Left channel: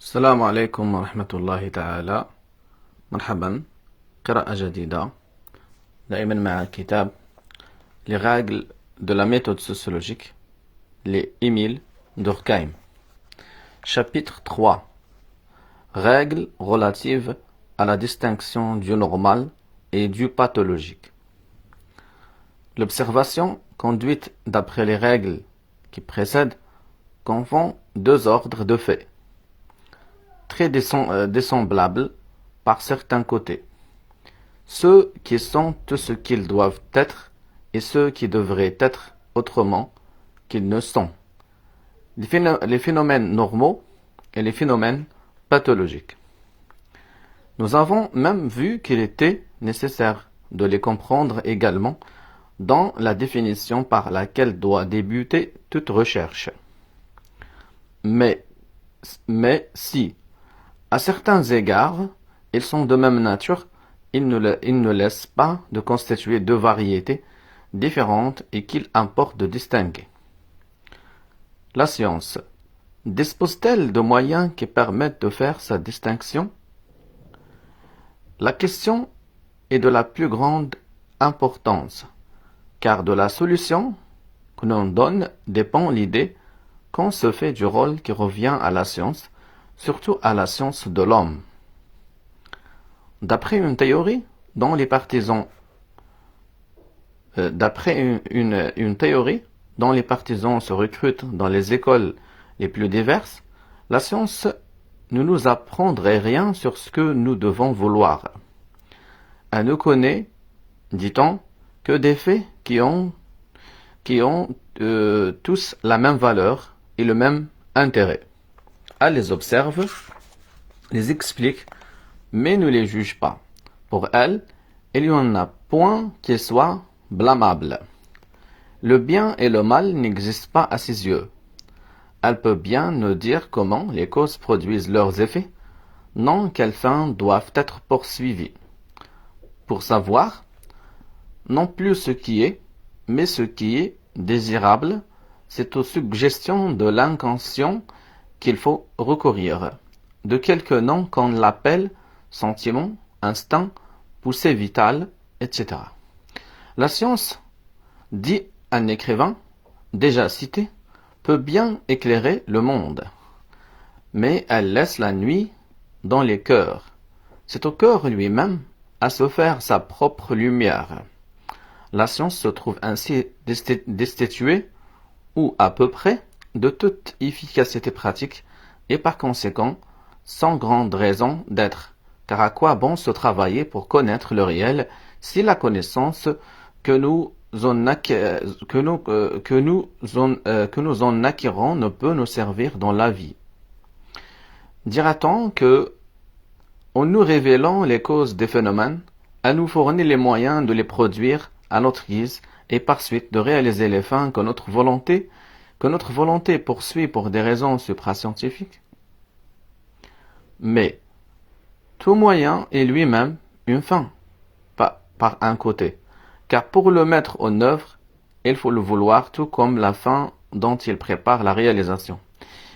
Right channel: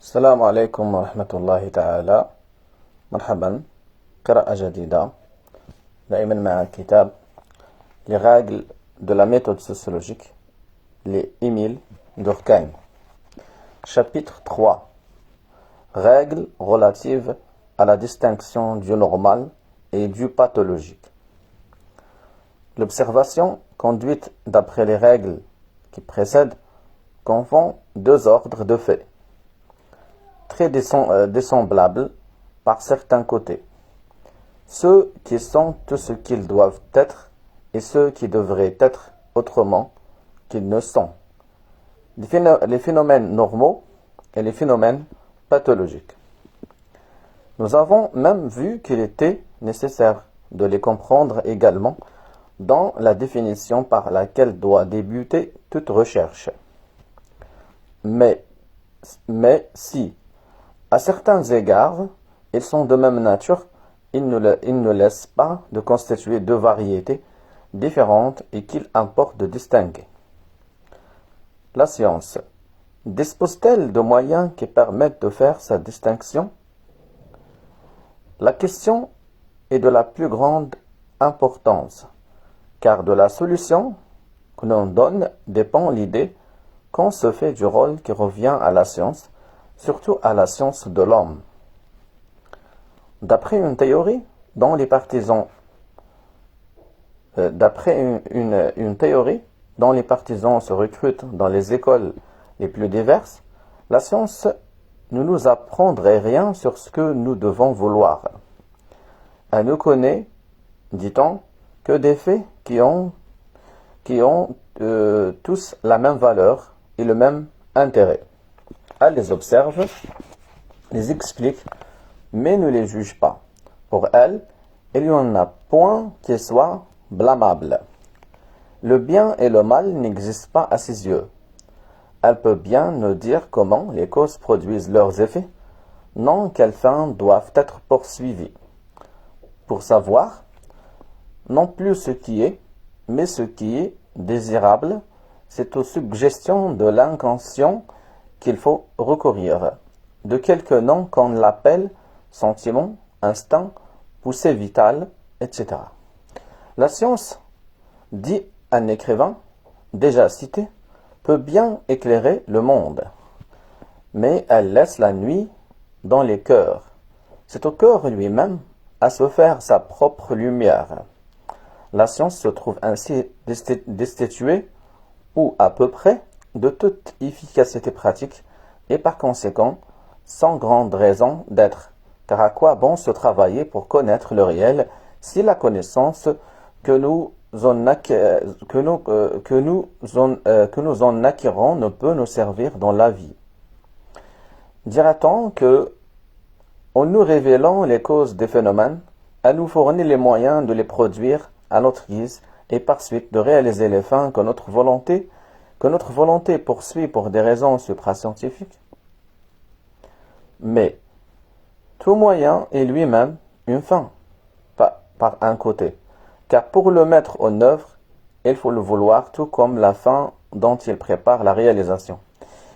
السلام عليكم ورحمة الله تعالى. مرحبا. قراءة جديدة دائما مع كتاب Les règles de la méthode sociologique, les Émile Durkheim. Chapitre 3. Règles relatives à la distinction du normal et du pathologique. L'observation conduite d'après les règles qui précèdent confond deux ordres de faits, très dissemblables par certains côtés. Ceux qui sont tout ce qu'ils doivent être et ceux qui devraient être autrement qu'ils ne sont. Les phénomènes normaux et les phénomènes pathologiques. Nous avons même vu qu'il était nécessaire de les comprendre également dans la définition par laquelle doit débuter toute recherche. Mais si, à certains égards, ils sont de même nature, ils ne laissent pas de constituer deux variétés différentes et qu'il importe de distinguer. La science dispose-t-elle de moyens qui permettent de faire sa distinction? La question est de la plus grande importance, car de la solution que l'on donne dépend l'idée qu'on se fait du rôle qui revient à la science, surtout à la science de l'homme. D'après une théorie dont les partisans se recrutent dans les écoles les plus diverses, la science ne nous apprendrait rien sur ce que nous devons vouloir. Elle ne connaît, dit-on, que des faits qui ont tous la même valeur et le même intérêt. Elle les observe, les explique, mais ne les juge pas. Pour elle, il n'y en a point qui soit blâmable. Le bien et le mal n'existent pas à ses yeux. Elle peut bien nous dire comment les causes produisent leurs effets, non quelles fins doivent être poursuivies. Pour savoir, non plus ce qui est, mais ce qui est désirable, c'est aux suggestions de l'inconscient qu'il faut recourir, de quelque nom qu'on l'appelle sentiment, instinct, poussée vitale, etc. La science, dit un écrivain déjà cité, peut bien éclairer le monde, mais elle laisse la nuit dans les cœurs. C'est au cœur lui-même à se faire sa propre lumière. La science se trouve ainsi destituée, ou à peu près, de toute efficacité pratique, et par conséquent, sans grande raison d'être. Car à quoi bon se travailler pour connaître le réel si la connaissance que nous en acquérons ne peut nous servir dans la vie? Dira-t-on que, en nous révélant les causes des phénomènes, elle nous fournit les moyens de les produire à notre guise et par suite de réaliser les fins que notre volonté poursuit pour des raisons suprascientifiques? Mais tout moyen est lui-même une fin, par un côté, car pour le mettre en œuvre, il faut le vouloir tout comme la fin dont il prépare la réalisation.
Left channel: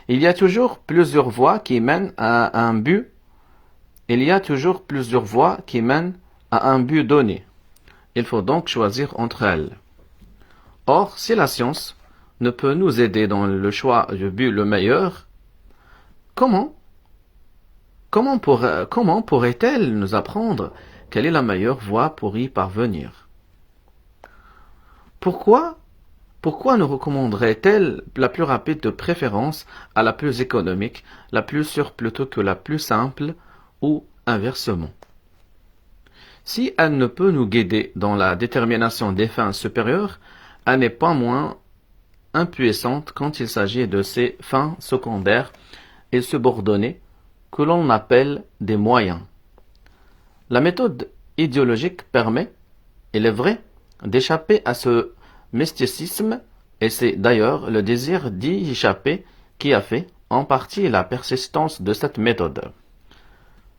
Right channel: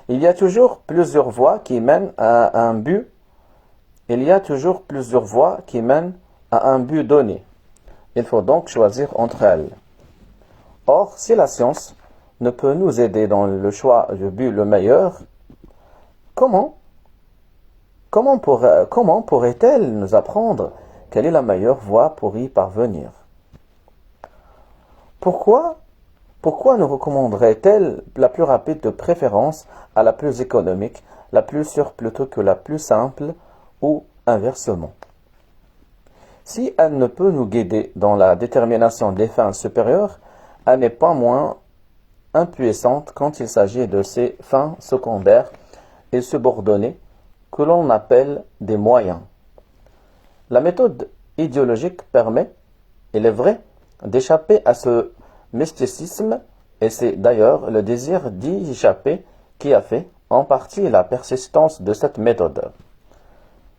Il y a toujours plusieurs voies qui mènent à un but. Donné. Il faut donc choisir entre elles. Or, si la science ne peut nous aider dans le choix du but le meilleur, comment pourrait-elle nous apprendre quelle est la meilleure voie pour y parvenir? Pourquoi nous recommanderait-elle la plus rapide de préférence à la plus économique, la plus sûre plutôt que la plus simple, ou inversement? Si elle ne peut nous guider dans la détermination des fins supérieures, elle n'est pas moins impuissante quand il s'agit de ces fins secondaires et subordonnées que l'on appelle des moyens. La méthode idéologique permet, il est vrai, d'échapper à ce mysticisme, et c'est d'ailleurs le désir d'y échapper qui a fait, en partie, la persistance de cette méthode.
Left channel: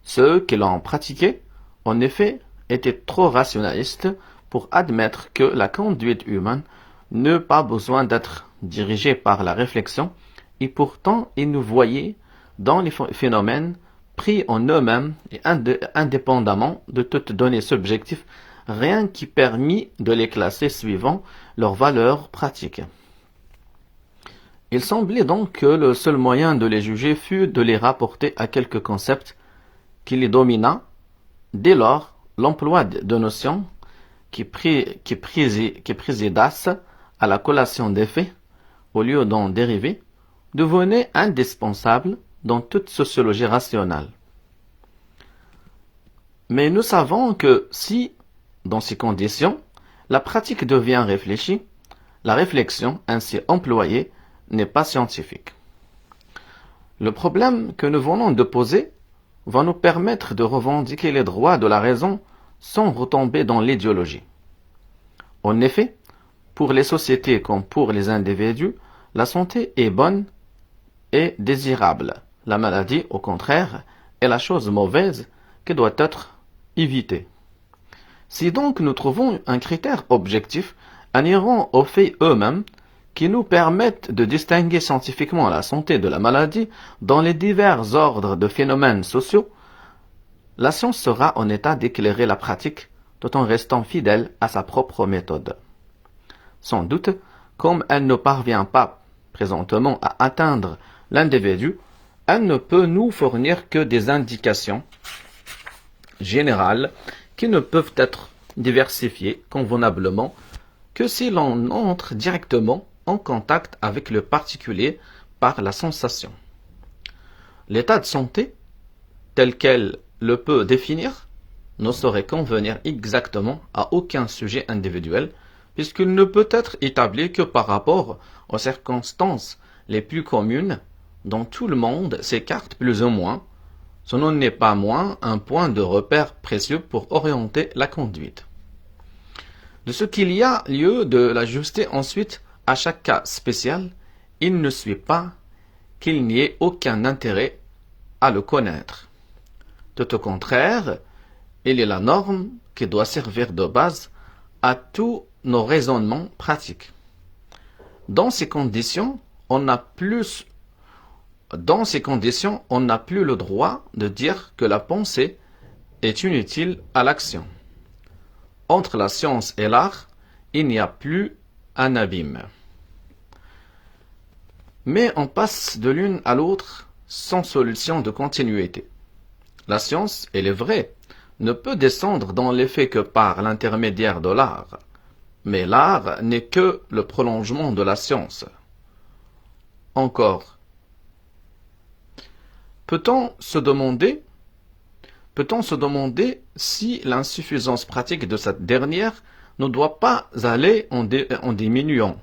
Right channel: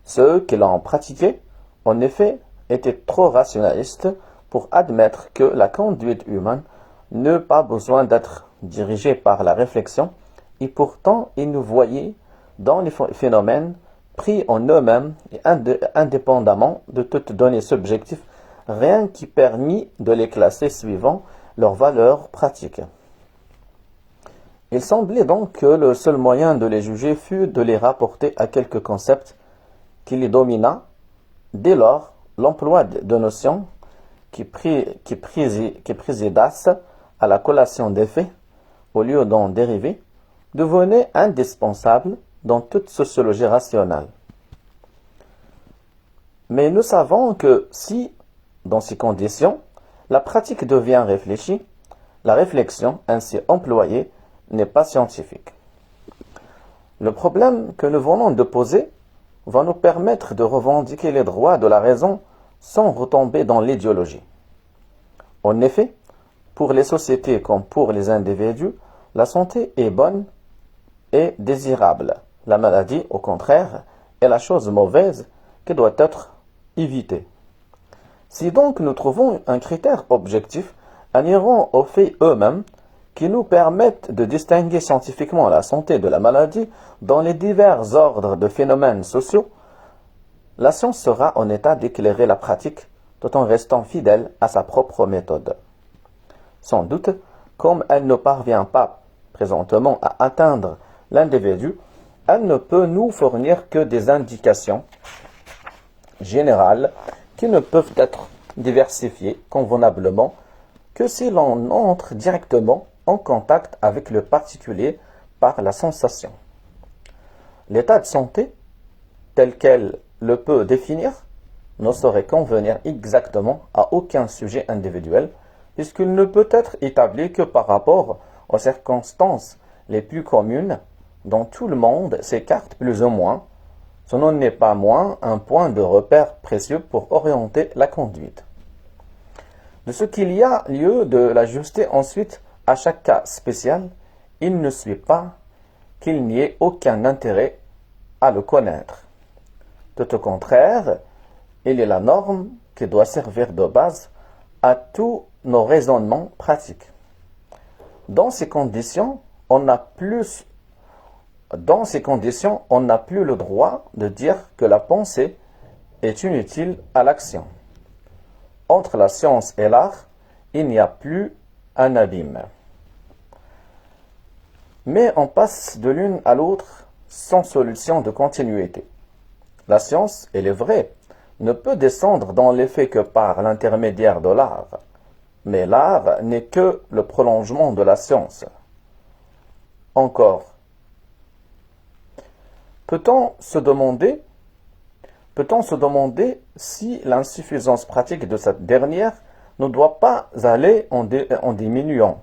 Ceux qui l'ont pratiquée, en effet, étaient trop rationalistes pour admettre que la conduite humaine n'a pas besoin d'être dirigée par la réflexion, et pourtant ils ne voyaient dans les phénomènes pris en eux-mêmes et indépendamment de toute donnée subjective, rien qui permit de les classer suivant leur valeur pratique. Il semblait donc que le seul moyen de les juger fût de les rapporter à quelques concepts qui les dominent. Dès lors, l'emploi de notions qui présidassent à la collation des faits, au lieu d'en dériver, devenait indispensable dans toute sociologie rationnelle. Mais nous savons que si, dans ces conditions, la pratique devient réfléchie, la réflexion ainsi employée n'est pas scientifique. Le problème que nous venons de poser va nous permettre de revendiquer les droits de la raison sans retomber dans l'idéologie. En effet, pour les sociétés comme pour les individus, la santé est bonne et désirable. La maladie, au contraire, est la chose mauvaise qui doit être évitée. Si donc nous trouvons un critère objectif inhérent aux faits eux-mêmes qui nous permettent de distinguer scientifiquement la santé de la maladie dans les divers ordres de phénomènes sociaux, la science sera en état d'éclairer la pratique tout en restant fidèle à sa propre méthode. Sans doute, comme elle ne parvient pas présentement à atteindre l'individu, elle ne peut nous fournir que des indications générales qui ne peuvent être diversifiées convenablement que si l'on entre directement en contact avec le particulier par la sensation. L'état de santé, tel qu'elle le peut définir, ne saurait convenir exactement à aucun sujet individuel, puisqu'il ne peut être établi que par rapport aux circonstances les plus communes dont tout le monde s'écarte plus ou moins. Ce n'en est pas moins un point de repère précieux pour orienter la conduite. De ce qu'il y a lieu de l'ajuster ensuite à chaque cas spécial, il ne suit pas qu'il n'y ait aucun intérêt à le connaître. Tout au contraire, il est la norme qui doit servir de base à tous nos raisonnements pratiques. Dans ces conditions, on n'a plus le droit de dire que la pensée est inutile à l'action. Entre la science et l'art, il n'y a plus un abîme. Mais on passe de l'une à l'autre sans solution de continuité. La science, elle est vraie, ne peut descendre dans l'effet que par l'intermédiaire de l'art. Mais l'art n'est que le prolongement de la science. Encore, peut-on se demander si l'insuffisance pratique de cette dernière ne doit pas aller en diminuant,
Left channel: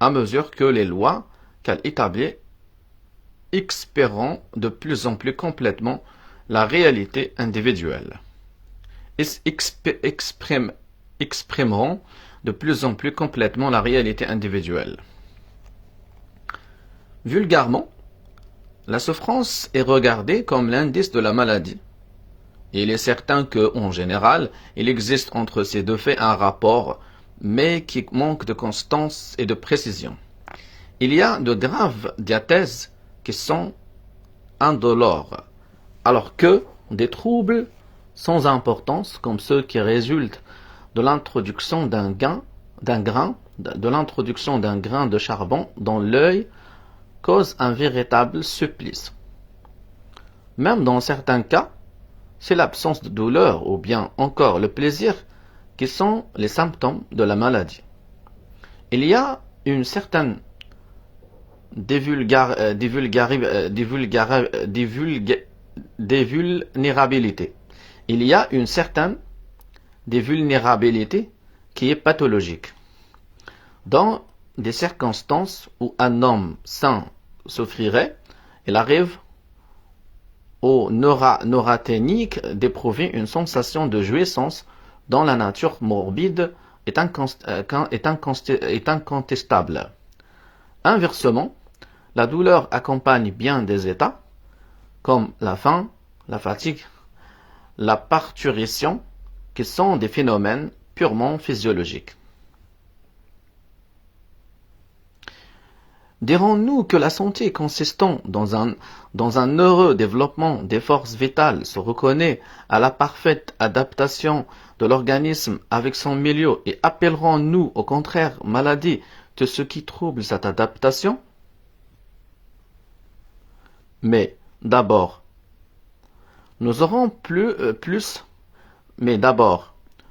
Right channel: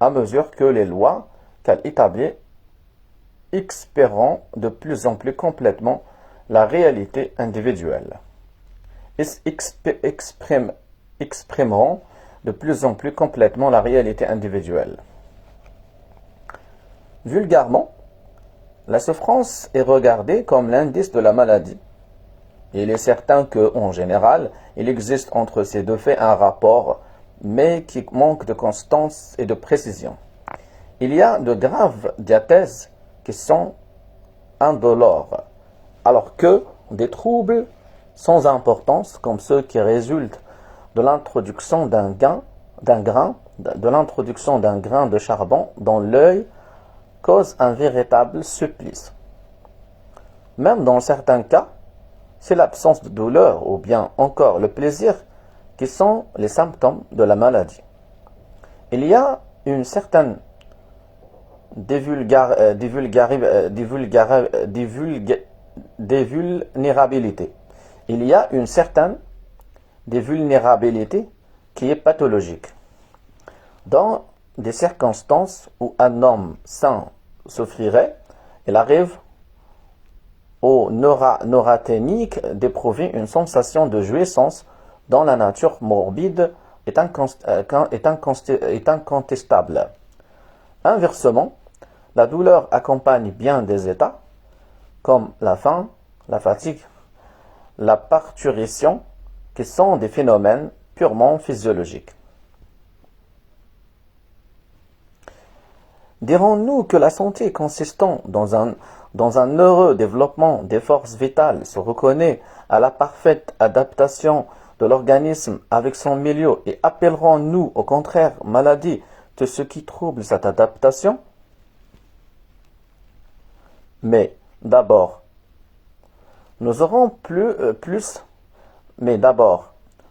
à mesure que les lois qu'elle établit exprimeront de plus en plus complètement la réalité individuelle. Exprimeront de plus en plus complètement la réalité individuelle. Vulgairement, la souffrance est regardée comme l'indice de la maladie. Il est certain que, en général, il existe entre ces deux faits un rapport, mais qui manque de constance et de précision. Il y a de graves diathèses qui sont indolores, alors que des troubles sans importance, comme ceux qui résultent de l'introduction d'un grain de charbon dans l'œil, causent un véritable supplice. Même dans certains cas, c'est l'absence de douleur ou bien encore le plaisir qui sont les symptômes de la maladie. Il y a une certaine dévulnérabilité. Il y a une certaine dévulnérabilité qui est pathologique. Dans des circonstances où un homme sain souffrirait, il arrive au neurasthénique d'éprouver une sensation de jouissance dont la nature morbide est incontestable. Inversement, la douleur accompagne bien des états, comme la faim, la fatigue, la parturition, qui sont des phénomènes purement physiologiques. Dirons-nous que la santé consistant dans un heureux développement des forces vitales se reconnaît à la parfaite adaptation de l'organisme avec son milieu et appellerons-nous au contraire maladie de ce qui trouble cette adaptation? Mais d'abord, nous aurons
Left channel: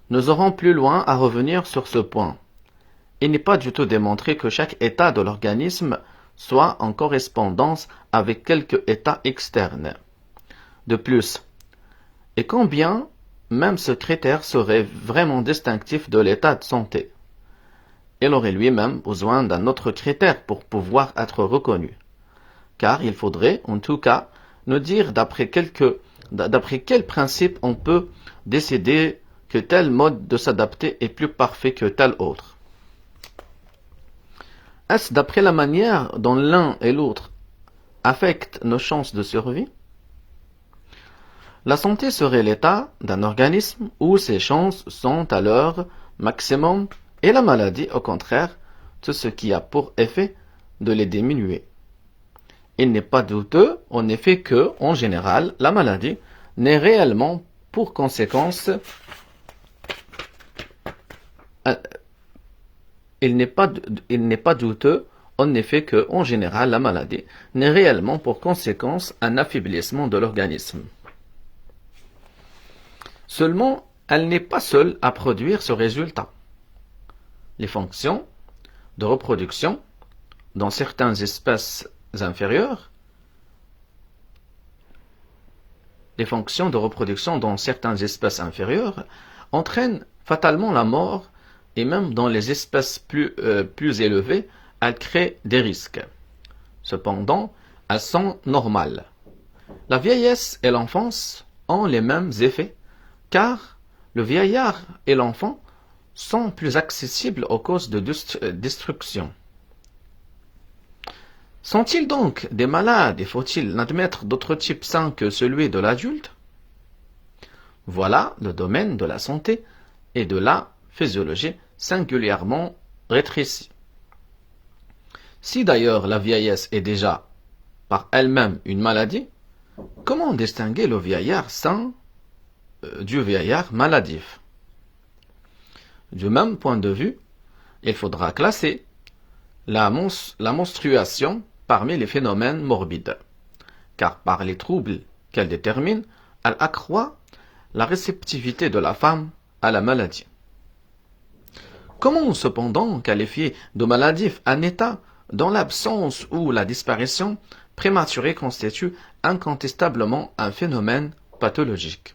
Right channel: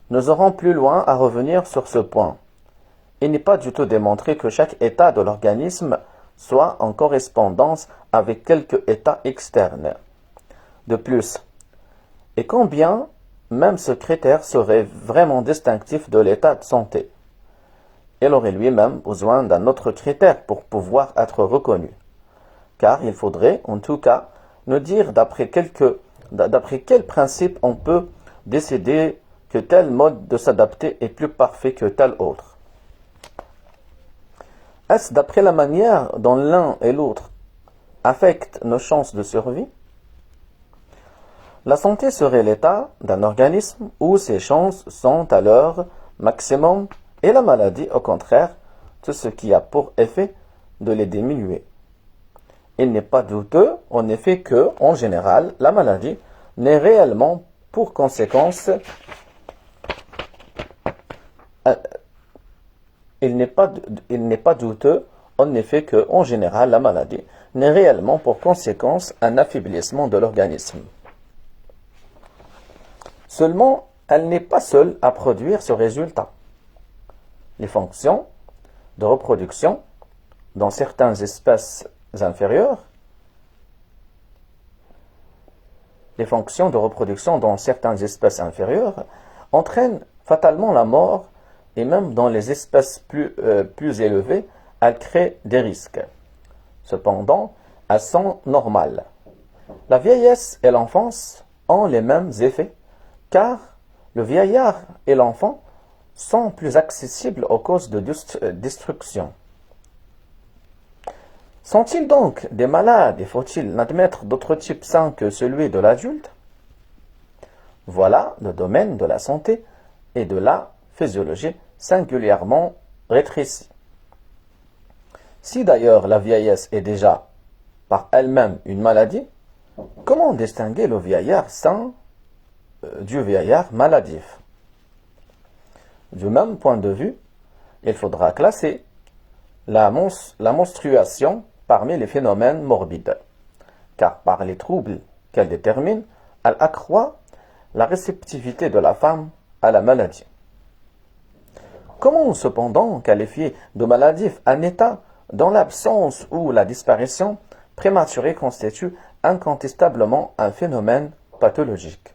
nous aurons plus loin à revenir sur ce point. Il n'est pas du tout démontré que chaque état de l'organisme soit en correspondance avec quelque état externe. De plus, et combien même ce critère serait vraiment distinctif de l'état de santé, il aurait lui-même besoin d'un autre critère pour pouvoir être reconnu. Car il faudrait, en tout cas, nous dire d'après quel principe on peut décider que tel mode de s'adapter est plus parfait que tel autre. Est-ce d'après la manière dont l'un et l'autre affectent nos chances de survie? La santé serait l'état d'un organisme où ses chances sont à leur maximum et la maladie, au contraire, tout ce qui a pour effet de les diminuer. Il n'est pas douteux, en effet, que, en général, la maladie n'est réellement pour conséquence Il n'est pas douteux, en effet, que, en général, la maladie n'est réellement pour conséquence un affaiblissement de l'organisme. Seulement, elle n'est pas seule à produire ce résultat. Les fonctions de reproduction dans certaines espèces inférieures, entraînent fatalement la mort et même dans les espèces plus élevées, elles créent des risques. Cependant, elles sont normales. La vieillesse et l'enfance ont les mêmes effets, car le vieillard et l'enfant sont plus accessibles aux causes de destruction. Sont-ils donc des malades et faut-il admettre d'autres types sains que celui de l'adulte? Voilà le domaine de la santé et de la physiologie singulièrement rétréci. Si d'ailleurs la vieillesse est déjà par elle-même une maladie, comment distinguer le vieillard sain du vieillard maladif? Du même point de vue, il faudra classer la menstruation parmi les phénomènes morbides, car par les troubles qu'elle détermine, elle accroît la réceptivité de la femme à la maladie. Comment cependant qualifier de maladif un état dont l'absence ou la disparition prématurée constitue incontestablement un phénomène pathologique?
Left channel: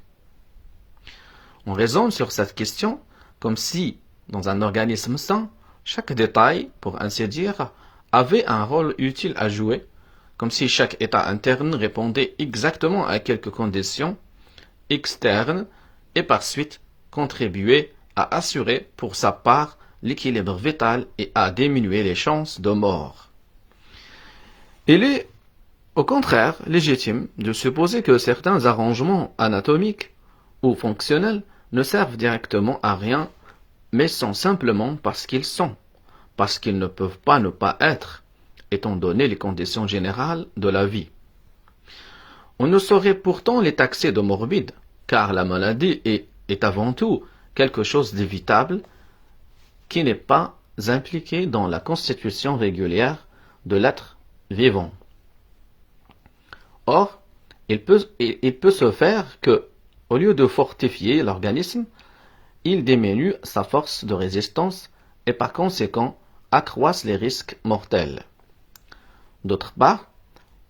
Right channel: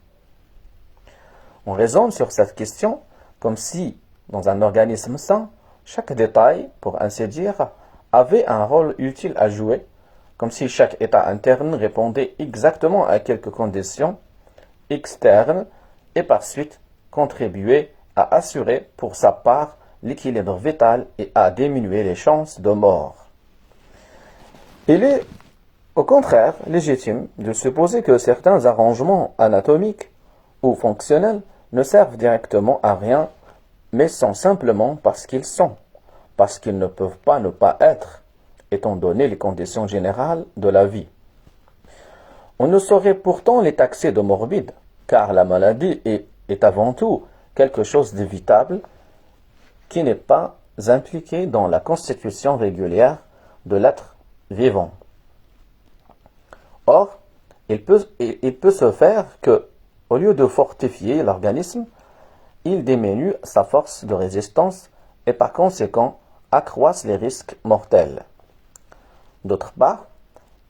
On raisonne sur cette question comme si, dans un organisme sain, chaque détail, pour ainsi dire, avait un rôle utile à jouer, comme si chaque état interne répondait exactement à quelques conditions externes et par suite contribuait à assurer pour sa part l'équilibre vital et à diminuer les chances de mort. Il est, au contraire, légitime de supposer que certains arrangements anatomiques ou fonctionnels ne servent directement à rien, mais sont simplement parce qu'ils ne peuvent pas ne pas être, étant donné les conditions générales de la vie. On ne saurait pourtant les taxer de morbides, car la maladie est avant tout quelque chose d'évitable qui n'est pas impliqué dans la constitution régulière de l'être vivant. Or, il peut se faire que, au lieu de fortifier l'organisme, il diminue sa force de résistance et par conséquent accroisse les risques mortels. D'autre part,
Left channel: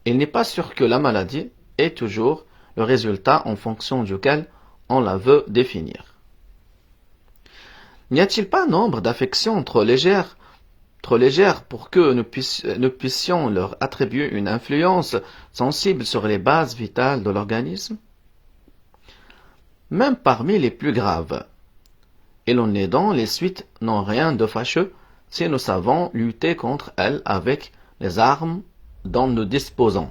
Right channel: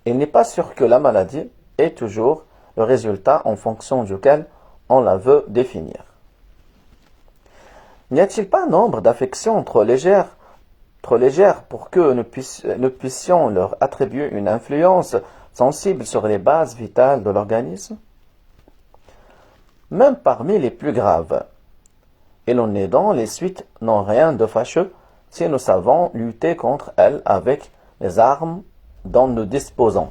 il n'est pas sûr que la maladie est toujours le résultat en fonction duquel on la veut définir. N'y a-t-il pas nombre d'affections trop légères pour que nous puissions leur attribuer une influence sensible sur les bases vitales de l'organisme? Même parmi les plus graves, et l'on est dans les suites n'ont rien de fâcheux si nous savons lutter contre elles avec les armes dont nous disposons.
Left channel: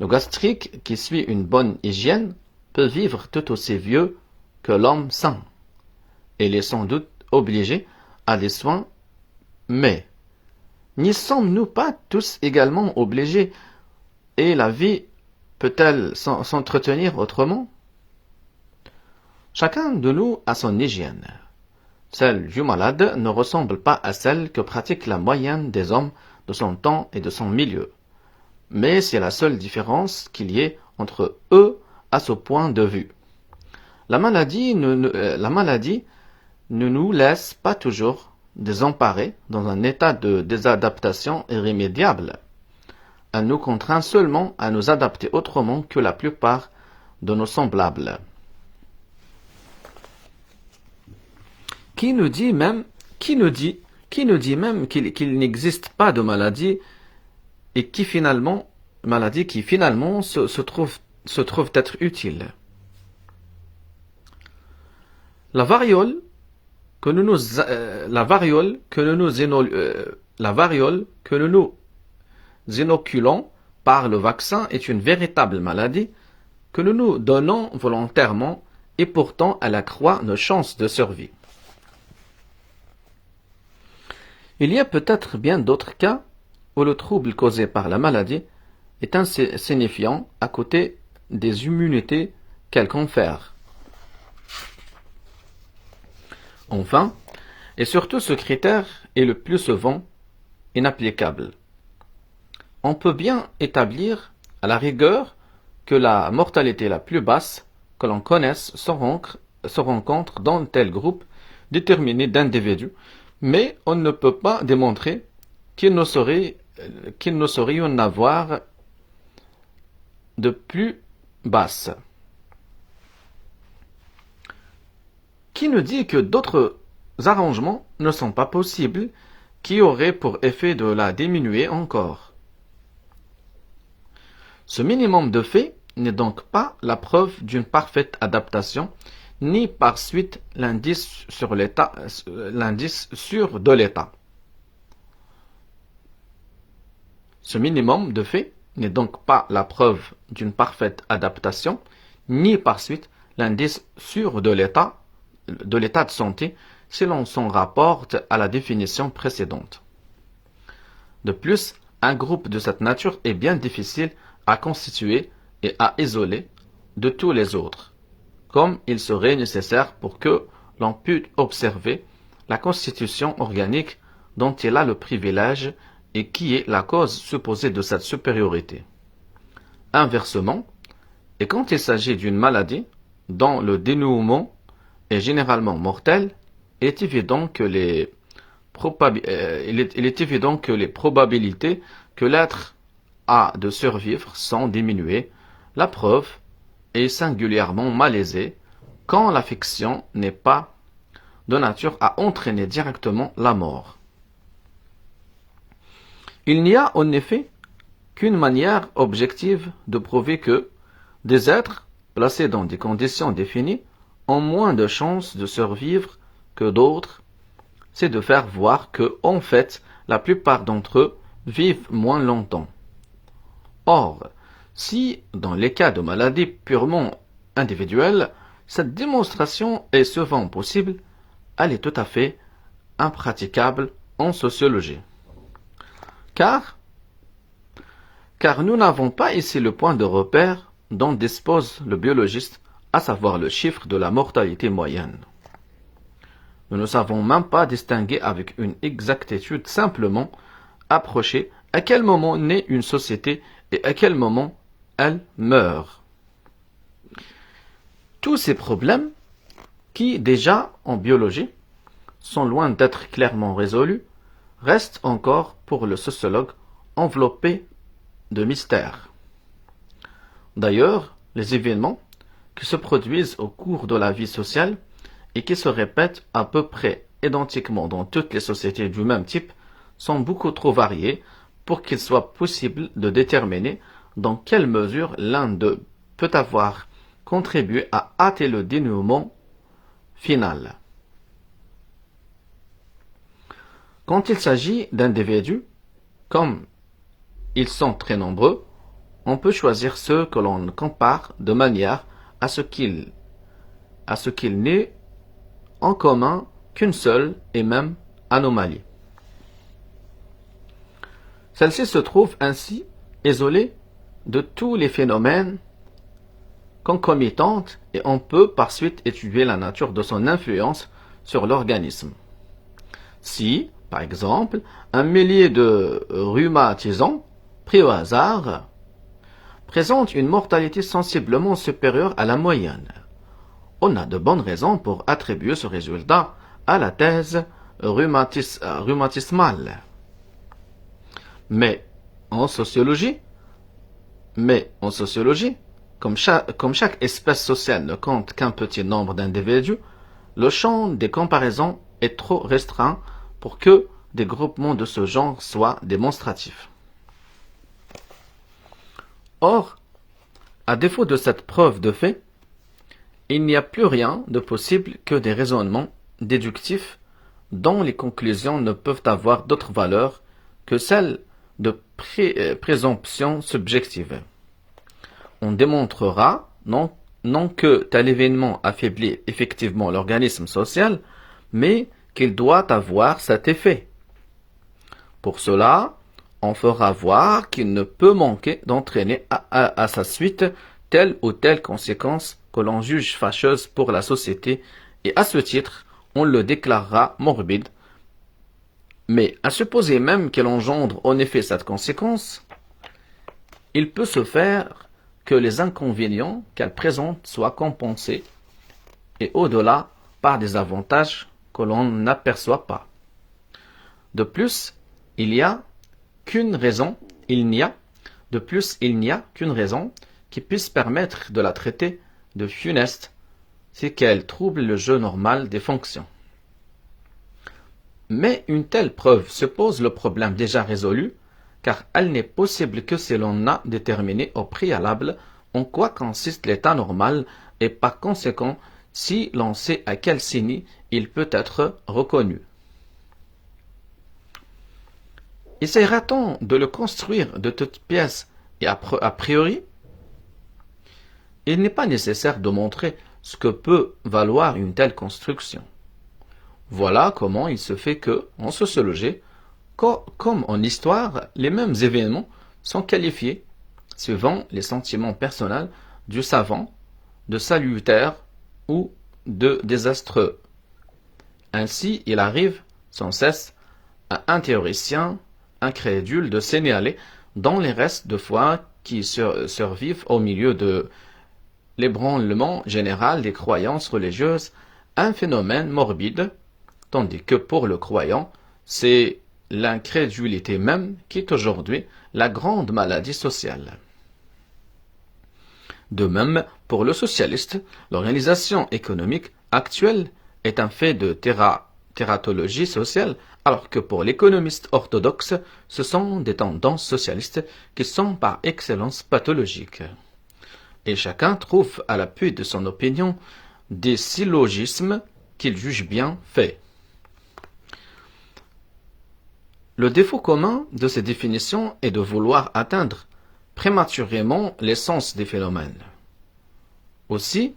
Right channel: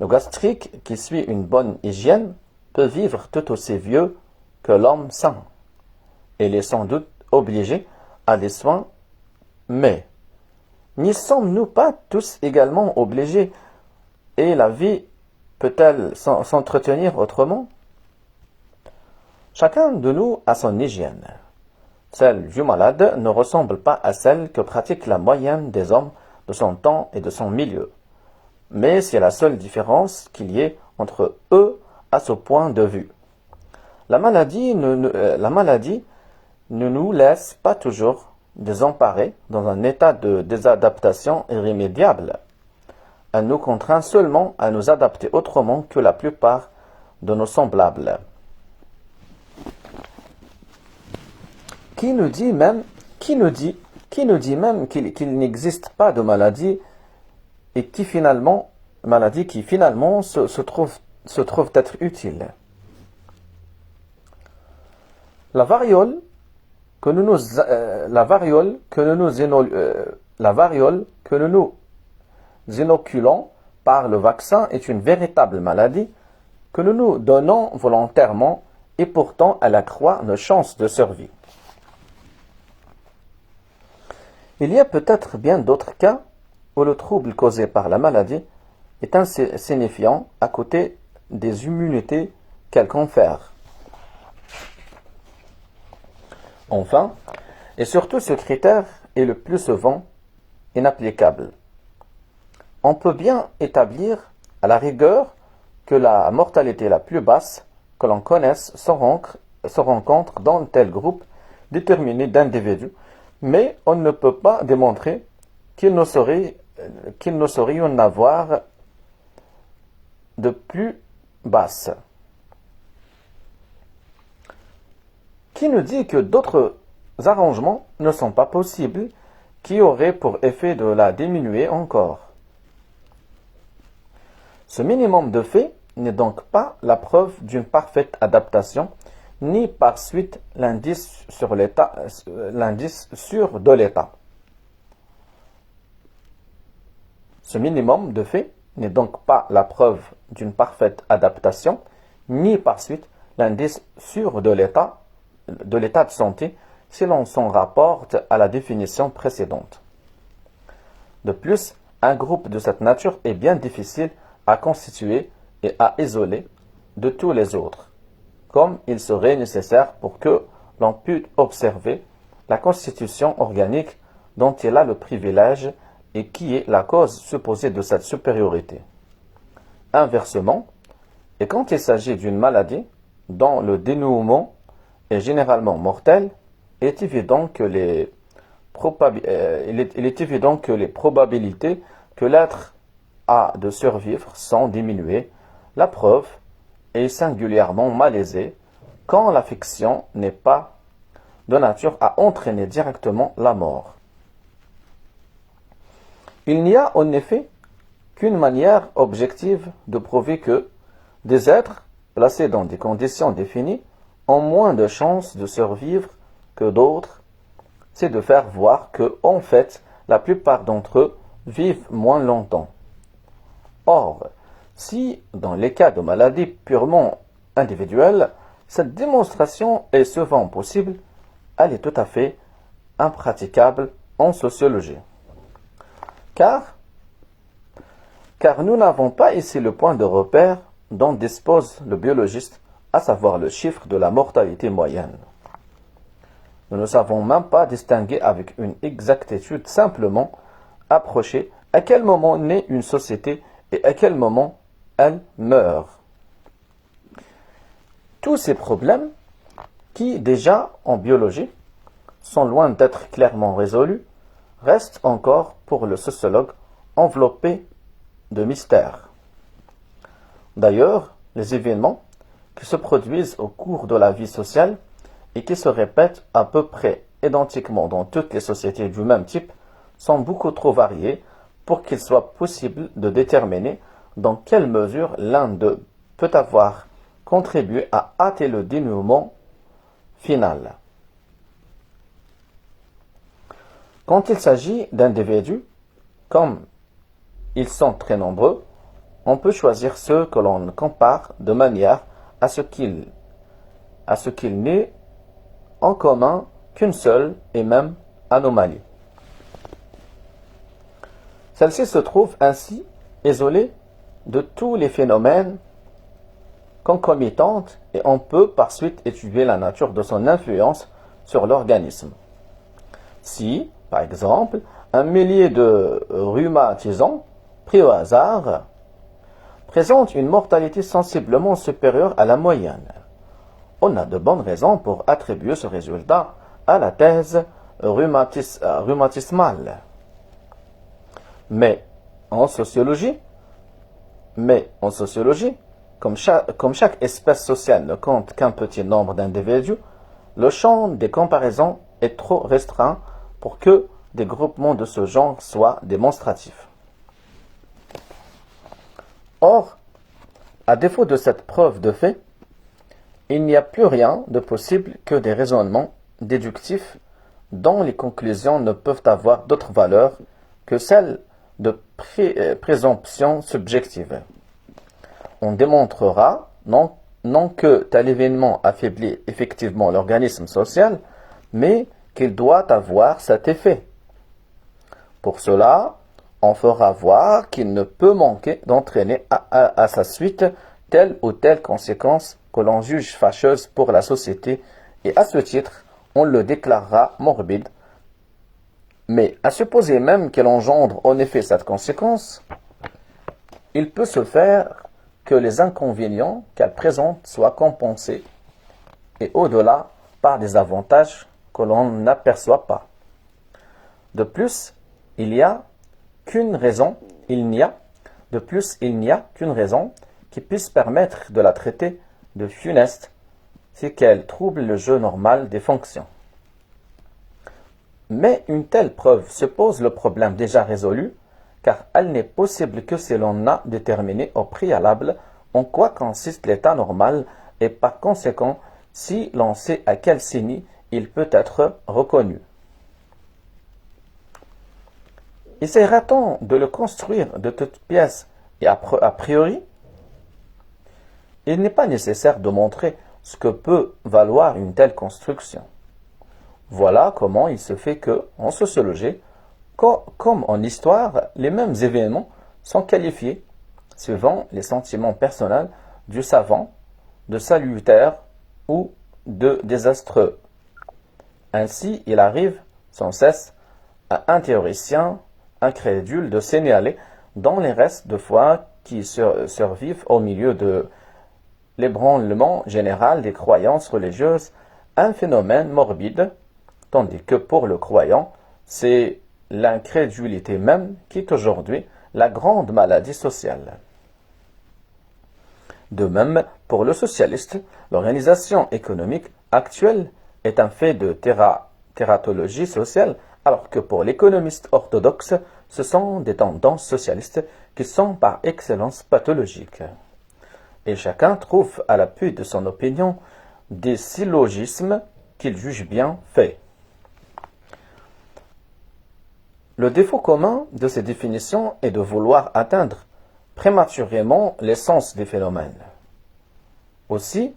Le gastrique qui suit une bonne hygiène peut vivre tout aussi vieux que l'homme sain. Il est sans doute obligé à des soins, mais N'y sommes-nous pas tous également obligés et la vie peut-elle s'entretenir autrement? Chacun de nous a son hygiène. Celle du malade ne ressemble pas à celle que pratique la moyenne des hommes de son temps et de son milieu. Mais c'est la seule différence qu'il y ait entre eux à ce point de vue. La maladie ne nous laisse pas toujours désemparés dans un état de désadaptation irrémédiable. Elle nous contraint seulement à nous adapter autrement que la plupart de nos semblables. Qui nous dit même qu'il n'existe pas de maladie et qui finalement se trouve être utile. La variole que nous inoculons par le vaccin est une véritable maladie que nous nous donnons volontairement et pourtant elle accroît nos chances de survie. Il y a peut-être bien d'autres cas où le trouble causé par la maladie est insignifiant à côté des immunités qu'elle confère. Enfin, et surtout ce critère est le plus souvent inapplicable. On peut bien établir à la rigueur que la mortalité la plus basse que l'on connaisse se rencontre dans tel groupe déterminé d'individus, mais on ne peut pas démontrer qu'il ne saurait y en avoir de plus basse. Qui nous dit que d'autres arrangements ne sont pas possibles, qui auraient pour effet de la diminuer encore? Ce minimum de fait n'est donc pas la preuve d'une parfaite adaptation, ni par suite l'indice sûr de l'état. Ce minimum de fait n'est donc pas la preuve d'une parfaite adaptation, ni par suite l'indice sûr de l'état de santé, si l'on s'en rapporte à la définition précédente. De plus, un groupe de cette nature est bien difficile à constituer et à isoler de tous les autres, comme il serait nécessaire pour que l'on pût observer la constitution organique dont il a le privilège et qui est la cause supposée de cette supériorité. Inversement, et quand il s'agit d'une maladie dont le dénouement est généralement mortel, il est évident que les probabilités que l'être a de survivre sont diminuées. La preuve est singulièrement malaisée quand l'affection n'est pas de nature à entraîner directement la mort. Il n'y a en effet qu'une manière objective de prouver que des êtres placés dans des conditions définies ont moins de chances de survivre que d'autres, c'est de faire voir que, en fait, la plupart d'entre eux vivent moins longtemps. Or, si, dans les cas de maladies purement individuelles, cette démonstration est souvent possible, elle est tout à fait impraticable en sociologie. Car nous n'avons pas ici le point de repère dont dispose le biologiste, à savoir le chiffre de la mortalité moyenne. Nous ne savons même pas distinguer avec une exactitude simplement approcher à quel moment naît une société et à quel moment elle meurt. Tous ces problèmes, qui déjà en biologie sont loin d'être clairement résolus, restent encore pour le sociologue enveloppés de mystères. D'ailleurs, les événements qui se produisent au cours de la vie sociale et qui se répètent à peu près identiquement dans toutes les sociétés du même type sont beaucoup trop variés pour qu'il soit possible de déterminer dans quelle mesure l'un d'eux peut avoir contribué à hâter le dénouement final. Quand il s'agit d'individus, comme ils sont très nombreux, on peut choisir ceux que l'on compare de manière à ce qu'il n'ait en commun qu'une seule et même anomalie. Celle-ci se trouve ainsi isolée de tous les phénomènes concomitants et on peut par suite étudier la nature de son influence sur l'organisme. Si, par exemple, un millier de rhumatisants pris au hasard présente une mortalité sensiblement supérieure à la moyenne, on a de bonnes raisons pour attribuer ce résultat à la thèse rhumatismale. Mais en sociologie, comme chaque espèce sociale ne compte qu'un petit nombre d'individus, le champ des comparaisons est trop restreint pour que des groupements de ce genre soient démonstratifs. Or, à défaut de cette preuve de fait, il n'y a plus rien de possible que des raisonnements déductifs dont les conclusions ne peuvent avoir d'autre valeur que celle de présomption subjective. On démontrera non que tel événement affaiblit effectivement l'organisme social, mais qu'il doit avoir cet effet. Pour cela, on fera voir qu'il ne peut manquer d'entraîner à sa suite telle ou telle conséquence que l'on juge fâcheuse pour la société, et à ce titre, on le déclarera morbide. Mais à supposer même qu'elle engendre en effet cette conséquence, il peut se faire que les inconvénients qu'elle présente soient compensés, et au-delà par des avantages que l'on n'aperçoit pas. De plus, il n'y a qu'une raison qui puisse permettre de la traiter de funeste, c'est qu'elle trouble le jeu normal des fonctions. Mais une telle preuve suppose le problème déjà résolu, car elle n'est possible que si l'on a déterminé au préalable en quoi consiste l'état normal et par conséquent si l'on sait à quel signe il peut être reconnu. Essaiera-t-on de le construire de toutes pièces et a priori? Il n'est pas nécessaire de montrer ce que peut valoir une telle construction. Voilà comment il se fait que, en sociologie, comme en histoire, les mêmes événements sont qualifiés, suivant les sentiments personnels du savant, de salutaires ou de désastreux. Ainsi, il arrive sans cesse à un théoricien incrédule de signaler dans les restes de foi qui survivent au milieu de l'ébranlement général des croyances religieuses un phénomène morbide, tandis que pour le croyant, c'est l'incrédulité même qui est aujourd'hui la grande maladie sociale. De même, pour le socialiste, l'organisation économique actuelle est un fait de tératologie sociale, alors que pour l'économiste orthodoxe, ce sont des tendances socialistes qui sont par excellence pathologiques. Et chacun trouve à l'appui de son opinion des syllogismes qu'il juge bien faits. Le défaut commun de ces définitions est de vouloir atteindre prématurément l'essence des phénomènes. Aussi,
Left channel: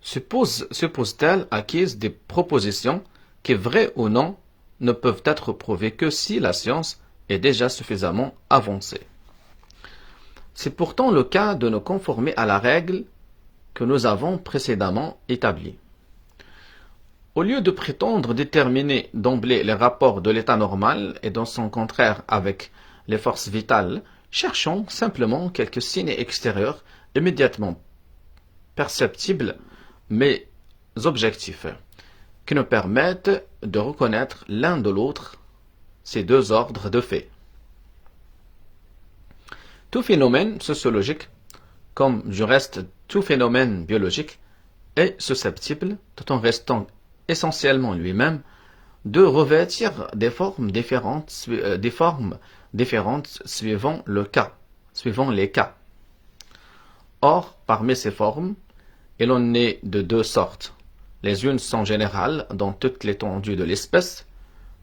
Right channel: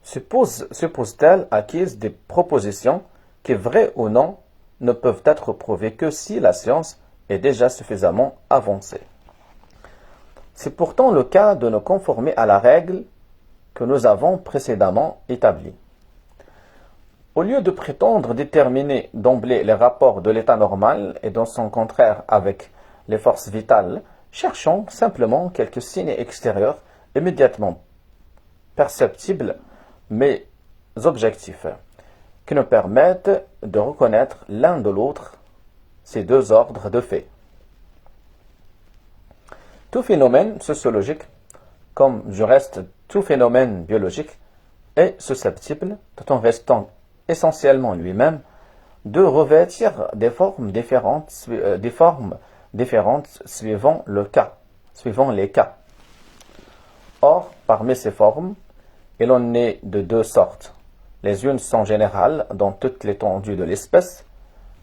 suppose-t-elle acquise des propositions qui, vraies ou non, ne peuvent être prouvées que si la science est déjà suffisamment avancée. C'est pourtant le cas de nous conformer à la règle que nous avons précédemment établie. Au lieu de prétendre déterminer d'emblée les rapports de l'état normal et dans son contraire avec les forces vitales, cherchons simplement quelques signes extérieurs immédiatement perceptibles mais objectifs, qui nous permettent de reconnaître l'un de l'autre ces deux ordres de faits. Tout phénomène sociologique, comme du reste tout phénomène biologique, est susceptible, tout en restant essentiellement lui-même, de revêtir des formes différentes suivant les cas. Or, parmi ces formes, il en est de deux sortes. Les unes sont générales dans toute l'étendue de l'espèce.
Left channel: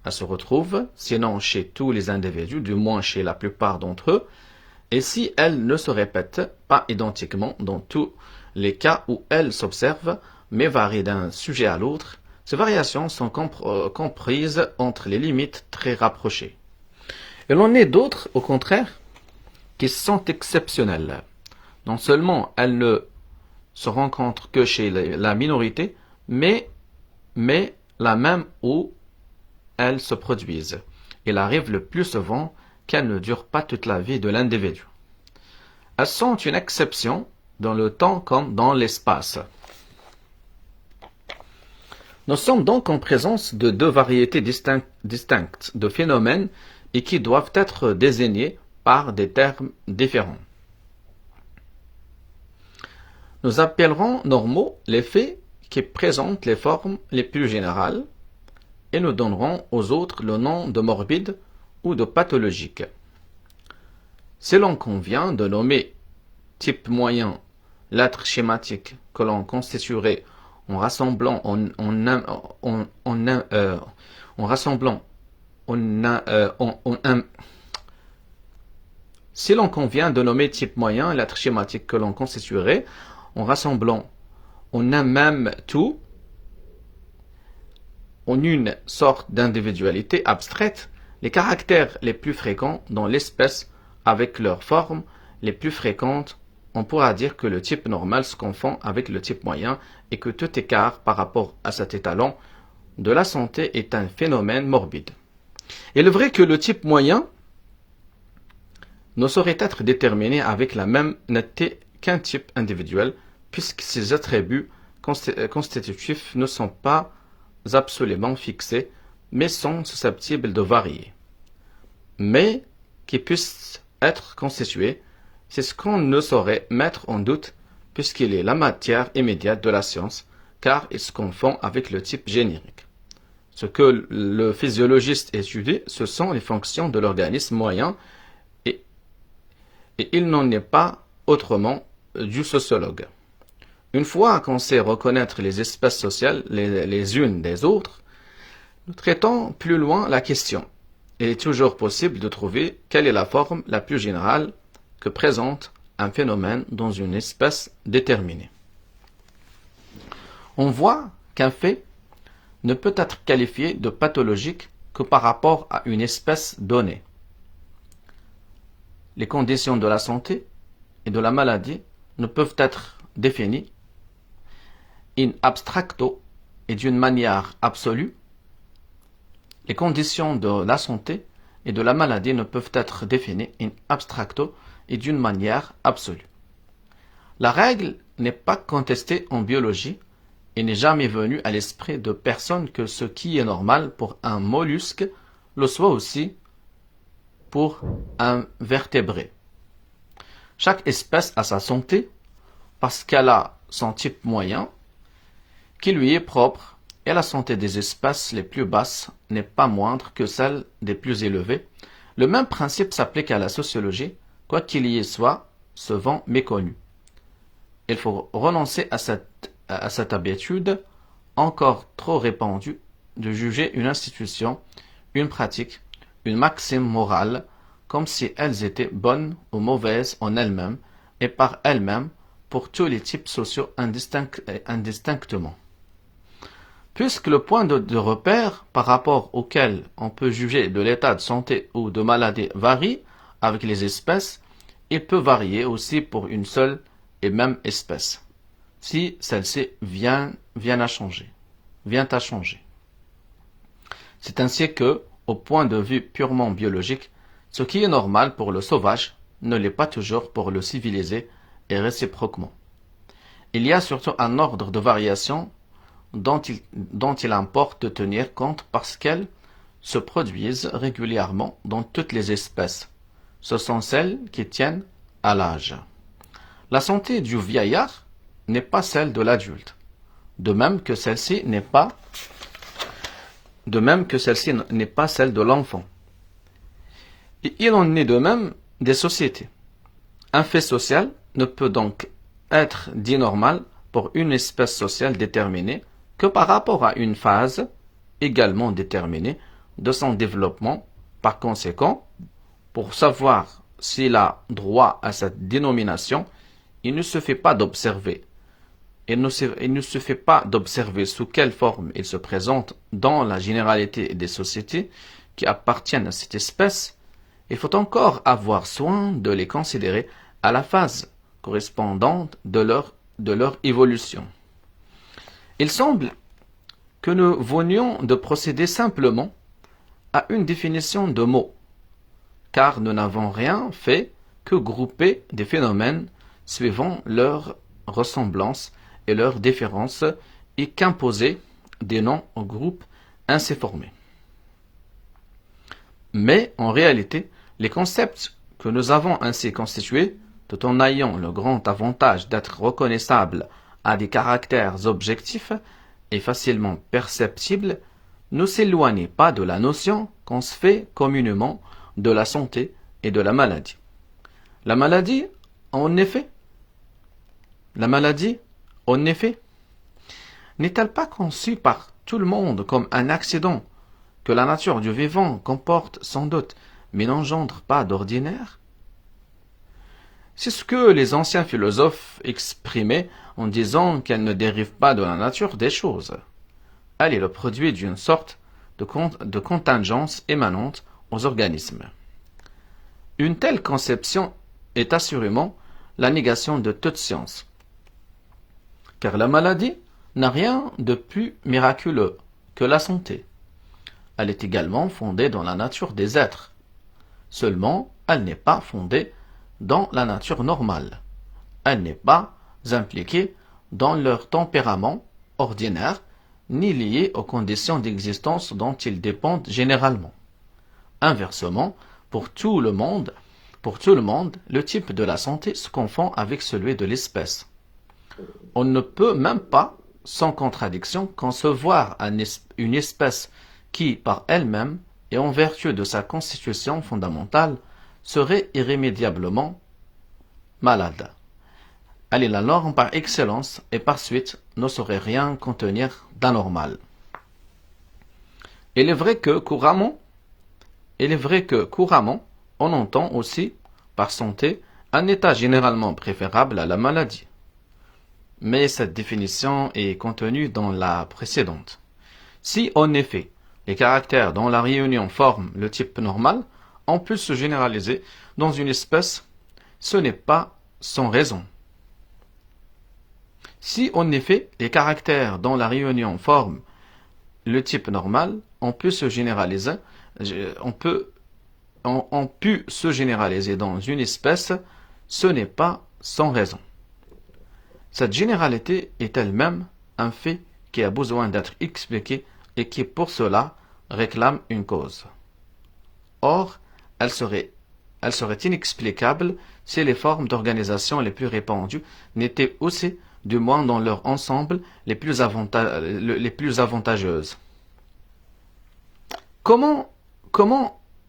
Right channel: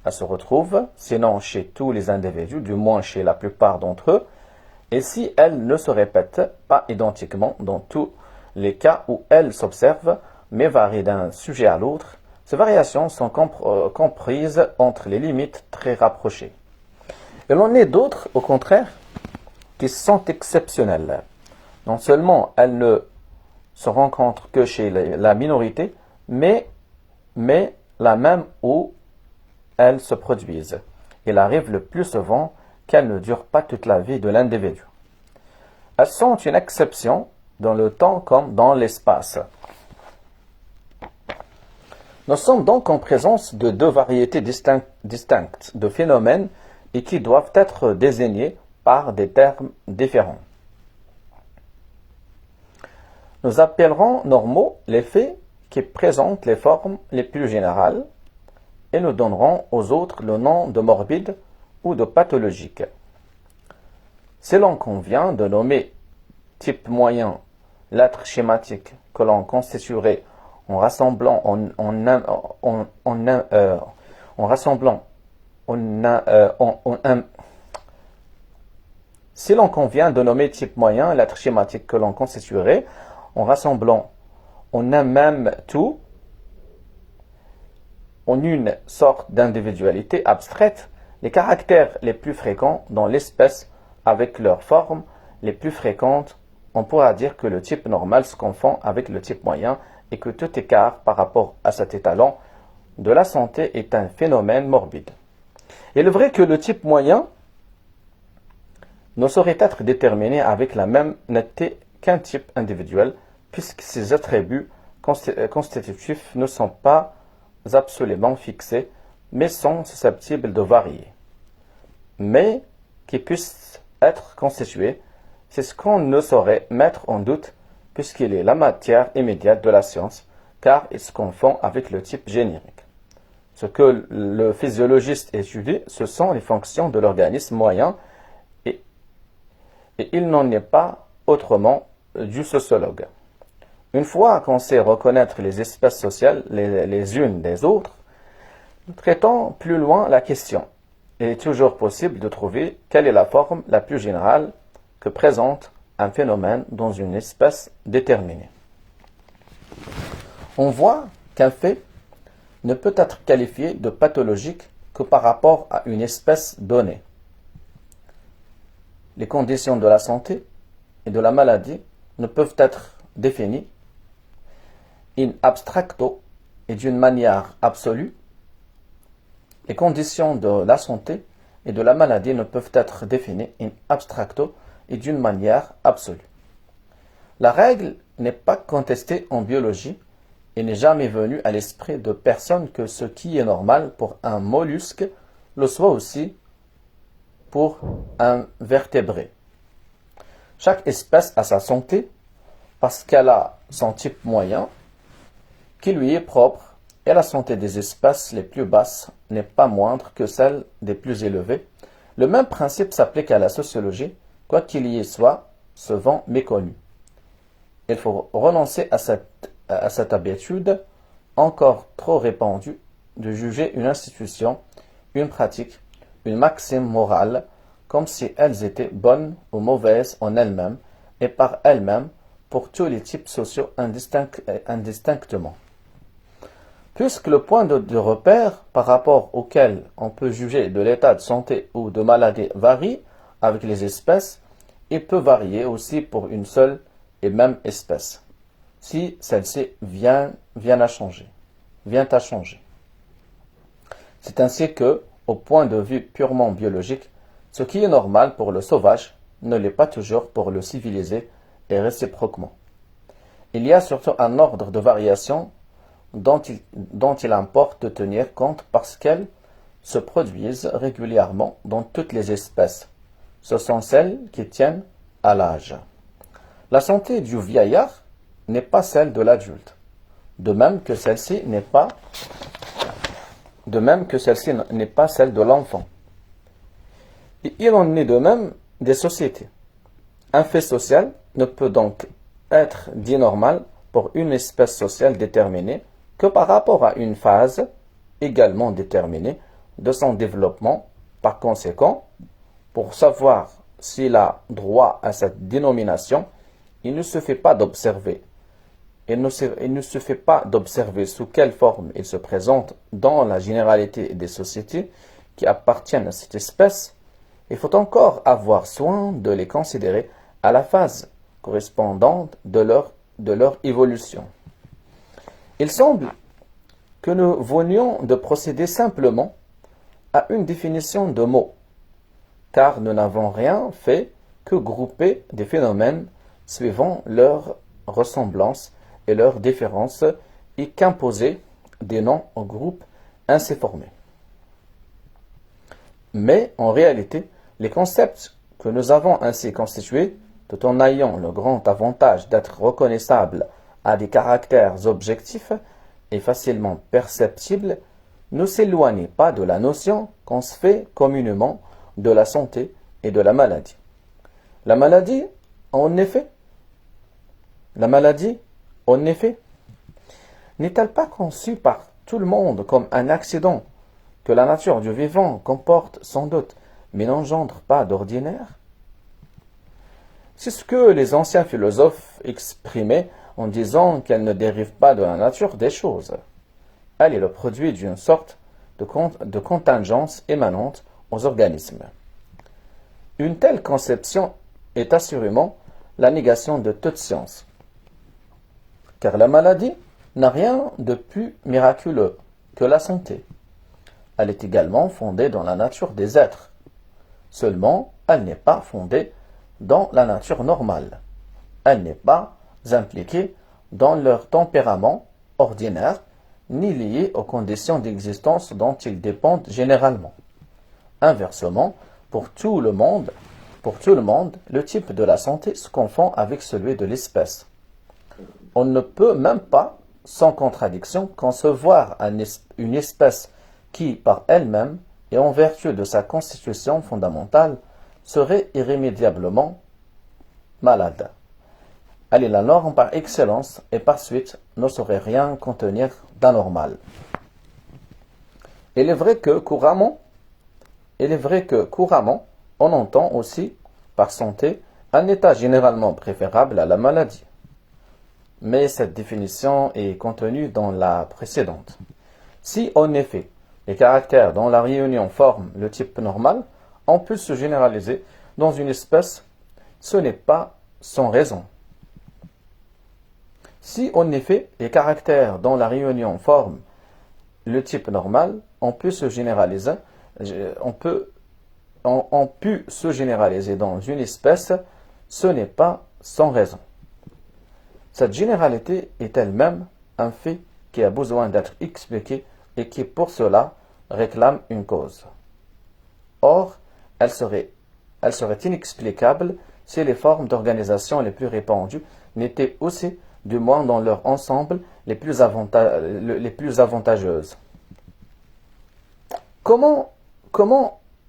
Elles se retrouvent, sinon chez tous les individus, du moins chez la plupart d'entre eux, et si elles ne se répètent pas identiquement dans tous les cas où elles s'observent, mais varient d'un sujet à l'autre, ces variations sont comprises entre les limites très rapprochées. Il en est d'autres, au contraire, qui sont exceptionnelles. Non seulement elles ne se rencontrent que chez la minorité, mais la même où elles se produisent. Il arrive le plus souvent qu'elles ne durent pas toute la vie de l'individu. Elles sont une exception dans le temps comme dans l'espace. Nous sommes donc en présence de deux variétés distinctes de phénomènes et qui doivent être désignés par des termes différents. Nous appellerons normaux les faits qui présentent les formes les plus générales et nous donnerons aux autres le nom de morbide ou de pathologique. Si l'on convient de nommer type moyen l'être schématique que l'on constituerait en rassemblant si l'on convient de nommer type moyen l'être schématique que l'on constituerait en rassemblant en un même tout, en une sorte d'individualité abstraite, les caractères les plus fréquents dans l'espèce avec leurs formes les plus fréquentes, on pourra dire que le type normal se confond avec le type moyen et que tout écart par rapport à cet étalon de la santé est un phénomène morbide. Il est vrai que le type moyen ne saurait être déterminé avec la même netteté qu'un type individuel, puisque ses attributs constitutifs ne sont pas absolument fixés, mais sont susceptibles de varier. Mais qui puissent être constitués, c'est ce qu'on ne saurait mettre en doute, puisqu'il est la matière immédiate de la science, car il se confond avec le type générique. Ce que le physiologiste étudie, ce sont les fonctions de l'organisme moyen, et il n'en est pas autrement du sociologue. Une fois qu'on sait reconnaître les espèces sociales les unes des autres, nous traitons plus loin la question. Il est toujours possible de trouver quelle est la forme la plus générale que présente un phénomène dans une espèce déterminée. On voit qu'un fait ne peut être qualifié de pathologique que par rapport à une espèce donnée. Les conditions de la santé et de la maladie ne peuvent être définies in abstracto et d'une manière absolue. Les conditions de la santé et de la maladie ne peuvent être définies in abstracto et d'une manière absolue. La règle n'est pas contestée en biologie et n'est jamais venue à l'esprit de personne que ce qui est normal pour un mollusque le soit aussi pour un vertébré. Chaque espèce a sa santé parce qu'elle a son type moyen qui lui est propre et la santé des espèces les plus basses n'est pas moindre que celle des plus élevées. Le même principe s'applique à la sociologie, quoi qu'il y soit souvent méconnu. Il faut renoncer à cette habitude encore trop répandue de juger une institution, une pratique, une maxime morale comme si elles étaient bonnes ou mauvaises en elles-mêmes et par elles-mêmes pour tous les types sociaux indistinctement. Puisque le point de repère par rapport auquel on peut juger de l'état de santé ou de maladie varie avec les espèces, il peut varier aussi pour une seule et même espèce, si celle-ci vient à changer. C'est ainsi que, au point de vue purement biologique, ce qui est normal pour le sauvage ne l'est pas toujours pour le civilisé et réciproquement. Il y a surtout un ordre de variation dont il importe de tenir compte parce qu'elles se produisent régulièrement dans toutes les espèces. Ce sont celles qui tiennent à l'âge. La santé du vieillard n'est pas celle de l'adulte, de même que celle-ci n'est pas celle de l'enfant. Et il en est de même des sociétés. Un fait social ne peut donc être dit normal pour une espèce sociale déterminée que par rapport à une phase également déterminée de son développement. Par conséquent, pour savoir s'il a droit à cette dénomination, il ne suffit pas d'observer. Il ne suffit pas d'observer sous quelle forme il se présente dans la généralité des sociétés qui appartiennent à cette espèce, il faut encore avoir soin de les considérer à la phase correspondante de leur évolution. Il semble que nous venions de procéder simplement à une définition de mots, car nous n'avons rien fait que grouper des phénomènes suivant leur ressemblance et leur différence et qu'imposer des noms aux groupes ainsi formés. Mais en réalité, les concepts que nous avons ainsi constitués, tout en ayant le grand avantage d'être reconnaissables à des caractères objectifs et facilement perceptibles, ne s'éloignent pas de la notion qu'on se fait communément de la santé et de la maladie. La maladie, en effet, n'est-elle pas conçue par tout le monde comme un accident que la nature du vivant comporte sans doute, mais n'engendre pas d'ordinaire? C'est ce que les anciens philosophes exprimaient en disant qu'elle ne dérive pas de la nature des choses. Elle est le produit d'une sorte de contingence émanante aux organismes. Une telle conception est assurément la négation de toute science, car la maladie n'a rien de plus miraculeux que la santé. Elle est également fondée dans la nature des êtres. Seulement, elle n'est pas fondée dans la nature normale. Elle n'est pas impliquée dans leur tempérament ordinaire, ni liée aux conditions d'existence dont ils dépendent généralement. Inversement, pour tout le monde, le type de la santé se confond avec celui de l'espèce. On ne peut même pas, sans contradiction, concevoir une espèce qui, par elle-même et en vertu de sa constitution fondamentale, serait irrémédiablement malade. Elle est la norme par excellence et par suite ne saurait rien contenir d'anormal. Il est vrai que couramment, on entend aussi par santé un état généralement préférable à la maladie. Mais cette définition est contenue dans la précédente. Si, en effet, les caractères dont la réunion forme le type normal, on peut se généraliser dans une espèce, ce n'est pas sans raison. Si, en effet, les caractères dont la réunion forme le type normal, on peut se généraliser dans une espèce, ce n'est pas sans raison. Cette généralité est elle-même un fait qui a besoin d'être expliqué et qui, pour cela, réclame une cause. Or, elle serait inexplicable si les formes d'organisation les plus répandues n'étaient aussi, du moins dans leur ensemble, les plus avantageuses. Comment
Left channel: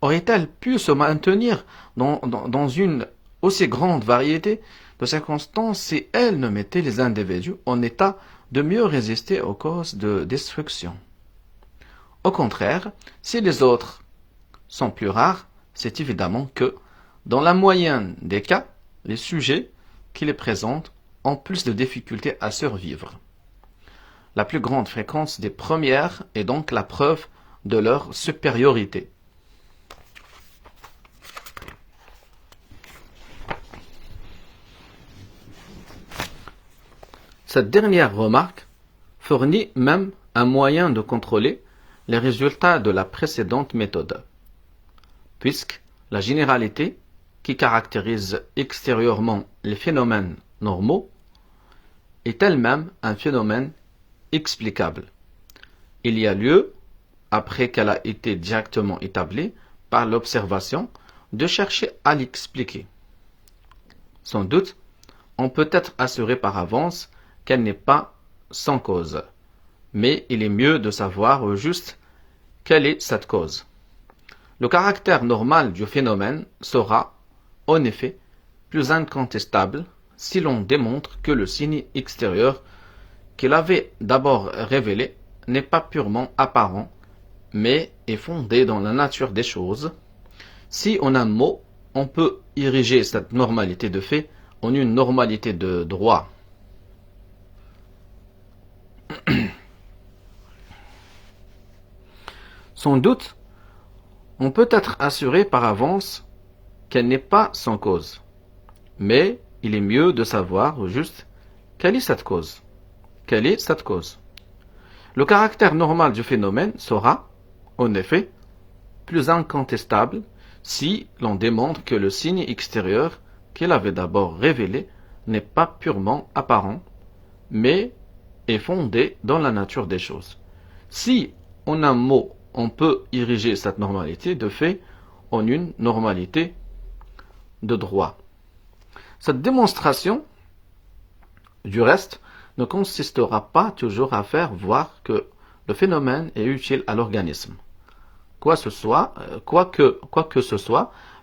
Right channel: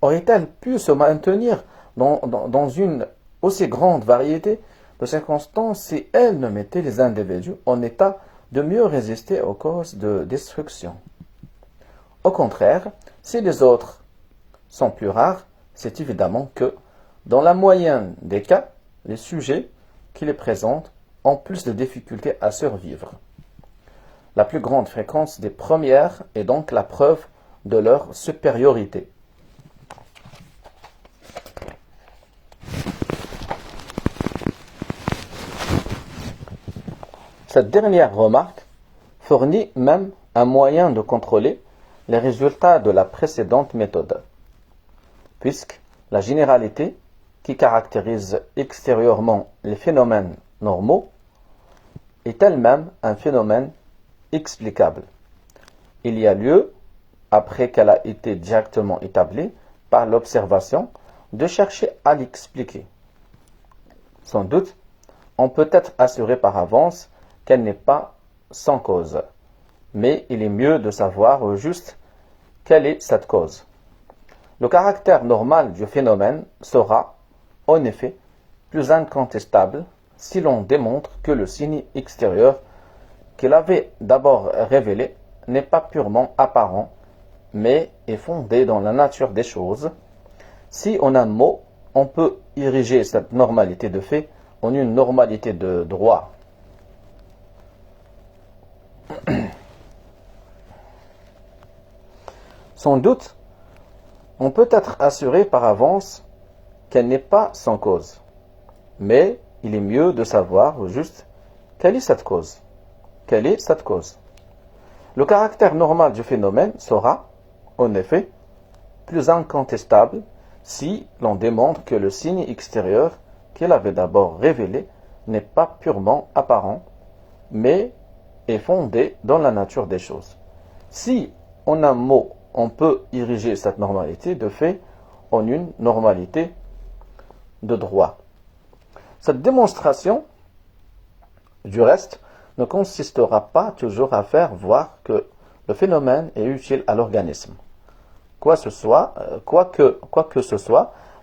aurait-elle pu se maintenir dans une aussi grande variété de circonstances si elle ne mettait les individus en état de mieux résister aux causes de destruction? Au contraire, si les autres sont plus rares, c'est évidemment que, dans la moyenne des cas, les sujets qui les présentent ont plus de difficultés à survivre. La plus grande fréquence des premières est donc la preuve de leur supériorité. Cette dernière remarque fournit même un moyen de contrôler les résultats de la précédente méthode, puisque la généralité qui caractérise extérieurement les phénomènes normaux est elle-même un phénomène explicable. Il y a lieu, après qu'elle a été directement établie par l'observation, de chercher à l'expliquer. Sans doute, on peut être assuré par avance qu'elle n'est pas sans cause, mais il est mieux de savoir au juste quelle est cette cause. Le caractère normal du phénomène sera, en effet, plus incontestable si l'on démontre que le signe extérieur qu'il avait d'abord révélé n'est pas purement apparent, mais est fondé dans la nature des choses. Si en un mot, on peut ériger cette normalité de fait en une normalité de droit. Sans doute, on peut être assuré par avance qu'elle n'est pas sans cause. Mais il est mieux de savoir au juste quelle est cette cause. Quelle est cette cause? Le caractère normal du phénomène sera, en effet, plus incontestable si l'on démontre que le signe extérieur qu'il avait d'abord révélé n'est pas purement apparent, mais est fondé dans la nature des choses. Si, en un mot, on peut ériger cette normalité de fait en une normalité de droit. Cette démonstration, du reste, ne consistera pas toujours à faire voir que le phénomène est utile à l'organisme. Quoi que ce soit,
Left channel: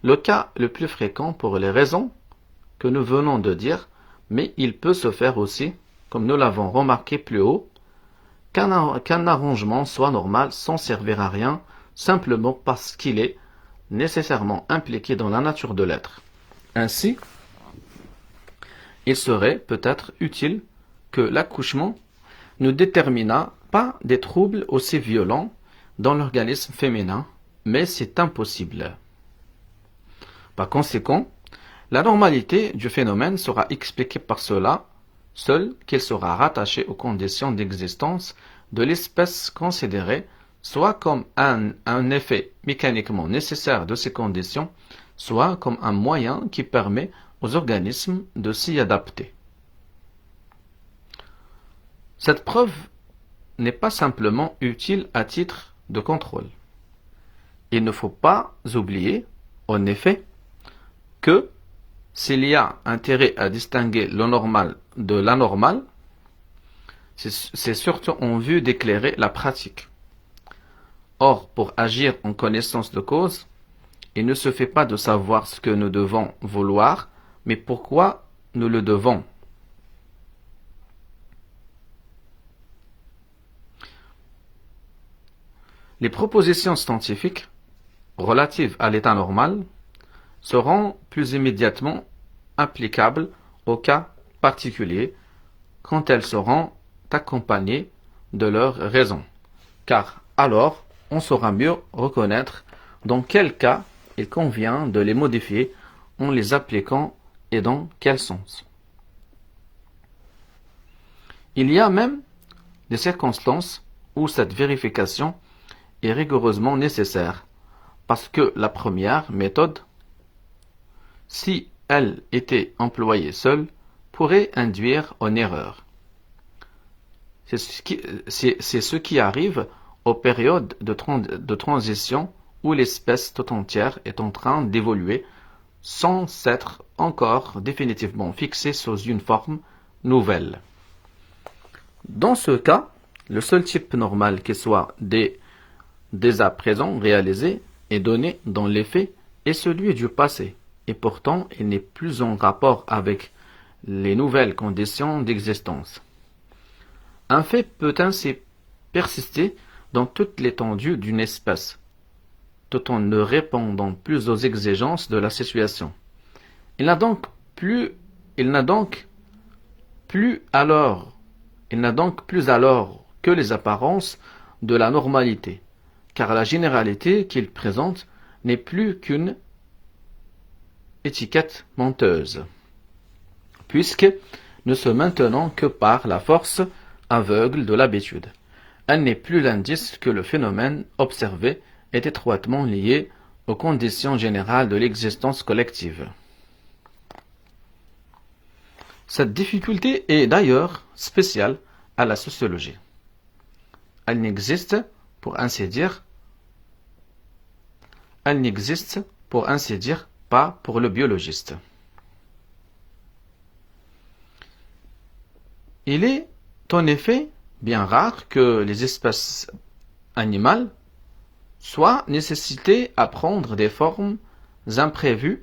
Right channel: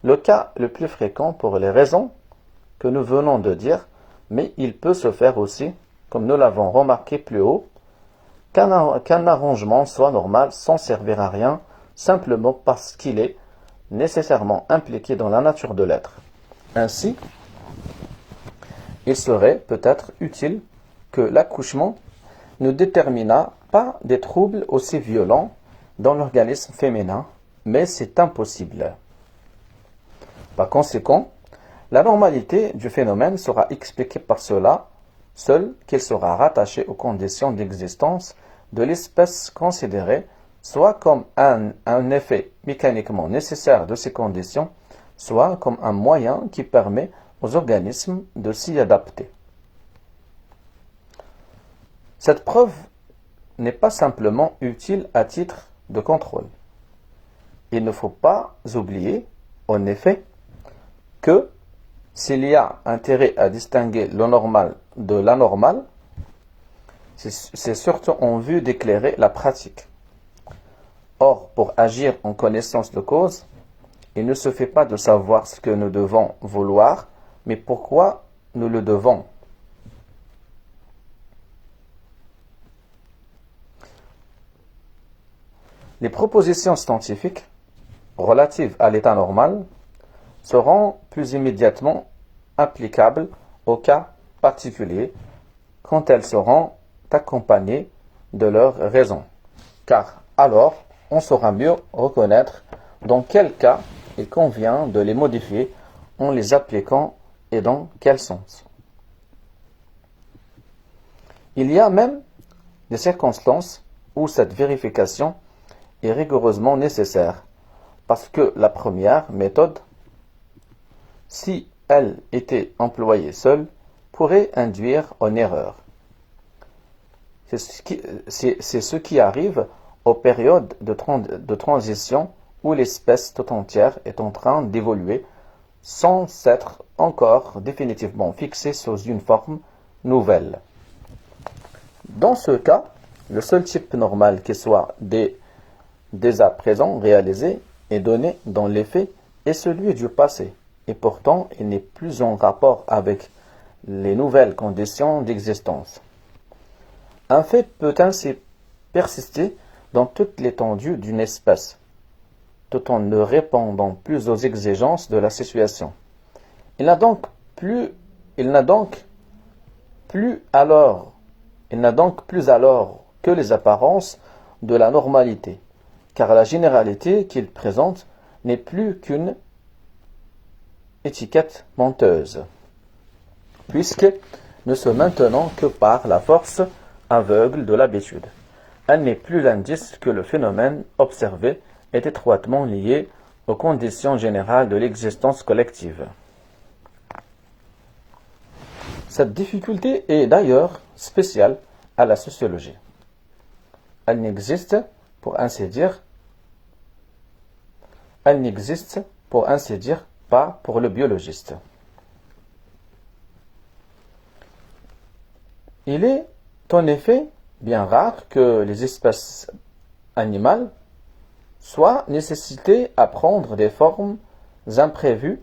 le cas le plus fréquent pour les raisons que nous venons de dire, mais il peut se faire aussi, comme nous l'avons remarqué plus haut, qu'un arrangement soit normal sans servir à rien, simplement parce qu'il est nécessairement impliqué dans la nature de l'être. Ainsi, il serait peut-être utile que l'accouchement ne déterminât pas des troubles aussi violents dans l'organisme féminin, mais c'est impossible. Par conséquent, la normalité du phénomène sera expliquée par cela seul qu'il sera rattaché aux conditions d'existence de l'espèce considérée, soit comme un effet mécaniquement nécessaire de ces conditions, soit comme un moyen qui permet aux organismes de s'y adapter. Cette preuve n'est pas simplement utile à titre de contrôle. Il ne faut pas oublier, en effet, que s'il y a intérêt à distinguer le normal de l'anormal, c'est surtout en vue d'éclairer la pratique. Or, pour agir en connaissance de cause, il ne se fait pas de savoir ce que nous devons vouloir, mais pourquoi nous le devons. Les propositions scientifiques relatives à l'état normal seront plus immédiatement applicables au cas particulier quand elles seront accompagnées de leurs raisons, car alors on saura mieux reconnaître dans quel cas il convient de les modifier en les appliquant et dans quel sens. Il y a même des circonstances où cette vérification est rigoureusement nécessaire, parce que la première méthode, si elle était employée seule, pourrait induire en erreur. C'est ce qui arrive aux périodes de transition où l'espèce tout entière est en train d'évoluer sans s'être encore définitivement fixée sous une forme nouvelle. Dans ce cas, le seul type normal qui soit dès à présent réalisé et donné dans les faits est celui du passé, et pourtant il n'est plus en rapport avec les nouvelles conditions d'existence. Un fait peut ainsi persister dans toute l'étendue d'une espèce, tout en ne répondant plus aux exigences de la situation. Il n'a donc plus alors que les apparences de la normalité, car la généralité qu'il présente n'est plus qu'une étiquette menteuse, puisque ne se maintenant que par la force aveugle de l'habitude. Elle n'est plus l'indice que le phénomène observé est étroitement lié aux conditions générales de l'existence collective. Cette difficulté est d'ailleurs spéciale à la sociologie. Elle n'existe, pour ainsi dire, pas pour le biologiste. Il est en effet bien rare que les espèces animales soient nécessitées à prendre des formes imprévues.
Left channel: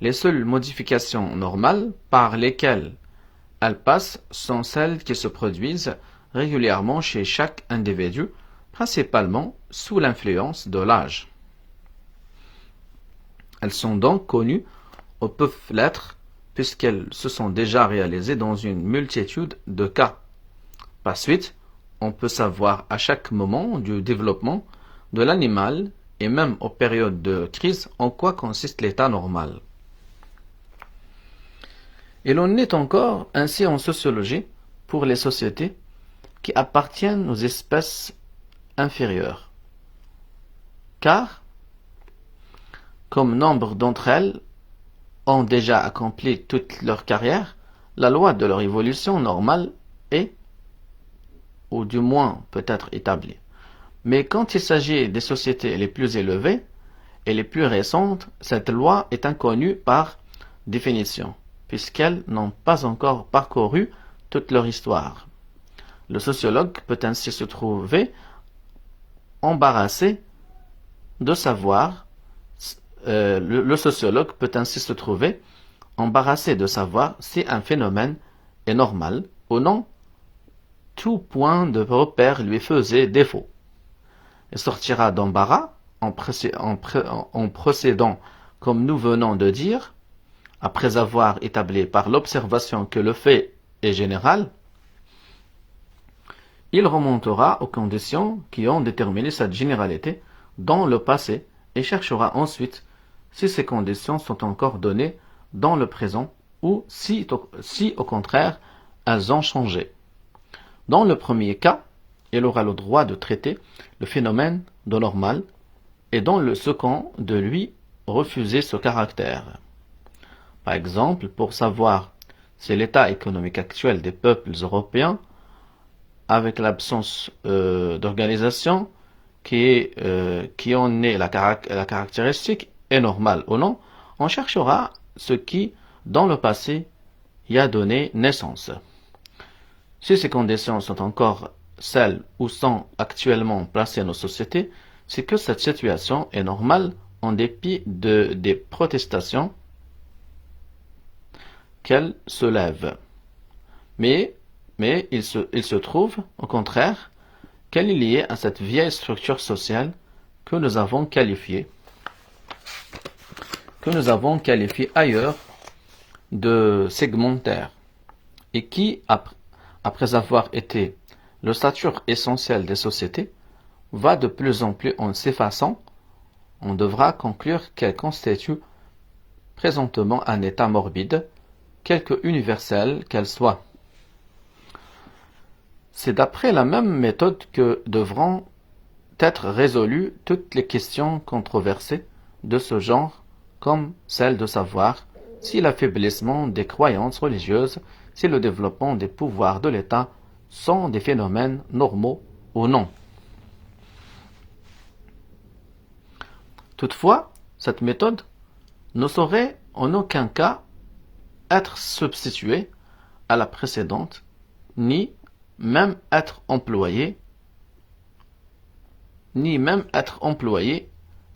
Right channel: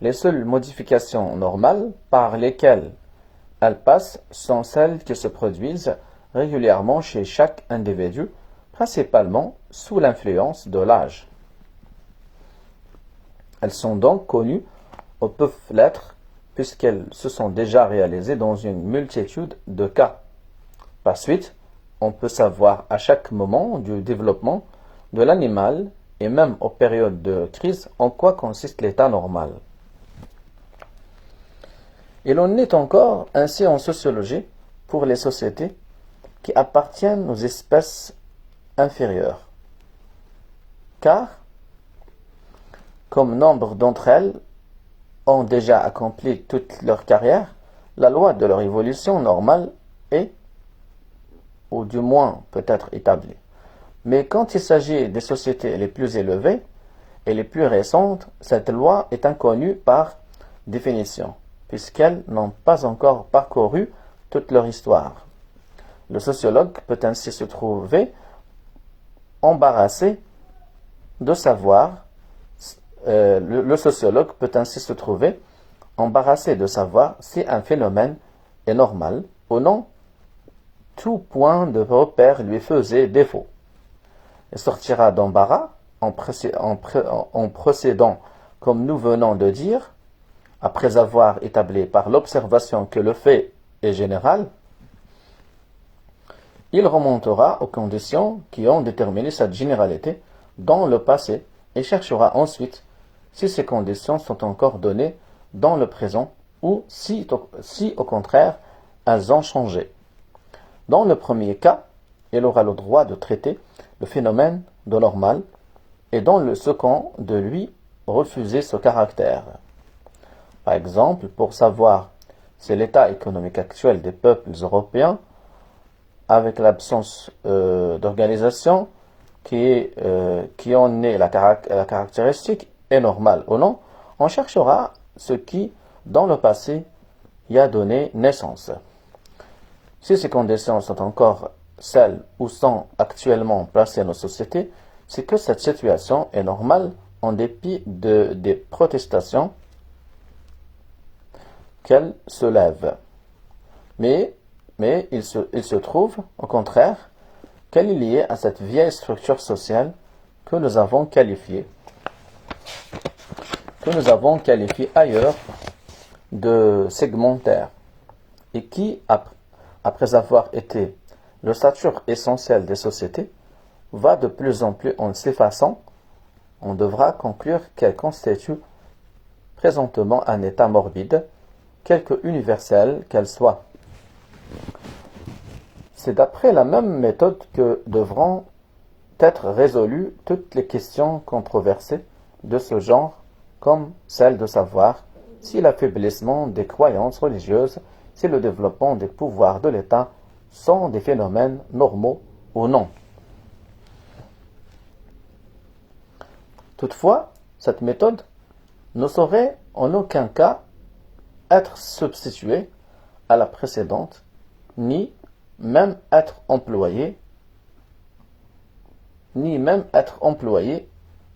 Les seules modifications normales par lesquelles elles passent sont celles qui se produisent régulièrement chez chaque individu, principalement sous l'influence de l'âge. Elles sont donc connues ou peuvent l'être puisqu'elles se sont déjà réalisées dans une multitude de cas. Par suite, on peut savoir à chaque moment du développement de l'animal et même aux périodes de crise, en quoi consiste l'état normal. Et l'on est encore ainsi en sociologie pour les sociétés qui appartiennent aux espèces inférieures. Car, comme nombre d'entre elles ont déjà accompli toute leur carrière, la loi de leur évolution normale est, ou du moins peut être établie. Mais quand il s'agit des sociétés les plus élevées et les plus récentes, cette loi est inconnue par définition, puisqu'elles n'ont pas encore parcouru toute leur histoire. Le sociologue peut ainsi se trouver embarrassé de savoir, le sociologue peut ainsi se trouver embarrassé de savoir si un phénomène est normal ou non. Tout point de repère lui faisait défaut. Il sortira d'embarras en procédant, comme nous venons de dire, après avoir établi par l'observation que le fait est général, il remontera aux conditions qui ont déterminé cette généralité dans le passé et cherchera ensuite si ces conditions sont encore données dans le présent ou si au contraire elles ont changé. Dans le premier cas, il aura le droit de traiter le phénomène de normal et dans le second de lui refuser ce caractère. Par exemple, pour savoir si l'état économique actuel des peuples européens, avec l'absence d'organisation qui en est la caractéristique, est normal ou non, on cherchera ce qui, dans le passé, y a donné naissance. Si ces conditions sont encore celles où sont actuellement placées nos sociétés, c'est que cette situation est normale en dépit des protestations qu'elle soulève. Mais il se trouve, au contraire, qu'elle est liée à cette vieille structure sociale que nous avons qualifiée ailleurs de segmentaire et qui, après avoir été l'ossature essentielle des sociétés, va de plus en plus en s'effaçant. On devra conclure qu'elle constitue présentement un état morbide, quelque universel qu'elle soit. C'est d'après la même méthode que devront être résolues toutes les questions controversées de ce genre, comme celle de savoir si l'affaiblissement des croyances religieuses, si le développement des pouvoirs de l'État sont des phénomènes normaux ou non. Toutefois, cette méthode ne saurait en aucun cas être substituée à la précédente, ni même être employée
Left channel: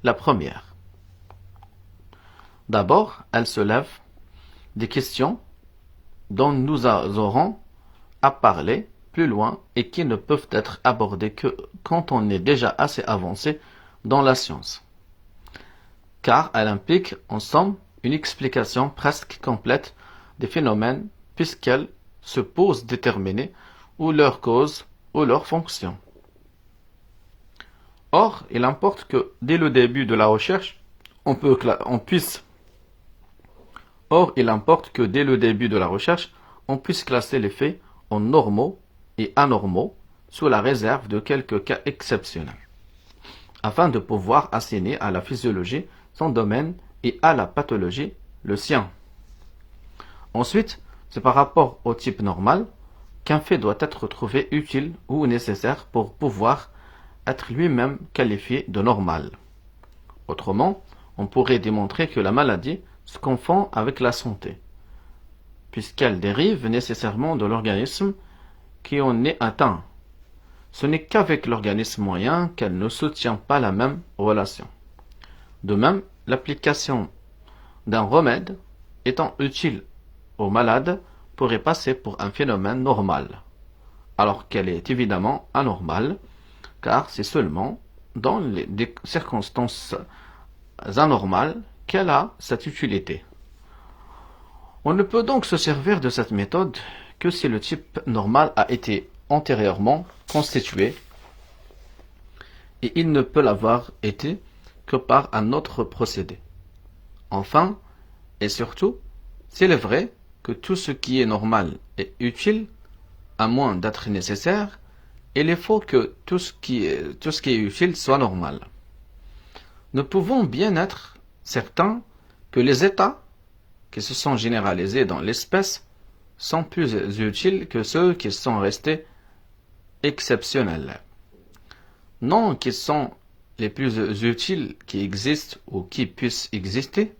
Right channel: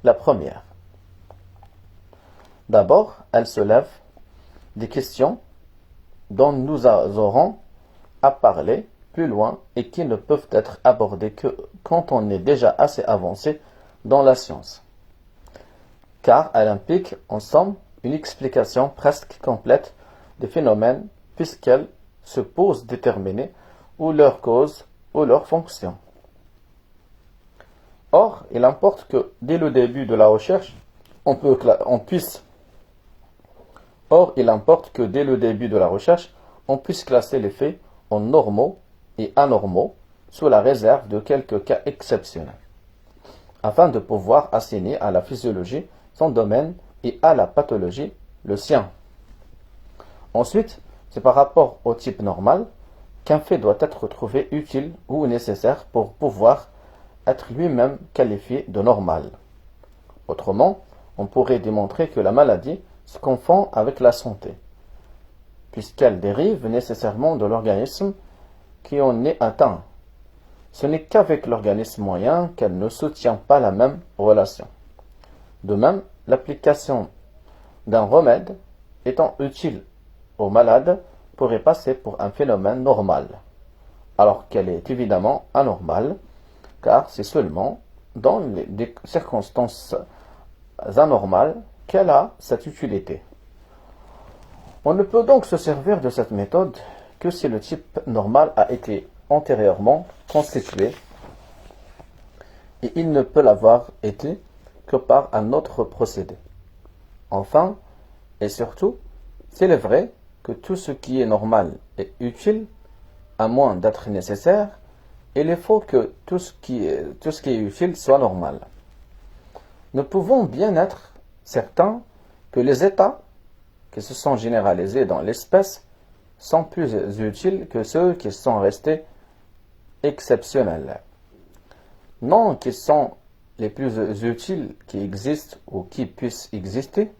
la première. D'abord, elle soulève des questions dont nous aurons à parler plus loin et qui ne peuvent être abordées que quand on est déjà assez avancé dans la science. Car elle implique en somme une explication presque complète des phénomènes puisqu'elle suppose déterminer ou leur cause ou leur fonction. Or, il importe que dès le début de la recherche, on puisse classer les faits en normaux et anormaux sous la réserve de quelques cas exceptionnels, afin de pouvoir assigner à la physiologie son domaine et à la pathologie le sien. Ensuite, c'est par rapport au type normal qu'un fait doit être trouvé utile ou nécessaire pour pouvoir être lui-même qualifié de normal. Autrement, on pourrait démontrer que la maladie se confond avec la santé, puisqu'elle dérive nécessairement de l'organisme qui en est atteint. Ce n'est qu'avec l'organisme moyen qu'elle ne soutient pas la même relation. De même, l'application d'un remède étant utile au malade pourrait passer pour un phénomène normal, alors qu'elle est évidemment anormale, car c'est seulement dans des circonstances anormales qu'elle a cette utilité. On ne peut donc se servir de cette méthode que si le type normal a été antérieurement constitué, et il ne peut l'avoir été que par un autre procédé. Enfin, et surtout, s'il est vrai que tout ce qui est normal est utile, à moins d'être nécessaire, il est faux que tout ce qui est utile soit normal. Nous pouvons bien être certains que les états qui se sont généralisés dans l'espèce sont plus utiles que ceux qui sont restés exceptionnels. Non qu'ils sont les plus utiles qui existent ou qui puissent exister.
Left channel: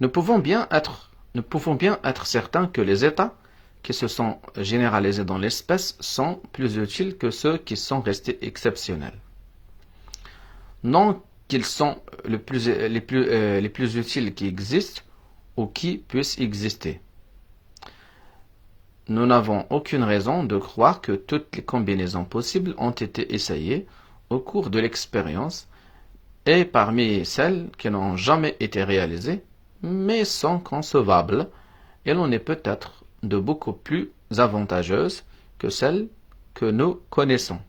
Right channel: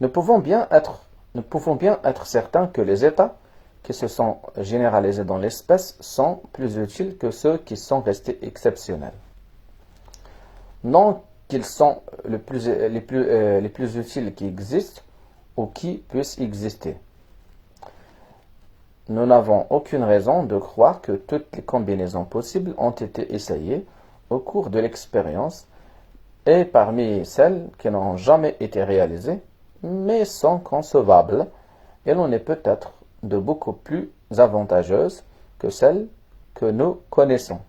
Nous pouvons bien être certains que les états qui se sont généralisés dans l'espèce sont plus utiles que ceux qui sont restés exceptionnels. Non qu'ils sont les plus utiles qui existent ou qui puissent exister. Nous n'avons aucune raison de croire que toutes les combinaisons possibles ont été essayées au cours de l'expérience et parmi celles qui n'ont jamais été réalisées, mais sont concevables, elle en est peut-être de beaucoup plus avantageuses que celles que nous connaissons.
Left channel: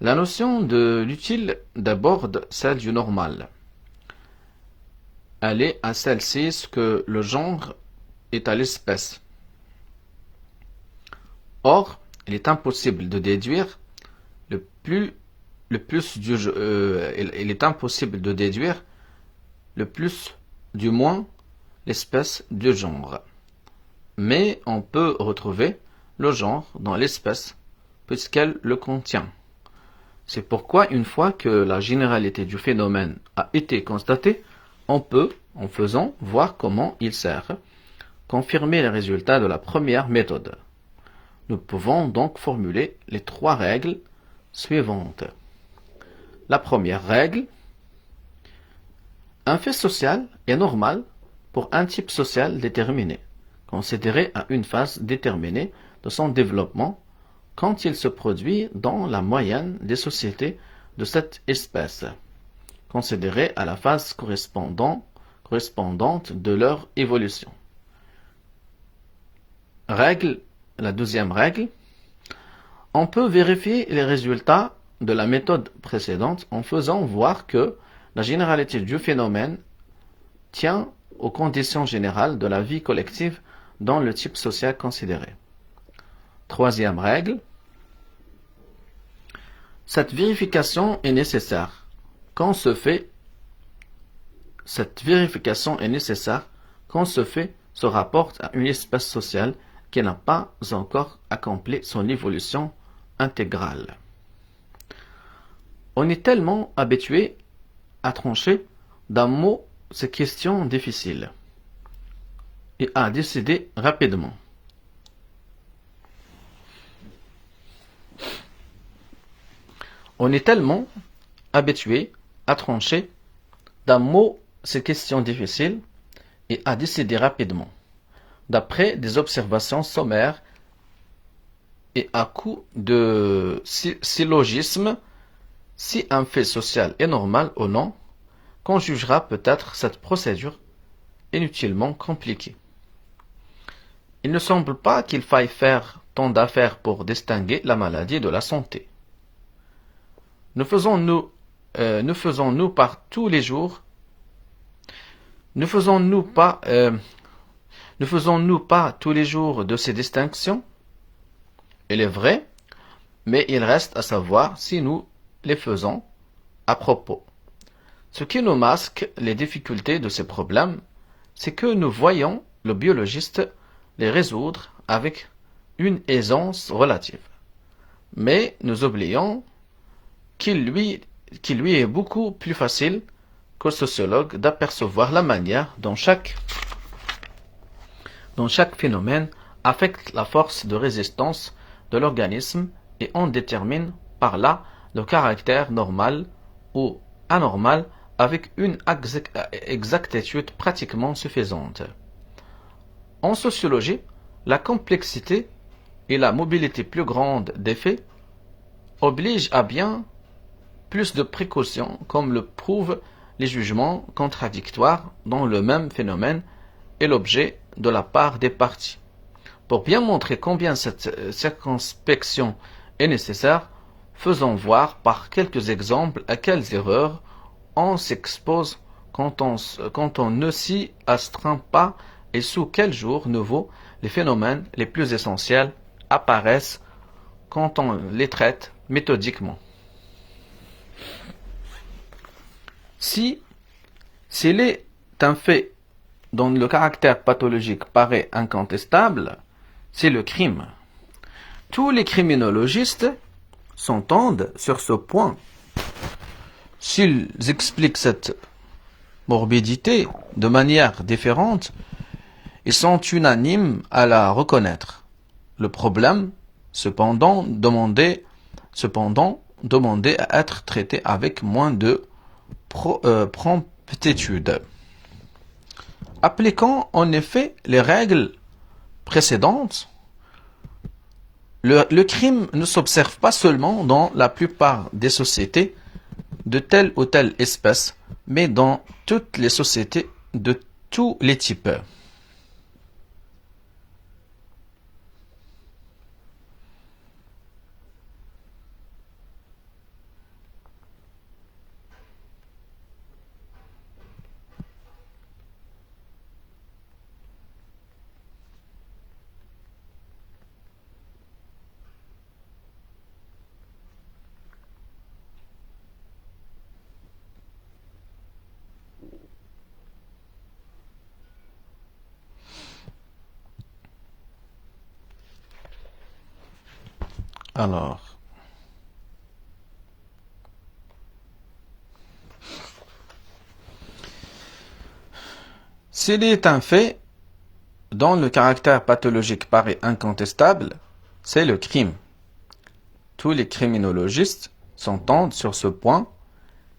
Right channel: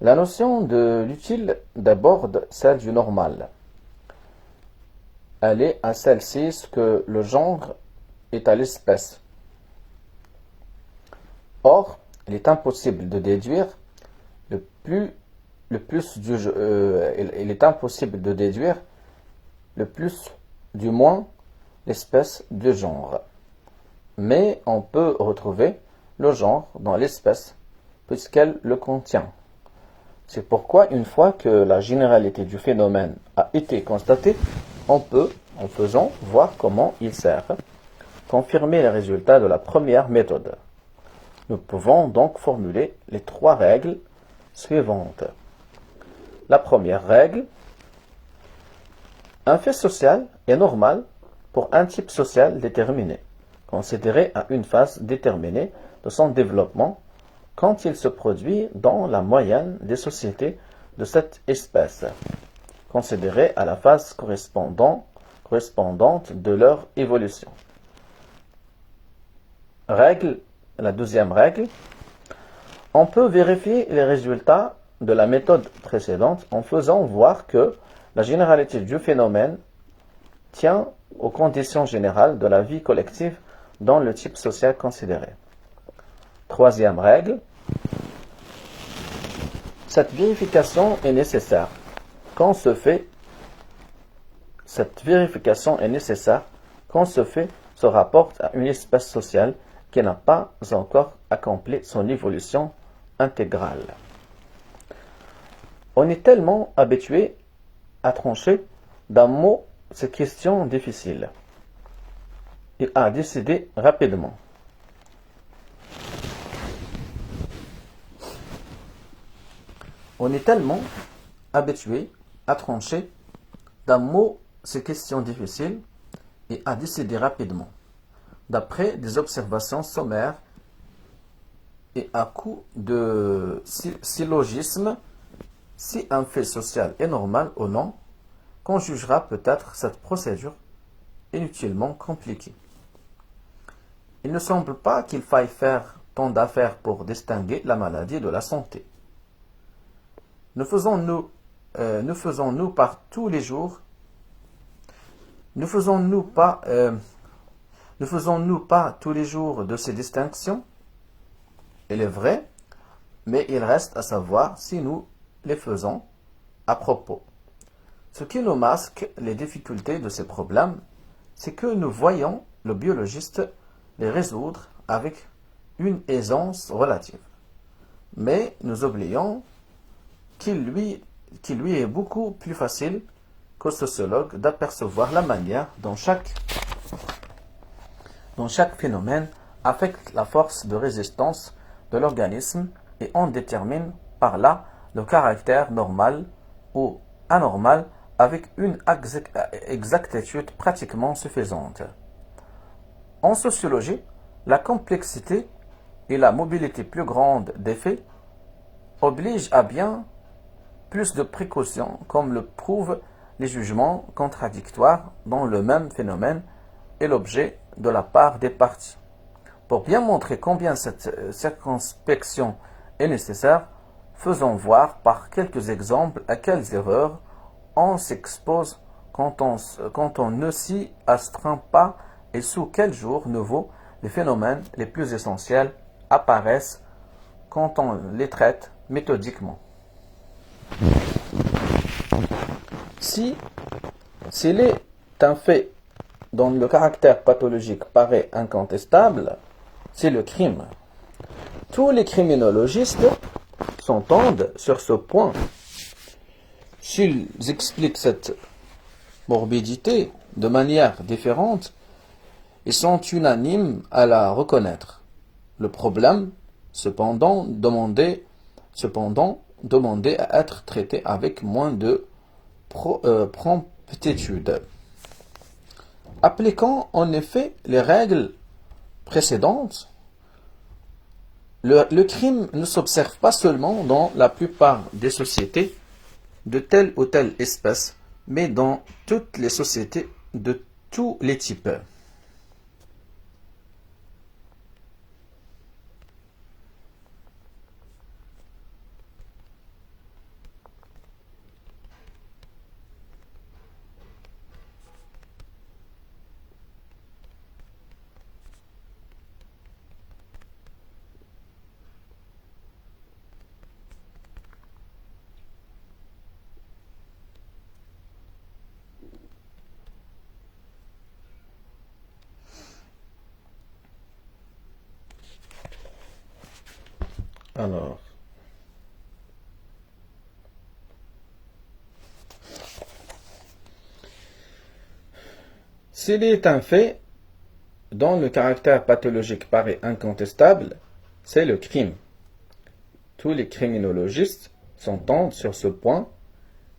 La notion de l'utile d'aborde celle du normal. Elle est à celle-ci ce que le genre est à l'espèce. Or, il est impossible de déduire il est impossible de déduire le plus du moins l'espèce du genre. Mais on peut retrouver le genre dans l'espèce puisqu'elle le contient. C'est pourquoi une fois que la généralité du phénomène a été constatée, on peut, en faisant, voir comment il sert, confirmer les résultats de la première méthode. Nous pouvons donc formuler les trois règles suivantes. La première règle: un fait social est normal pour un type social déterminé, considéré à une phase déterminée de son développement, quand il se produit dans la moyenne des sociétés de cette espèce, considérée à la phase correspondante de leur évolution. La deuxième règle: on peut vérifier les résultats de la méthode précédente en faisant voir que la généralité du phénomène tient aux conditions générales de la vie collective dans le type social considéré. Troisième règle: cette vérification est nécessaire quand ce fait se rapporte à une espèce sociale qui n'a pas encore accompli son évolution intégrale. On est tellement habitué à trancher d'un mot ces questions difficiles et à décider rapidement. On est tellement habitué à trancher d'un mot ces questions difficiles et à décider rapidement, d'après des observations sommaires et à coup de syllogisme, si un fait social est normal ou non, qu'on jugera peut-être cette procédure inutilement compliquée. Il ne semble pas qu'il faille faire tant d'affaires pour distinguer la maladie de la santé. Ne faisons-nous pas tous les jours de ces distinctions? Il est vrai, mais il reste à savoir si nous les faisons à propos. Ce qui nous masque les difficultés de ces problèmes, c'est que nous voyons le biologiste les résoudre avec une aisance relative. Mais nous oublions qu'il lui est beaucoup plus facile qu'au sociologue d'apercevoir la manière dont chaque phénomène affecte la force de résistance de l'organisme et en détermine par là le caractère normal ou anormal avec une exactitude pratiquement suffisante. En sociologie, la complexité et la mobilité plus grande des faits obligent à bien plus de précautions, comme le prouvent les jugements contradictoires dont le même phénomène est l'objet de la part des parties. Pour bien montrer combien cette circonspection est nécessaire, Faisons voir par quelques exemples à quelles erreurs on s'expose quand on ne s'y astreint pas et sous quels jours nouveaux les phénomènes les plus essentiels apparaissent quand on les traite méthodiquement. Si s'il est un fait dont le caractère pathologique paraît incontestable, c'est le crime. Tous les criminologistes s'entendent sur ce point. S'ils expliquent cette morbidité de manière différente, ils sont unanimes à la reconnaître. Le problème, cependant, demandait à être traité avec moins de promptitude. Appliquant en effet les règles précédentes, le crime ne s'observe pas seulement dans la plupart des sociétés de telle ou telle espèce, mais dans toutes les sociétés de tous les types. Alors, s'il est un fait dont le caractère pathologique paraît incontestable, c'est le crime. Tous les criminologistes s'entendent sur ce point.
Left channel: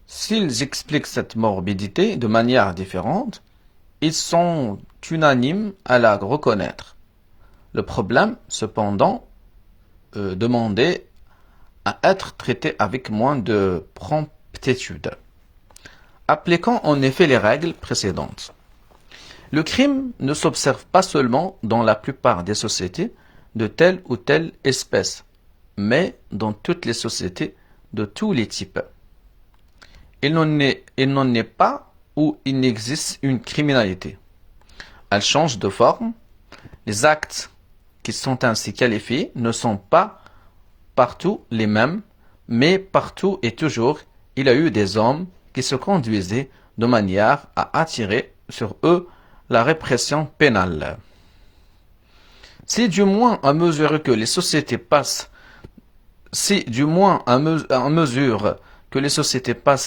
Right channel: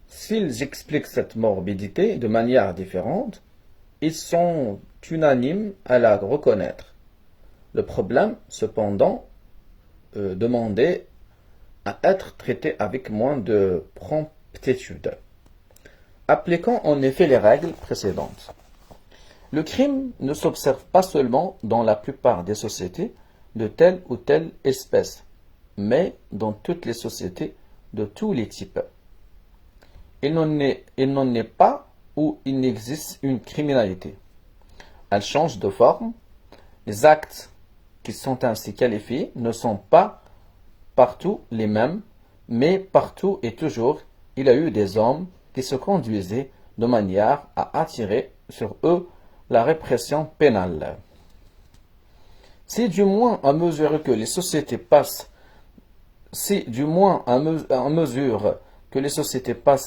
S'ils expliquent cette morbidité de manière différente, ils sont unanimes à la reconnaître. Le problème, cependant, demandait à être traité avec moins de promptitude. Appliquons en effet les règles précédentes. Le crime ne s'observe pas seulement dans la plupart des sociétés de telle ou telle espèce, mais dans toutes les sociétés de tous les types. Il n'en est pas où il n'existe une criminalité. Elle change de forme. Les actes qui sont ainsi qualifiés ne sont pas partout les mêmes, mais partout et toujours, il y a eu des hommes qui se conduisaient de manière à attirer sur eux la répression pénale. Si du moins à mesure que les sociétés passent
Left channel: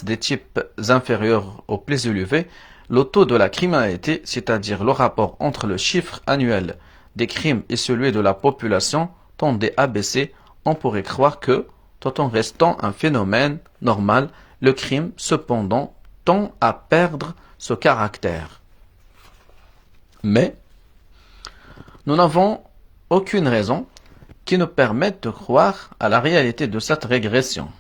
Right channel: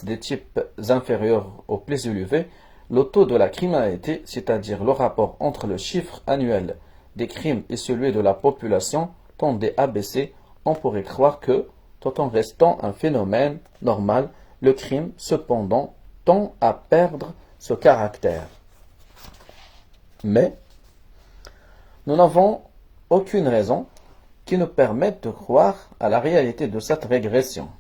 des types inférieurs aux plus élevés, le taux de la criminalité, c'est-à-dire le rapport entre le chiffre annuel des crimes et celui de la population, tendait à baisser. On pourrait croire que, tout en restant un phénomène normal, le crime, cependant, tend à perdre ce caractère. Mais, nous n'avons aucune raison qui nous permette de croire à la réalité de cette régression.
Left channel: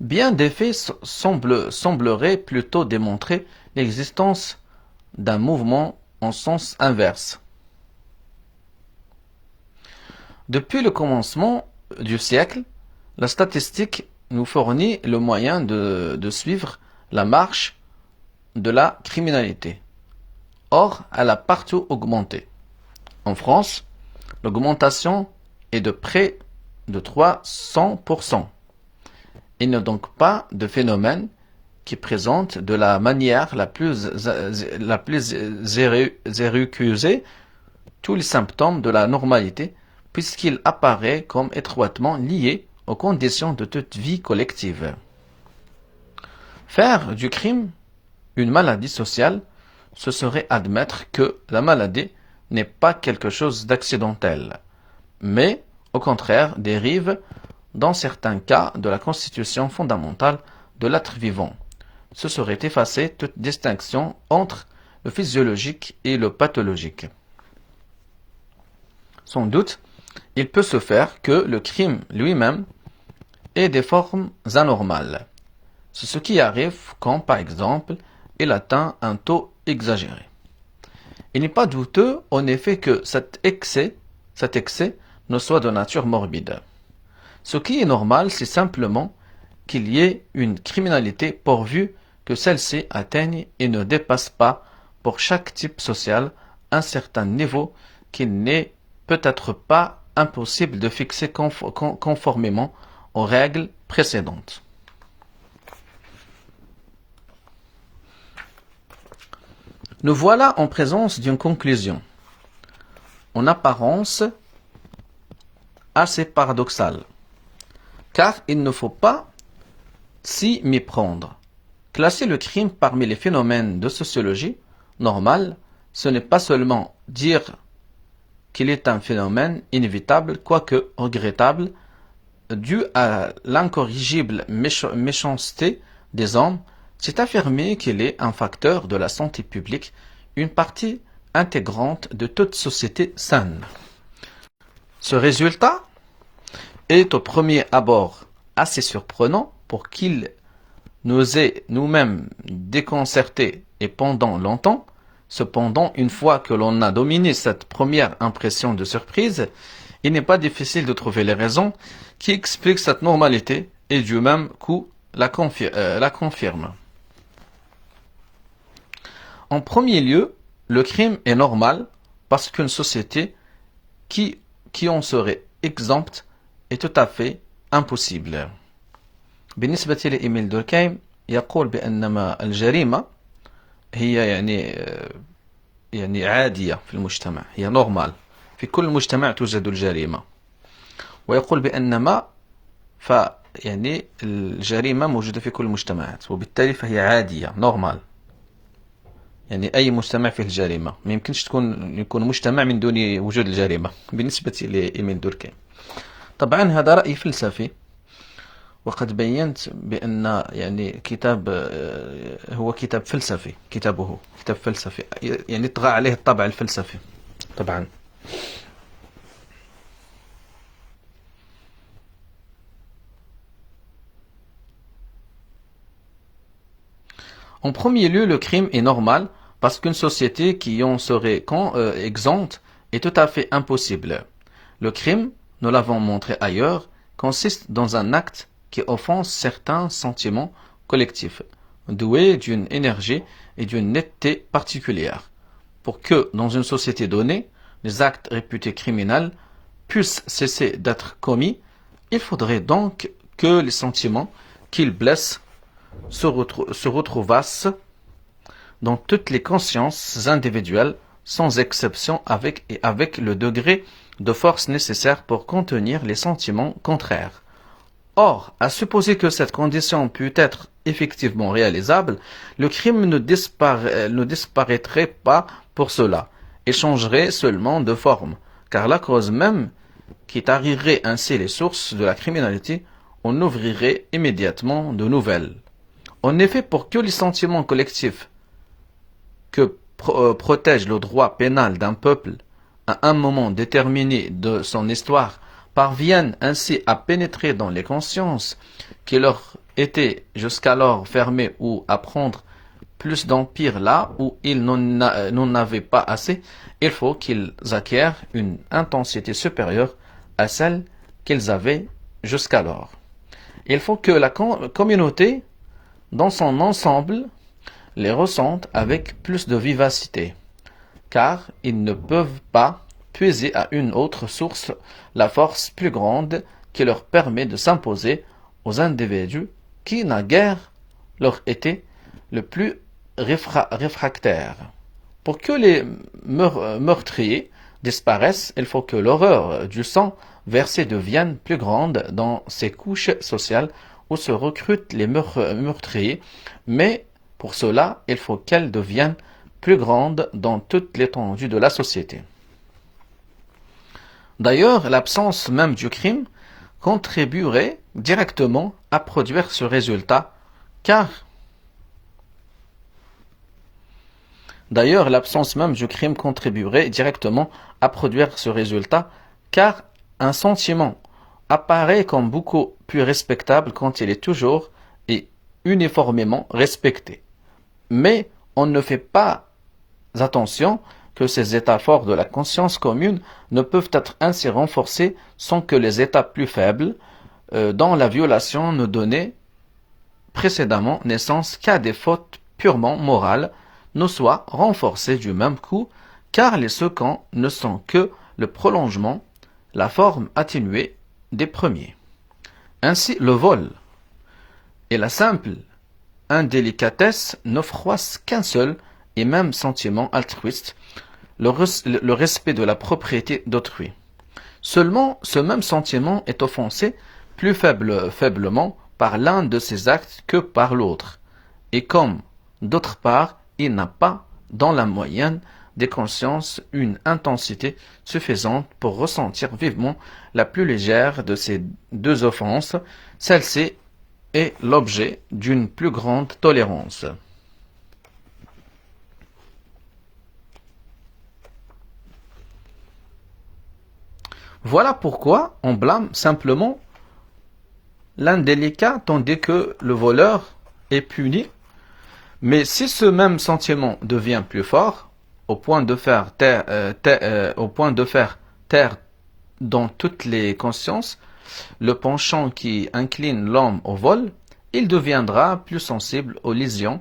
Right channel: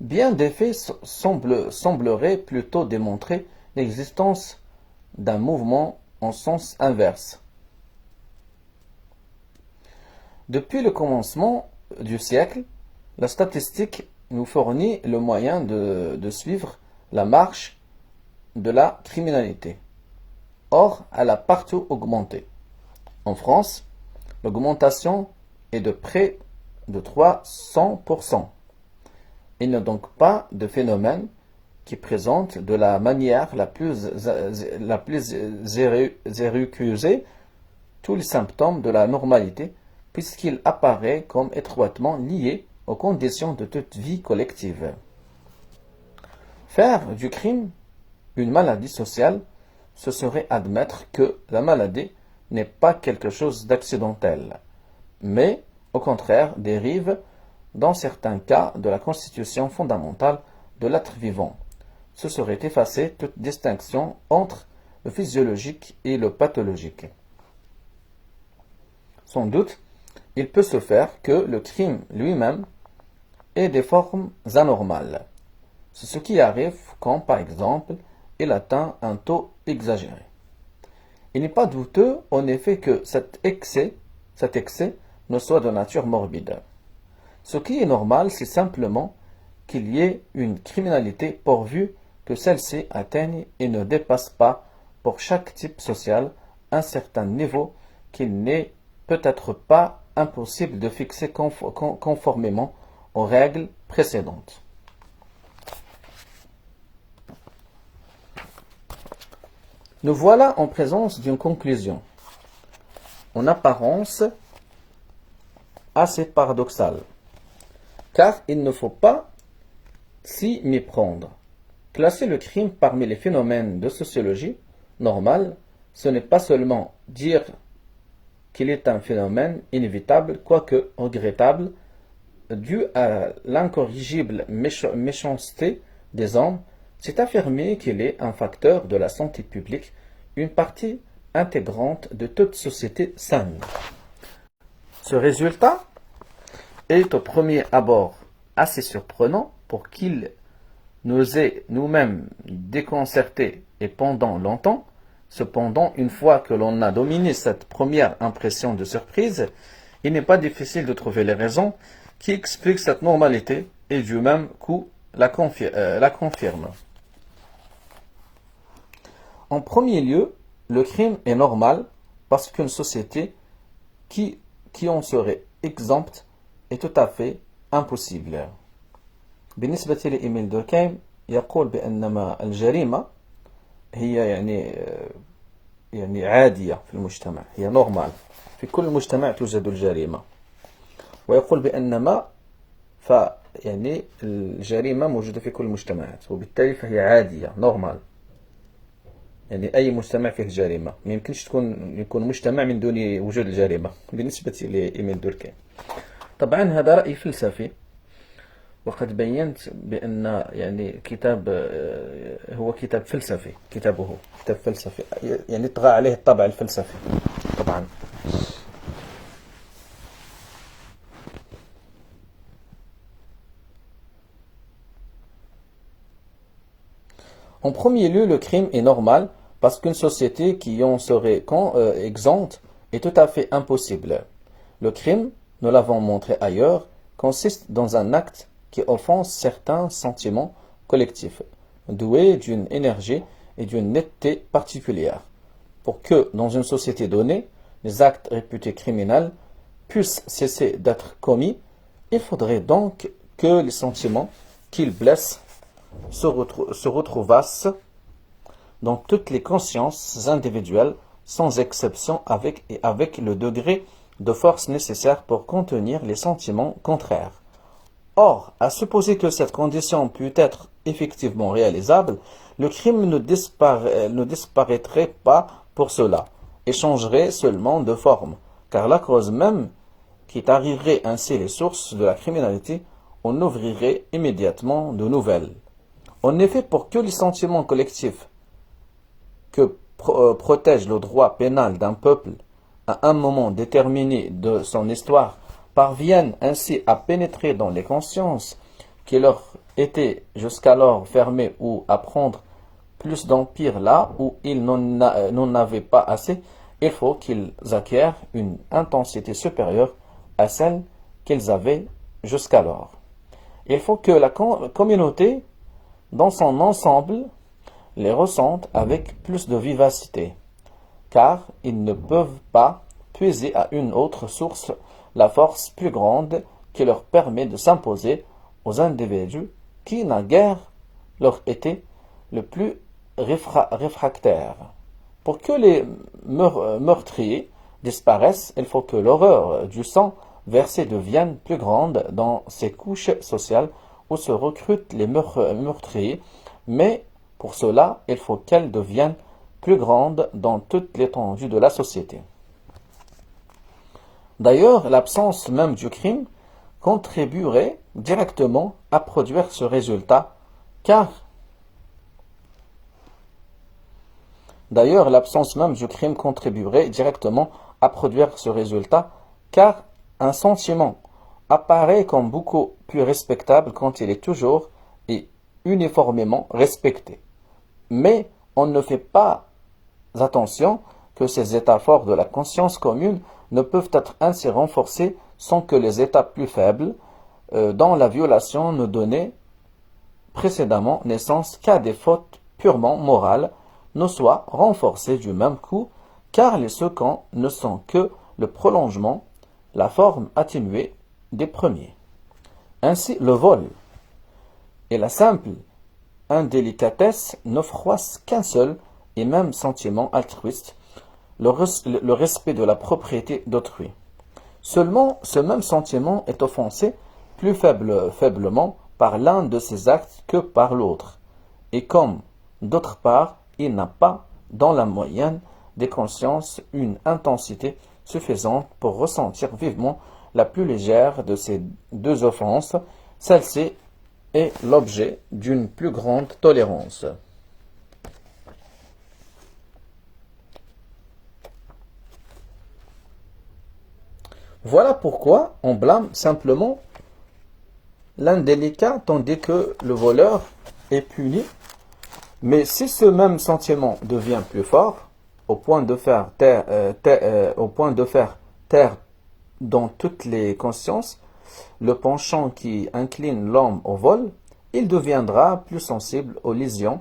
Bien des faits sembleraient plutôt démontrer l'existence d'un mouvement en sens inverse. Depuis le commencement du siècle, la statistique nous fournit le moyen de suivre la marche de la criminalité. Or, elle a partout augmenté. En France, l'augmentation est de près de 300%. Il n'est donc pas de phénomène qui présente de la manière la plus érusée tous les symptômes de la normalité, puisqu'il apparaît comme étroitement lié aux conditions de toute vie collective. Faire du crime une maladie sociale, ce serait admettre que la maladie n'est pas quelque chose d'accidentel, mais au contraire dérive dans certains cas de la constitution fondamentale de l'être vivant. Ce serait effacer toute distinction entre le physiologique et le pathologique. Sans doute, il peut se faire que le crime lui-même ait des formes anormales. C'est ce qui arrive quand, par exemple, il atteint un taux exagéré. Il n'est pas douteux, en effet, que cet excès ne soit de nature morbide. Ce qui est normal, c'est simplement qu'il y ait une criminalité pourvu que celle-ci atteigne et ne dépasse pas, pour chaque type social, un certain niveau qu'il n'est peut-être pas impossible de fixer conformément aux règles précédentes. Nous voilà en présence d'une conclusion, en apparence assez paradoxale, car il ne faut pas s'y méprendre. Classer le crime parmi les phénomènes de sociologie normale, ce n'est pas seulement dire qu'il est un phénomène inévitable, quoique regrettable, dû à l'incorrigible méchanceté des hommes, c'est affirmer qu'il est un facteur de la santé publique, une partie intégrante de toute société saine. Ce résultat est au premier abord assez surprenant pour qu'il nous ait nous-mêmes déconcertés et pendant longtemps. Cependant, une fois que l'on a dominé cette première impression de surprise, il n'est pas difficile de trouver les raisons qui expliquent cette normalité et du même coup la confirment. En premier lieu, le crime est normal parce qu'une société qui en serait exempte est tout à fait impossible. بالنسبة لإيميل دوركهايم يقول بأنما الجريمة هي يعني عادية في المجتمع، هي نورمال، في كل مجتمع توجد الجريمة، ويقول بأنما يعني الجريمة موجودة في كل المجتمعات، وبالتالي فهي عادية نورمال، يعني أي مجتمع فيه الجريمة، ما يمكنش يكون مجتمع من دون وجود الجريمة بالنسبة لإيميل دوركهايم. طبعا هذا رأي فلسفي، وقد بينت بأن يعني كتاب هو كتاب فلسفي، كتابه كتاب فلسفي، يعني طغى عليه الطابع الفلسفي طبعا. En premier lieu, le crime est normal parce qu'une société qui en serait exempte est tout à fait impossible. Le crime, nous l'avons montré ailleurs, consiste dans un acte qui offense certains sentiments collectifs, doués d'une énergie et d'une netteté particulière. Pour que, dans une société donnée, les actes réputés criminels puissent cesser d'être commis, il faudrait donc que les sentiments qu'ils blessent se retrouvassent dans toutes les consciences individuelles, sans exception, avec le degré de force nécessaire pour contenir les sentiments contraires. Or, à supposer que cette condition pût être effectivement réalisable, le crime ne disparaîtrait pas pour cela, et changerait seulement de forme, car la cause même qui tarirait ainsi les sources de la criminalité en ouvrirait immédiatement de nouvelles. En effet, pour que les sentiments collectifs que protège le droit pénal d'un peuple à un moment déterminé de son histoire parviennent ainsi à pénétrer dans les consciences qui leur étaient jusqu'alors fermées ou à prendre plus d'empire là où ils n'en avaient pas assez, il faut qu'ils acquièrent une intensité supérieure à celle qu'ils avaient jusqu'alors. Il faut que la communauté, dans son ensemble, les ressente avec plus de vivacité, car ils ne peuvent pas puiser à une autre source la force plus grande qui leur permet de s'imposer aux individus qui naguère leur étaient le plus réfractaires. Pour que les meurtriers disparaissent, il faut que l'horreur du sang versé devienne plus grande dans ces couches sociales où se recrutent les meurtriers, mais pour cela, il faut qu'elle devienne plus grande dans toute l'étendue de la société. D'ailleurs, l'absence même du crime contribuerait directement à produire ce résultat, car un sentiment apparaît comme beaucoup plus respectable quand il est toujours et uniformément respecté. Mais on ne fait pas attention que ces états forts de la conscience commune ne peuvent être ainsi renforcés sans que les états plus faibles, dont la violation ne donnait précédemment naissance qu'à des fautes purement morales, ne soient renforcés du même coup, car les seconds ne sont que le prolongement, la forme atténuée des premiers. Ainsi, le vol et la simple indélicatesse ne froissent qu'un seul et même sentiment altruiste, le respect de la propriété d'autrui. Seulement, ce même sentiment est offensé plus faiblement par l'un de ces actes que par l'autre, et comme, d'autre part, il n'a pas, dans la moyenne des consciences, une intensité suffisante pour ressentir vivement la plus légère de ces deux offenses, celle-ci est l'objet d'une plus grande tolérance. Voilà pourquoi on blâme simplement l'indélicat tandis que le voleur est puni. Mais si ce même sentiment devient plus fort, au point de faire taire dans toutes les consciences le penchant qui incline l'homme au vol, il deviendra plus sensible aux lésions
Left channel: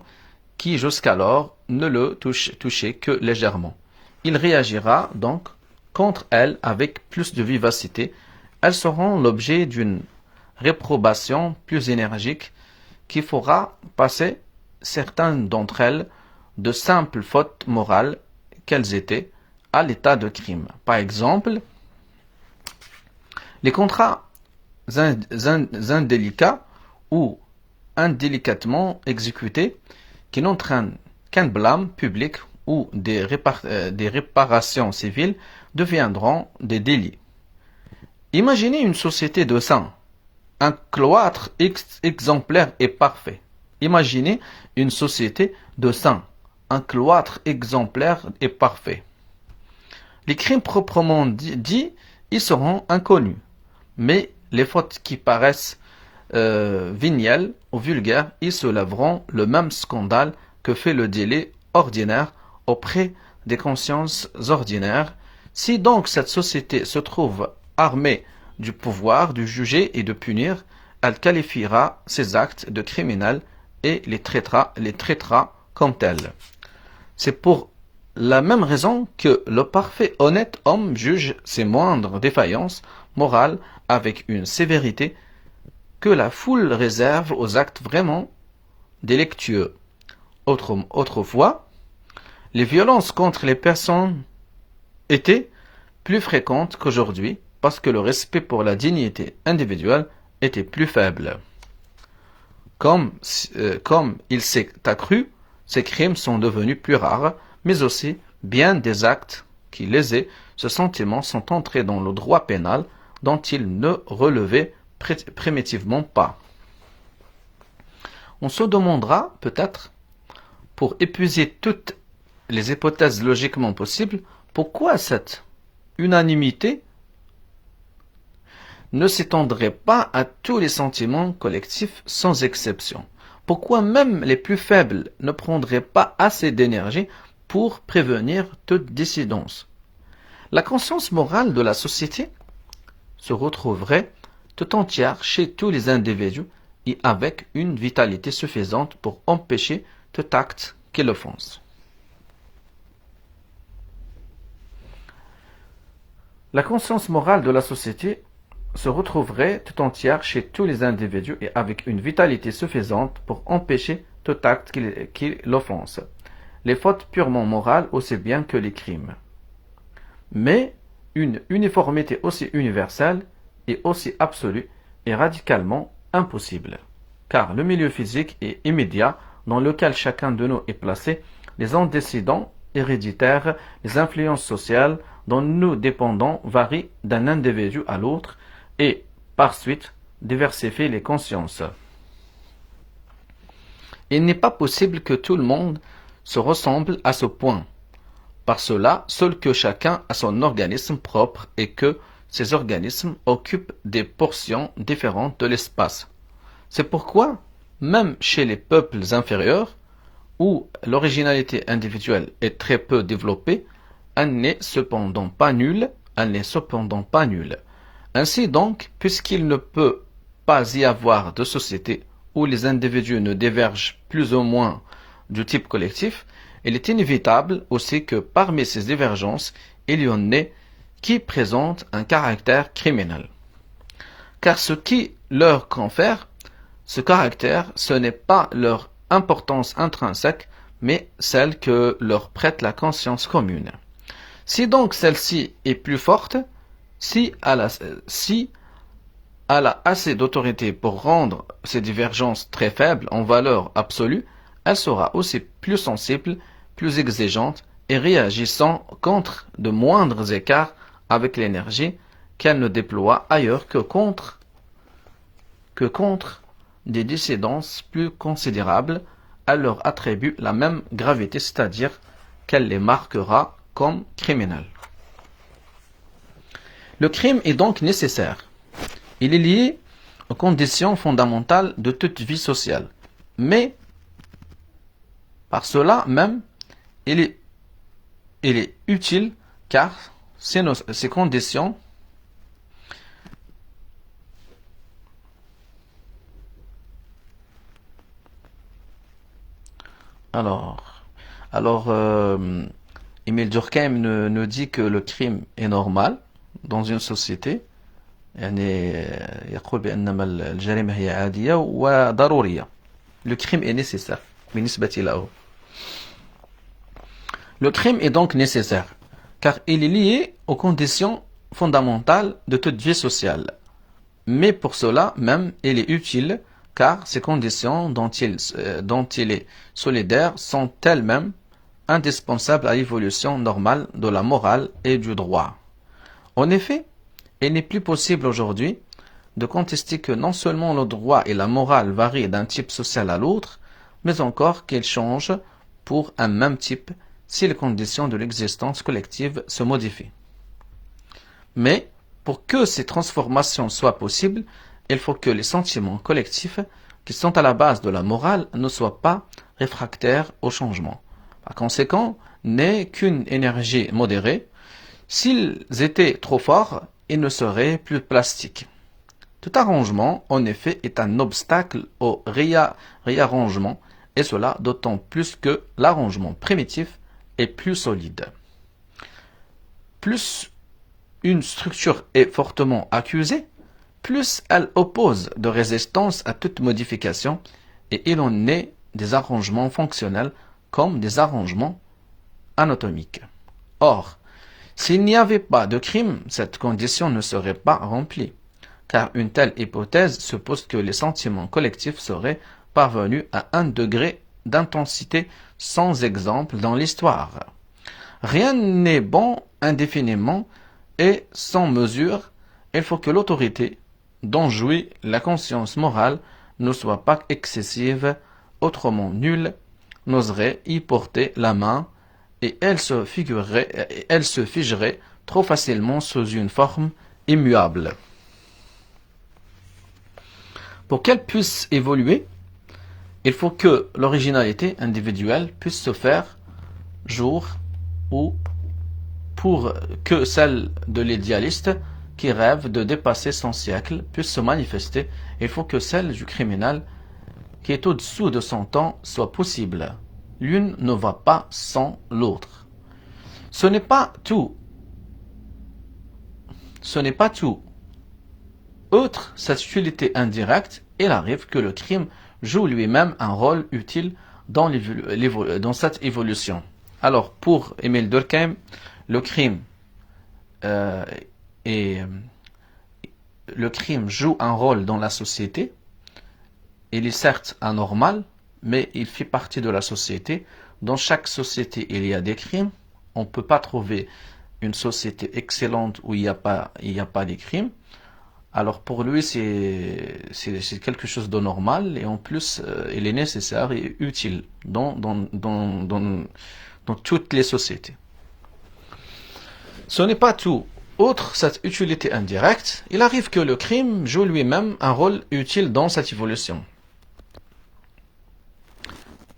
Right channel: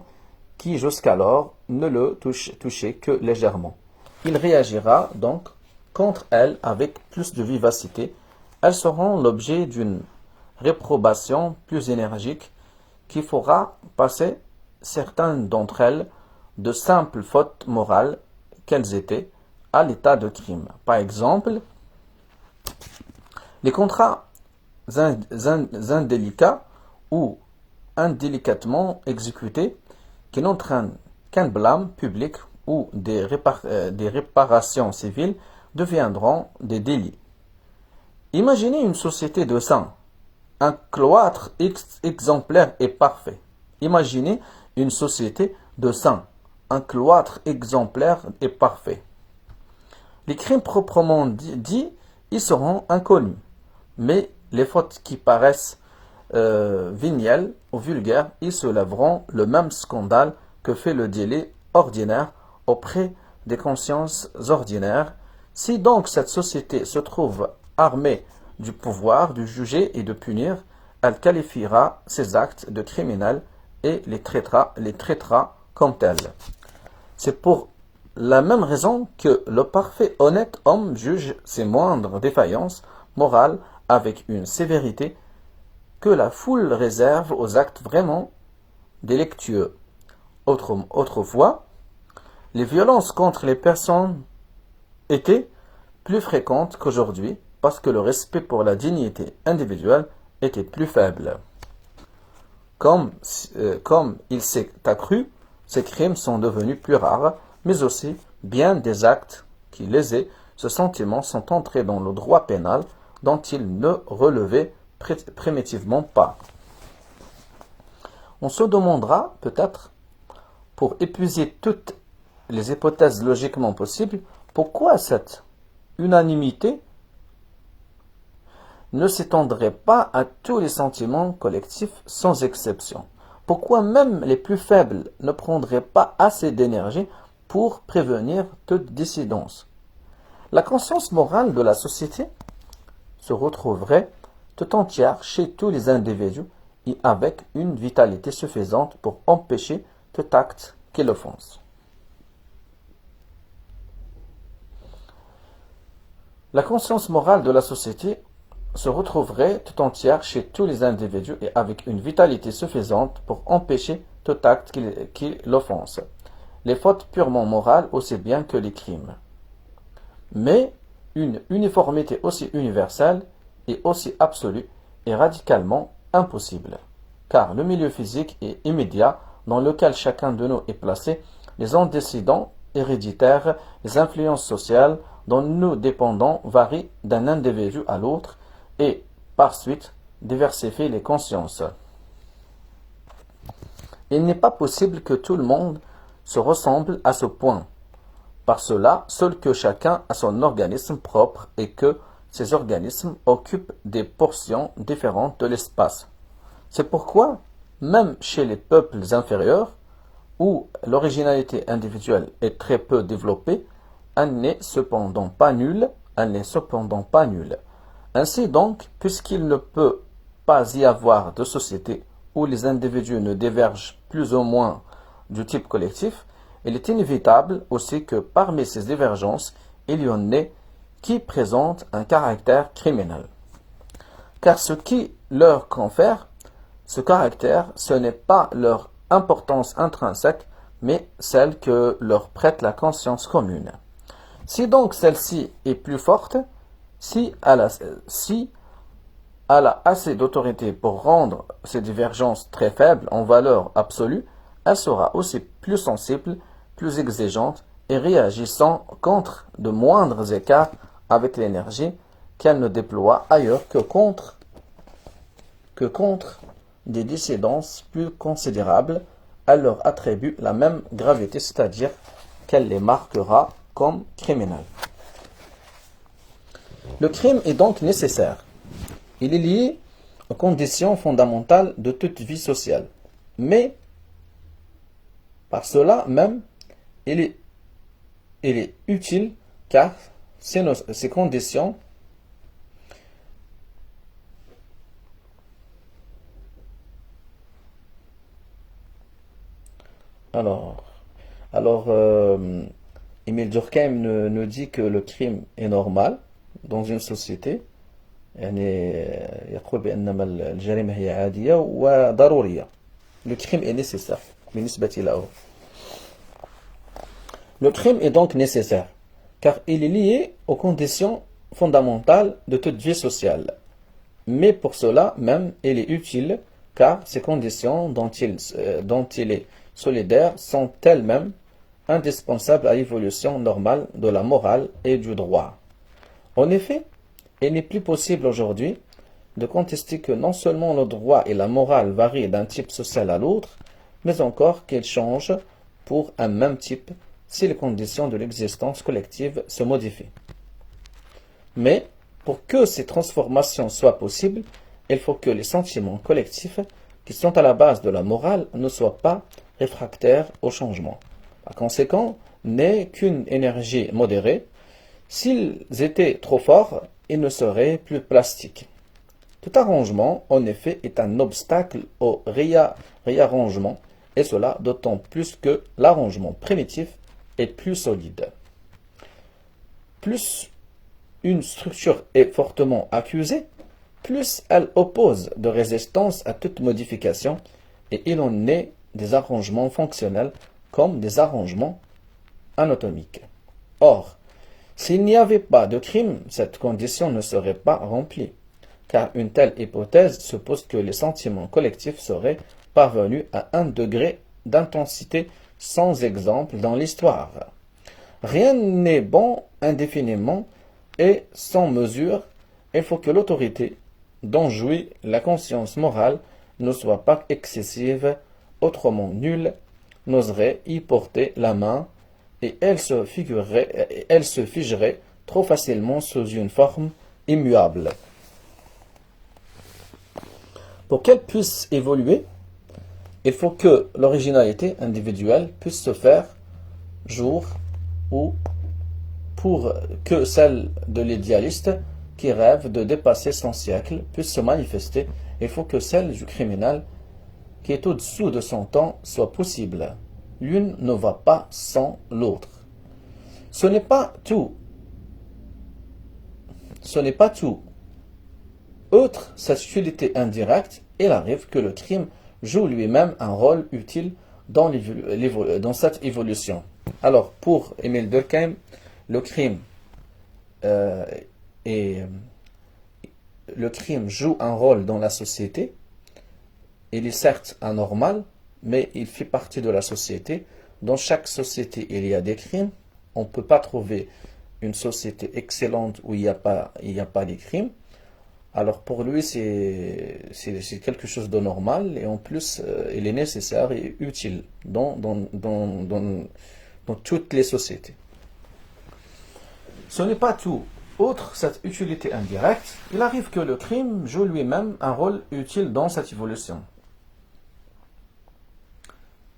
qui jusqu'alors ne le touchaient que légèrement. Il réagira donc contre elles avec plus de vivacité. Elles seront l'objet d'une réprobation plus énergique qui fera passer certaines d'entre elles de simples fautes morales qu'elles étaient à l'état de crime. Par exemple, les contrats indélicats ou indélicatement exécutés qui n'entraînent qu'un blâme public ou des réparations civiles deviendront des délits. Imaginez une société de saints, un cloître exemplaire et parfait. Imaginez une société de saints, un cloître exemplaire et parfait. Les crimes proprement dits y seront inconnus, mais les fautes qui paraissent vénielles ou vulgaires y soulèveront le même scandale que fait le délit ordinaire auprès des consciences ordinaires. Si donc cette société se trouve armée du pouvoir de juger et de punir, elle qualifiera ces actes de criminels et les traitera comme tels. C'est pour la même raison que le parfait honnête homme juge ses moindres défaillances morales avec une sévérité que la foule réserve aux actes vraiment délictueux. Autrefois, les violences contre les personnes étaient plus fréquentes qu'aujourd'hui parce que le respect pour la dignité individuelle était plus faible. Comme il s'est accru, ces crimes sont devenus plus rares, mais aussi bien des actes qui lésaient ce sentiment sont entrés dans le droit pénal dont ils ne relevaient primitivement pas. On se demandera peut-être, pour épuiser toutes les hypothèses logiquement possibles, pourquoi cette unanimité ne s'étendrait pas à tous les sentiments collectifs sans exception. Pourquoi même les plus faibles ne prendraient pas assez d'énergie pour prévenir toute dissidence? La conscience morale de la société se retrouverait tout entière chez tous les individus et avec une vitalité suffisante pour empêcher tout acte qui l'offense. La conscience morale de la société se retrouverait tout entière chez tous les individus et avec une vitalité suffisante pour empêcher tout acte qui l'offense, les fautes purement morales aussi bien que les crimes. Mais une uniformité aussi universelle et aussi absolue est radicalement impossible, car le milieu physique et immédiat dans lequel chacun de nous est placé, les antécédents héréditaires, les influences sociales dont nous dépendons varient d'un individu à l'autre et, par suite, diversifient les consciences. Il n'est pas possible que tout le monde se ressemble à ce point. Par cela, seul que chacun a son organisme propre et que ces organismes occupent des portions différentes de l'espace. C'est pourquoi, même chez les peuples inférieurs, où l'originalité individuelle est très peu développée, elle n'est cependant pas nulle, elle n'est cependant pas nulle. Ainsi donc, puisqu'il ne peut pas y avoir de société où les individus ne divergent plus ou moins du type collectif, il est inévitable aussi que parmi ces divergences, il y en ait qui présentent un caractère criminel. Car ce qui leur confère ce caractère, ce n'est pas leur importance intrinsèque, mais celle que leur prête la conscience commune. Si donc celle-ci est plus forte, si elle a assez d'autorité pour rendre ces divergences très faibles en valeur absolue, elle sera aussi plus sensible, plus exigeante et réagissant contre de moindres écarts avec l'énergie qu'elle ne déploie ailleurs que contre des dissidences plus considérables. Elle leur attribue la même gravité, c'est-à-dire qu'elle les marquera comme criminels. Le crime est donc nécessaire. Il est lié aux conditions fondamentales de toute vie sociale. Mais, par cela même, il est utile car ces conditions Alors, Émile Durkheim nous dit que le crime est normal dans une société. يعني يقول بأن الجريمة هي عادية وضرورية. Le crime est nécessaire بالنسبة له. Le crime est donc nécessaire car il est lié aux conditions fondamentales de toute vie sociale. Mais pour cela même, il est utile car ces conditions dont il est solidaire sont elles-mêmes indispensables à l'évolution normale de la morale et du droit. En effet, il n'est plus possible aujourd'hui de contester que non seulement le droit et la morale varient d'un type social à l'autre, mais encore qu'ils changent pour un même type si les conditions de l'existence collective se modifient. Mais, pour que ces transformations soient possibles, il faut que les sentiments collectifs qui sont à la base de la morale ne soient pas réfractaires au changement. Par conséquent, n'est qu'une énergie modérée. S'ils étaient trop forts, ils ne seraient plus plastiques. Tout arrangement, en effet, est un obstacle au réarrangement, et cela d'autant plus que l'arrangement primitif est plus solide. Plus une structure est fortement accusée, plus elle oppose de résistance à toute modification, et il en est des arrangements fonctionnels comme des arrangements anatomiques. Or, s'il n'y avait pas de crime, cette condition ne serait pas remplie, car une telle hypothèse suppose que les sentiments collectifs seraient parvenus à un degré d'intensité sans exemple dans l'histoire. Rien n'est bon indéfiniment et sans mesure. Il faut que l'autorité dont jouit la conscience morale ne soit pas excessive, autrement nul n'oserait y porter la main et elle se figerait trop facilement sous une forme immuable. Pour qu'elle puisse évoluer, il faut que l'originalité individuelle puisse se faire jour ou pour que celle de l'idéaliste qui rêve de dépasser son siècle puisse se manifester, il faut que celle du criminel qui est au-dessous de son temps soit possible. L'une ne va pas sans l'autre. Ce n'est pas tout. Outre cette utilité indirecte, il arrive que le crime joue lui-même un rôle utile dans cette évolution. Alors, pour Émile Durkheim, le crime joue un rôle dans la société. Il est certes anormal, mais il fait partie de la société. Dans chaque société, il y a des crimes. On ne peut pas trouver une société excellente où il n'y a pas des crimes. Alors pour lui, c'est quelque chose de normal et en plus, il est nécessaire et utile dans toutes les sociétés. Ce n'est pas tout. Outre cette utilité indirecte, il arrive que le crime joue lui-même un rôle utile dans cette évolution.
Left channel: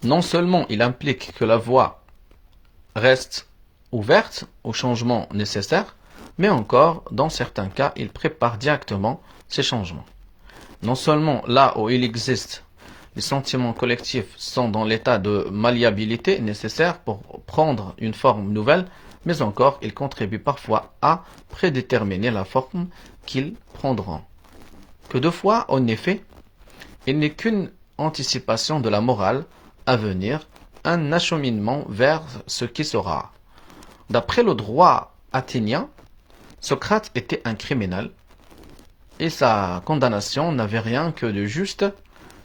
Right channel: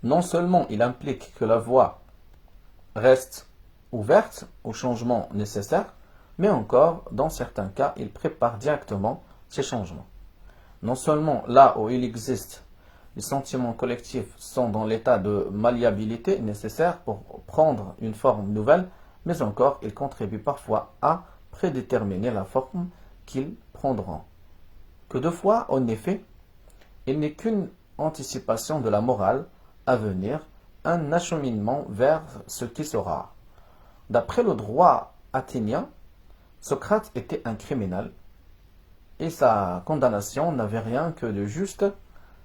Non seulement il implique que la voie reste ouverte aux changements nécessaires, mais encore, dans certains cas, il prépare directement ces changements. Non seulement là où il existe, les sentiments collectifs sont dans l'état de malléabilité nécessaire pour prendre une forme nouvelle, mais encore, ils contribuent parfois à prédéterminer la forme qu'ils prendront. Que de fois, en effet, il n'est qu'une anticipation de la morale à venir, un acheminement vers ce qui sera. D'après le droit athénien, Socrate était un criminel et sa condamnation n'avait rien que de juste.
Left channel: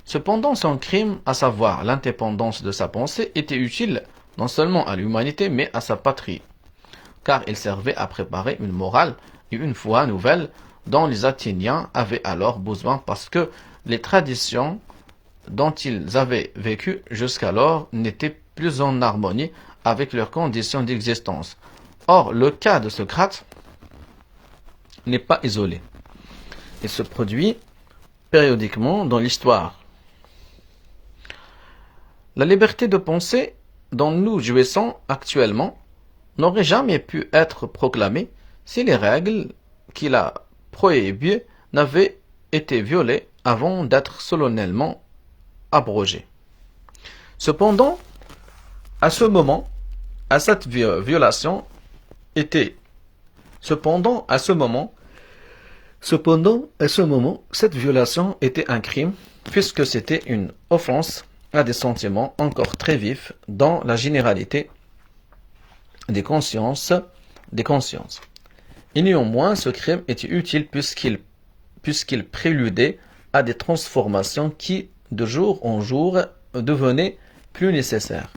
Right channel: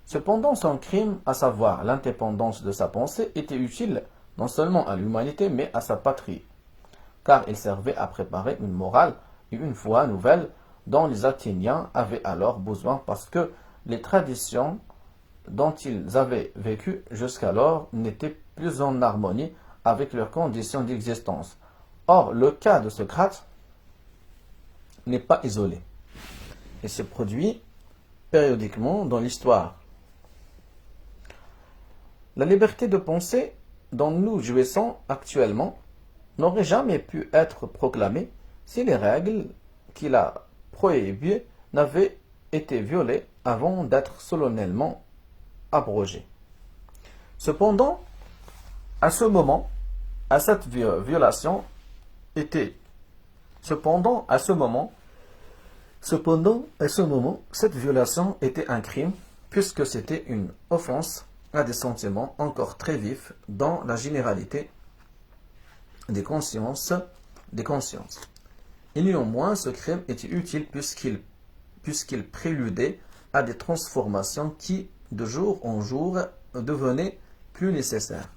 Cependant, son crime, à savoir l'indépendance de sa pensée, était utile non seulement à l'humanité mais à sa patrie, car il servait à préparer une morale et une foi nouvelle dont les Athéniens avaient alors besoin parce que les traditions dont ils avaient vécu jusqu'alors n'étaient plus en harmonie avec leurs conditions d'existence. Or, le cas de Socrate n'est pas isolé. Il se produit périodiquement dans l'histoire. La liberté de pensée dont nous jouissons actuellement n'aurait jamais pu être proclamée si les règles qu'il a prohibées n'avaient été violées avant d'être solennellement abrogées. Cependant, à ce moment, cette violation était un crime, puisque c'était une offense à des sentiments encore très vifs dans la généralité des consciences. Et néanmoins, ce crime était utile puisqu'il préludait à des transformations qui, de jour en jour, devenaient plus nécessaires.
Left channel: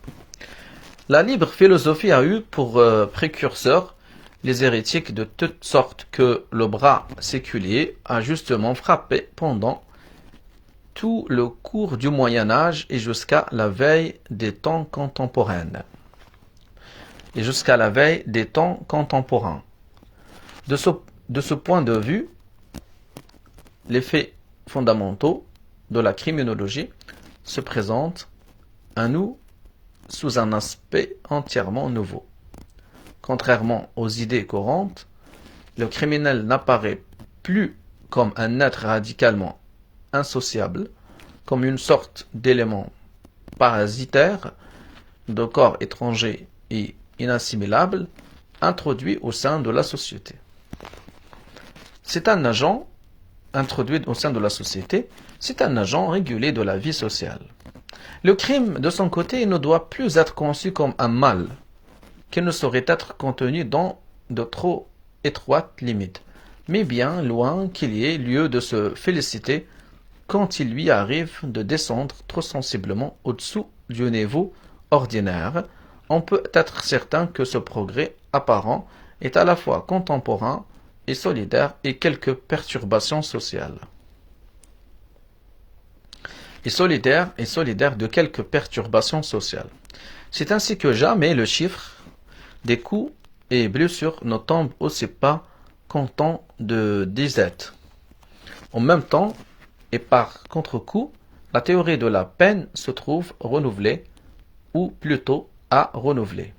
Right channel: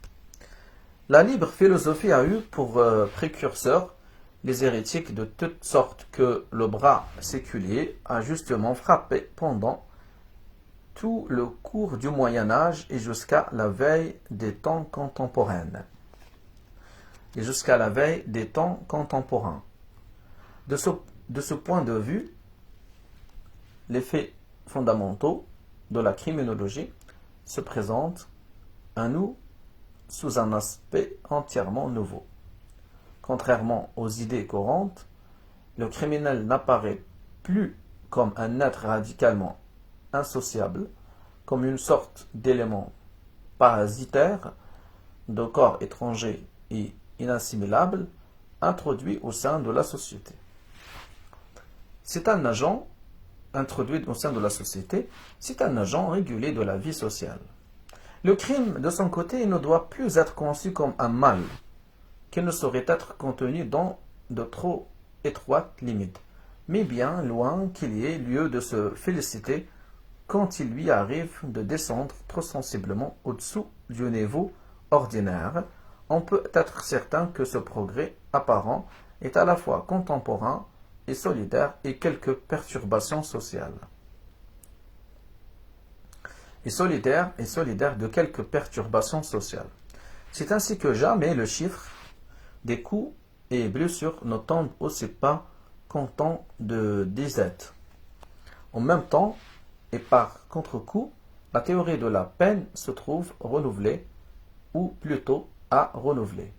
La libre philosophie a eu pour précurseurs les hérétiques de toutes sortes que le bras séculier a justement frappé pendant tout le cours du Moyen Âge et jusqu'à la veille des temps contemporains. De ce point de vue, les faits fondamentaux de la criminologie se présentent à nous sous un aspect entièrement nouveau. Contrairement aux idées courantes, le criminel n'apparaît plus comme un être radicalement insociable, comme une sorte d'élément parasitaire de corps étranger et inassimilable introduit au sein de la société. C'est un agent introduit au sein de la société, c'est un agent régulé de la vie sociale. Le crime, de son côté, ne doit plus être conçu comme un mal, qui ne saurait être contenu dans de trop étroites limites, mais bien loin qu'il y ait lieu de se féliciter quand il lui arrive de descendre trop sensiblement au-dessous du niveau ordinaire. On peut être certain que ce progrès apparent est à la fois contemporain et solidaire et quelques perturbations sociales. Et solidaire de quelques perturbations sociales. C'est ainsi que jamais le chiffre des coups et blessures ne tombe aussi pas comptant de disettes. En même temps, et par contre-coup, la théorie de la peine se trouve renouvelée, ou plutôt à renouveler.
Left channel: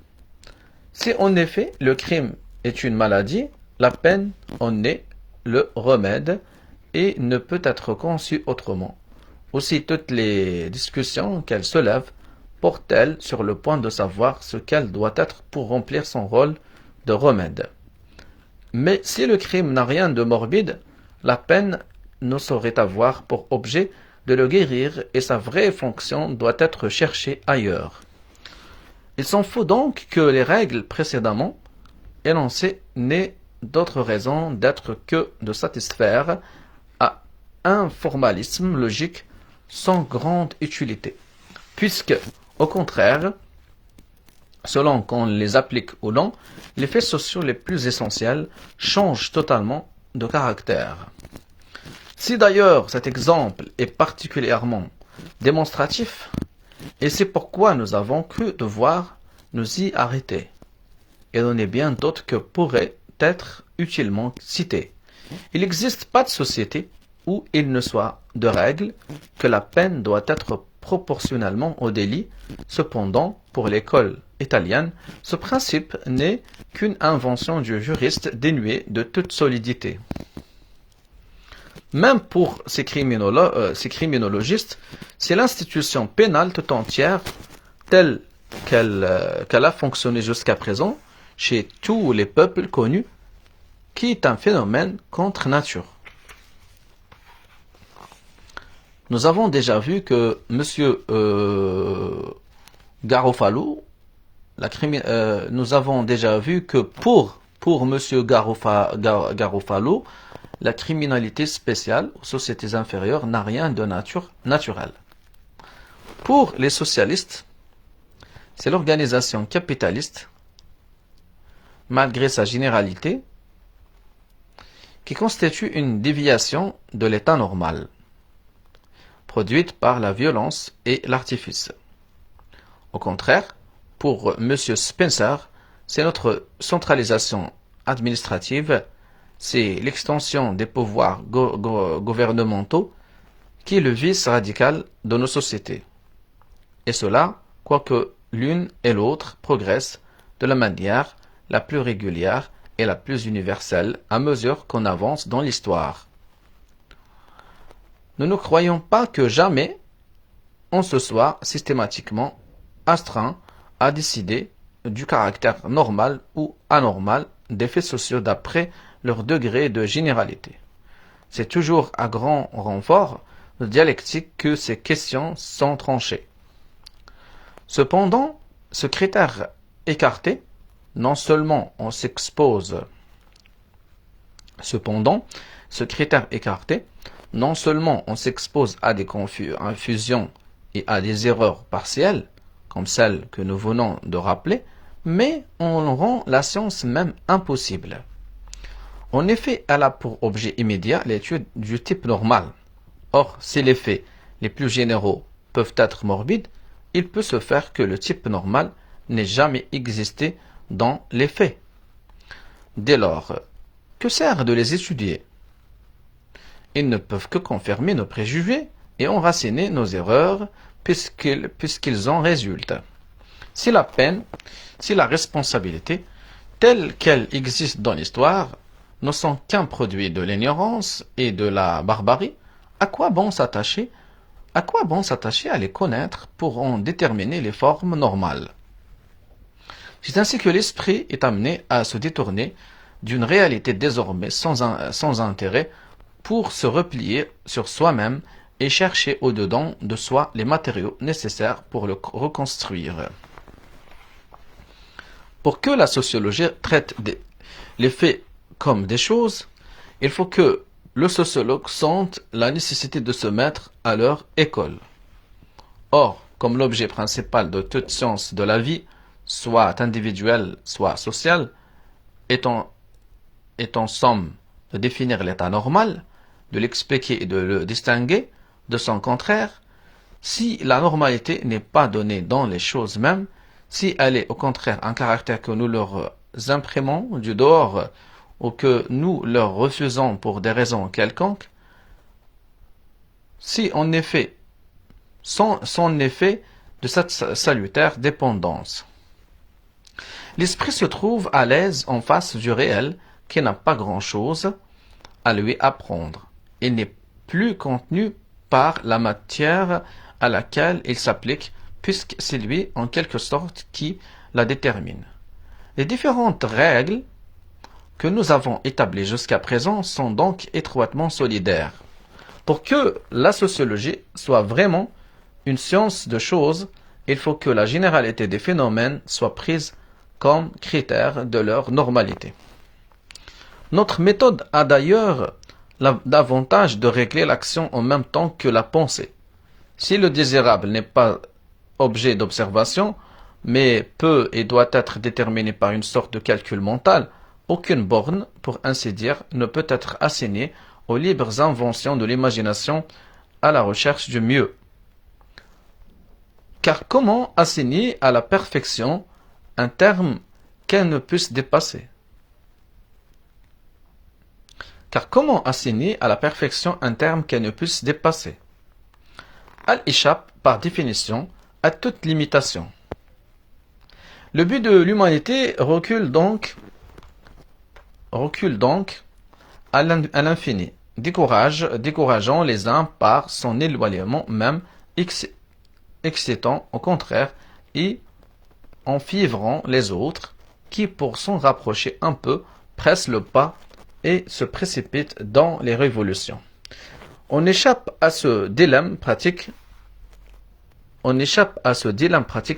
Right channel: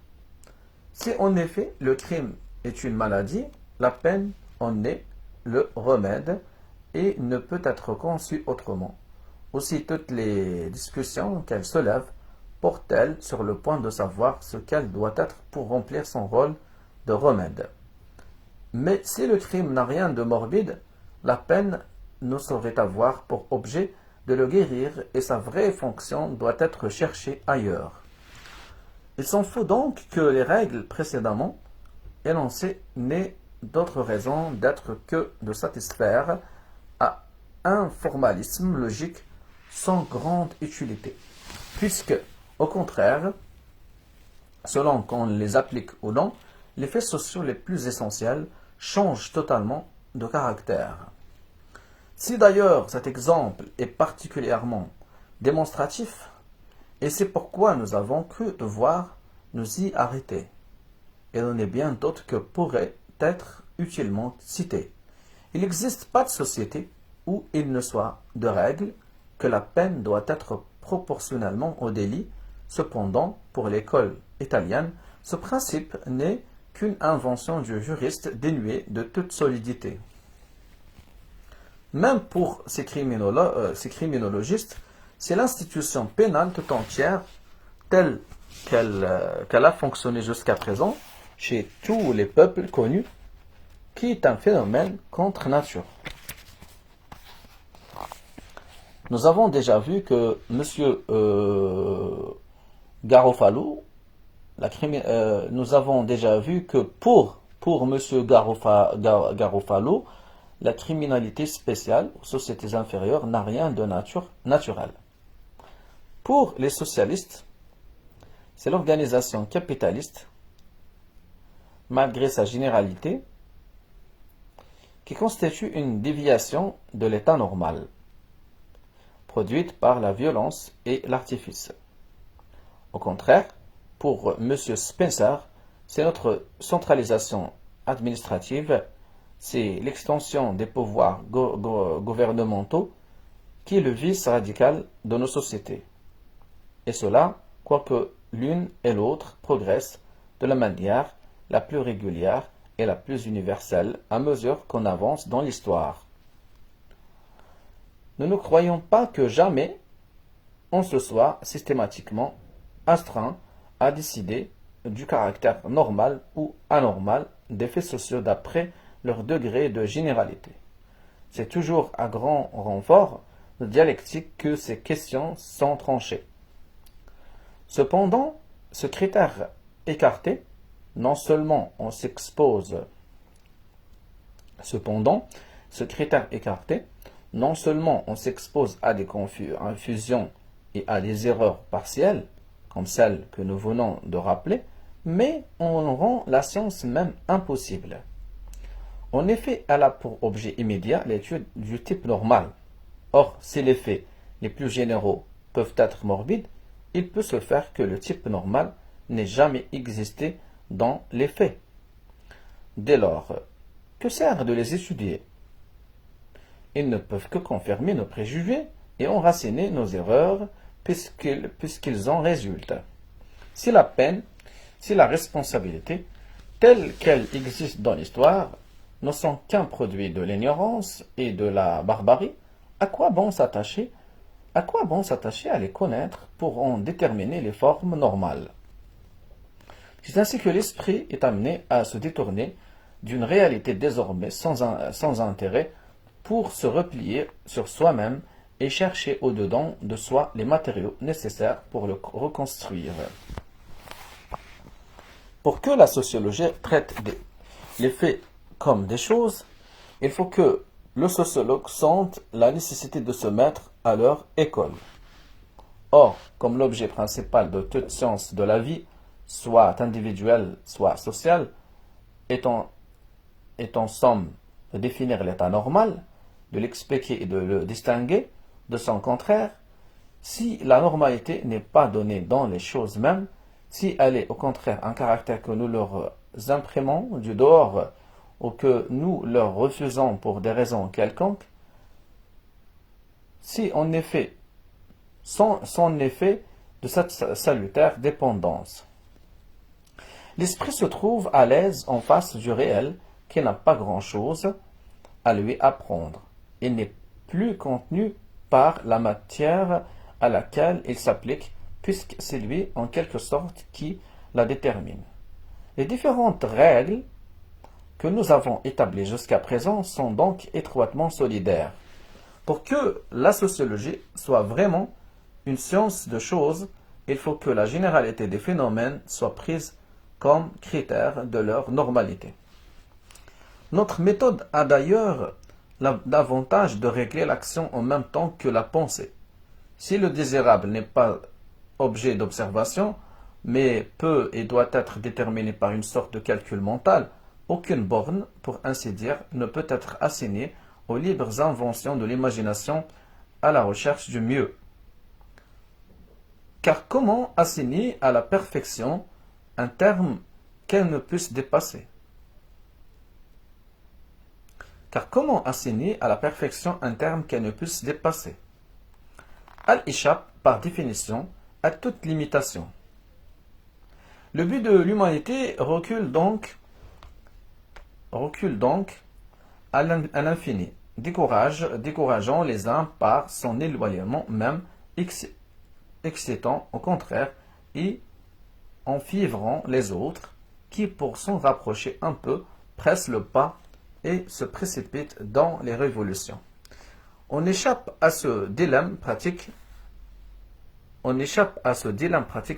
Si en effet le crime est une maladie, la peine en est le remède et ne peut être conçue autrement. Aussi toutes les discussions qu'elle soulève portent-elles sur le point de savoir ce qu'elle doit être pour remplir son rôle de remède. Mais si le crime n'a rien de morbide, la peine ne saurait avoir pour objet de le guérir et sa vraie fonction doit être cherchée ailleurs. Il s'en faut donc que les règles précédemment énoncées n'aient d'autre raison d'être que de satisfaire à un formalisme logique sans grande utilité, puisque, au contraire, selon qu'on les applique ou non, les faits sociaux les plus essentiels changent totalement de caractère. Si d'ailleurs cet exemple est particulièrement démonstratif, et c'est pourquoi nous avons cru devoir nous y arrêter, et il en est bien d'autres que pourraient être utilement cités. Il n'existe pas de société où il ne soit de règle que la peine doit être proportionnellement au délit. Cependant, pour l'école italienne, ce principe n'est qu'une invention du juriste dénuée de toute solidité. Même pour ces criminologistes, c'est l'institution pénale tout entière, telle qu'elle a fonctionné jusqu'à présent, chez tous les peuples connus, qui est un phénomène contre nature. Nous avons déjà vu que M. Garofalo, nous avons déjà vu que pour M. Garofalo, la criminalité spéciale aux sociétés inférieures n'a rien de naturel. Pour les socialistes, c'est l'organisation capitaliste, malgré sa généralité, qui constitue une déviation de l'état normal, produite par la violence et l'artifice. Au contraire, pour M. Spencer, c'est notre centralisation administrative, c'est l'extension des pouvoirs gouvernementaux qui est le vice radical de nos sociétés. Et cela, quoique l'une et l'autre progressent de la manière la plus régulière et la plus universelle à mesure qu'on avance dans l'histoire. Nous ne croyons pas que jamais on se soit systématiquement astreint à décider du caractère normal ou anormal des faits sociaux d'après leur degré de généralité. C'est toujours à grand renfort de dialectique que ces questions sont tranchées. Cependant, ce critère écarté, non seulement on s'expose à des confusions et à des erreurs partielles, comme celles que nous venons de rappeler, mais on rend la science même impossible. En effet, elle a pour objet immédiat l'étude du type normal. Or, si les faits les plus généraux peuvent être morbides, il peut se faire que le type normal n'ait jamais existé dans les faits. Dès lors, que sert de les étudier? Ils ne peuvent que confirmer nos préjugés et enraciner nos erreurs puisqu'ils en résultent. Si la peine, si la responsabilité, telle qu'elle existe dans l'histoire, ne sont qu'un produit de l'ignorance et de la barbarie, à quoi bon s'attacher à les connaître pour en déterminer les formes normales? C'est ainsi que l'esprit est amené à se détourner d'une réalité désormais sans intérêt pour se replier sur soi-même et chercher au-dedans de soi les matériaux nécessaires pour le reconstruire. Pour que la sociologie traite les faits comme des choses, il faut que le sociologue sente la nécessité de se mettre à leur école. Or, comme l'objet principal de toute science de la vie, soit individuelle, soit sociale, est en somme de définir l'état normal, de l'expliquer et de le distinguer de son contraire, si la normalité n'est pas donnée dans les choses mêmes, si elle est au contraire un caractère que nous leur imprimons du dehors ou que nous leur refusons pour des raisons quelconques, si en effet, son effet de cette salutaire dépendance. L'esprit se trouve à l'aise en face du réel qui n'a pas grand-chose à lui apprendre. Il n'est plus contenu par la matière à laquelle il s'applique, puisque c'est lui, en quelque sorte, qui la détermine. Les différentes règles que nous avons établies jusqu'à présent sont donc étroitement solidaires. Pour que la sociologie soit vraiment une science de choses, il faut que la généralité des phénomènes soit prise comme critère de leur normalité. Notre méthode a d'ailleurs l'avantage de régler l'action en même temps que la pensée. Si le désirable n'est pas objet d'observation, mais peut et doit être déterminé par une sorte de calcul mental, aucune borne, pour ainsi dire, ne peut être assignée aux libres inventions de l'imagination à la recherche du mieux. Car comment assigner à la perfection un terme qu'elle ne puisse dépasser? Elle échappe, par définition, à toute limitation. Le but de l'humanité recule donc à l'infini, décourageant les uns par son éloignement même, excitant au contraire et enfiévrant les autres, qui pour s'en rapprocher un peu, pressent le pas et se précipitent dans les révolutions. On échappe à ce dilemme pratique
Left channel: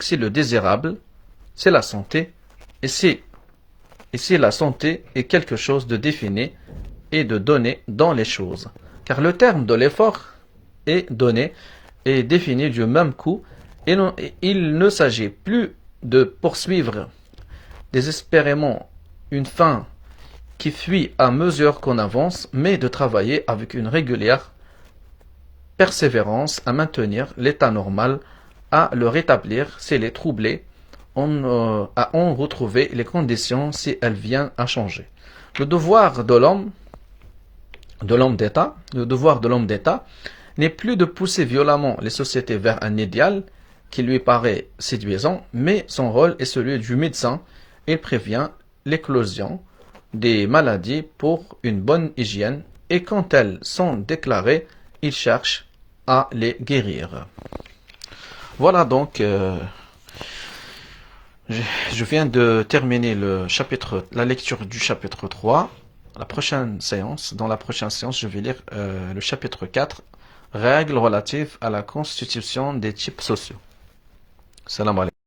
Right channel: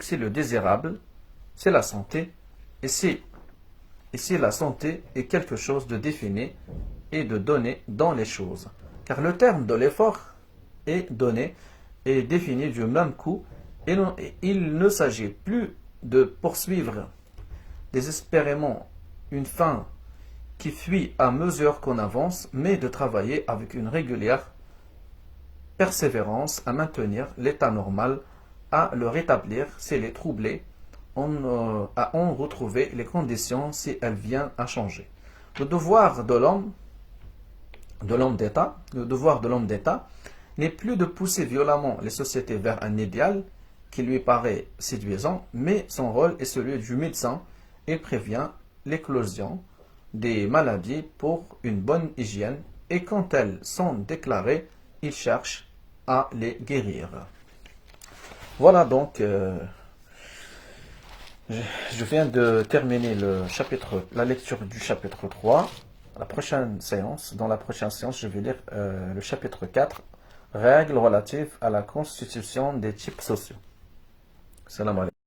si le désirable, c'est la santé, et si la santé est quelque chose de défini et de donné dans les choses. Car le terme de l'effort est donné et défini du même coup, et il ne s'agit plus de poursuivre désespérément une fin qui fuit à mesure qu'on avance, mais de travailler avec une régulière persévérance à maintenir l'état normal, à le rétablir s'il est troublé, à en retrouver les conditions si elle vient à changer. Le devoir de l'homme d'État n'est plus de pousser violemment les sociétés vers un idéal qui lui paraît séduisant, mais son rôle est celui du médecin. Il prévient l'éclosion des maladies pour une bonne hygiène, et quand elles sont déclarées, il cherche à les guérir. Voilà donc, je viens de terminer la lecture du chapitre 3. Dans la prochaine séance, je vais lire le chapitre 4, règles relatives à la constitution des types sociaux. Salam alaikum.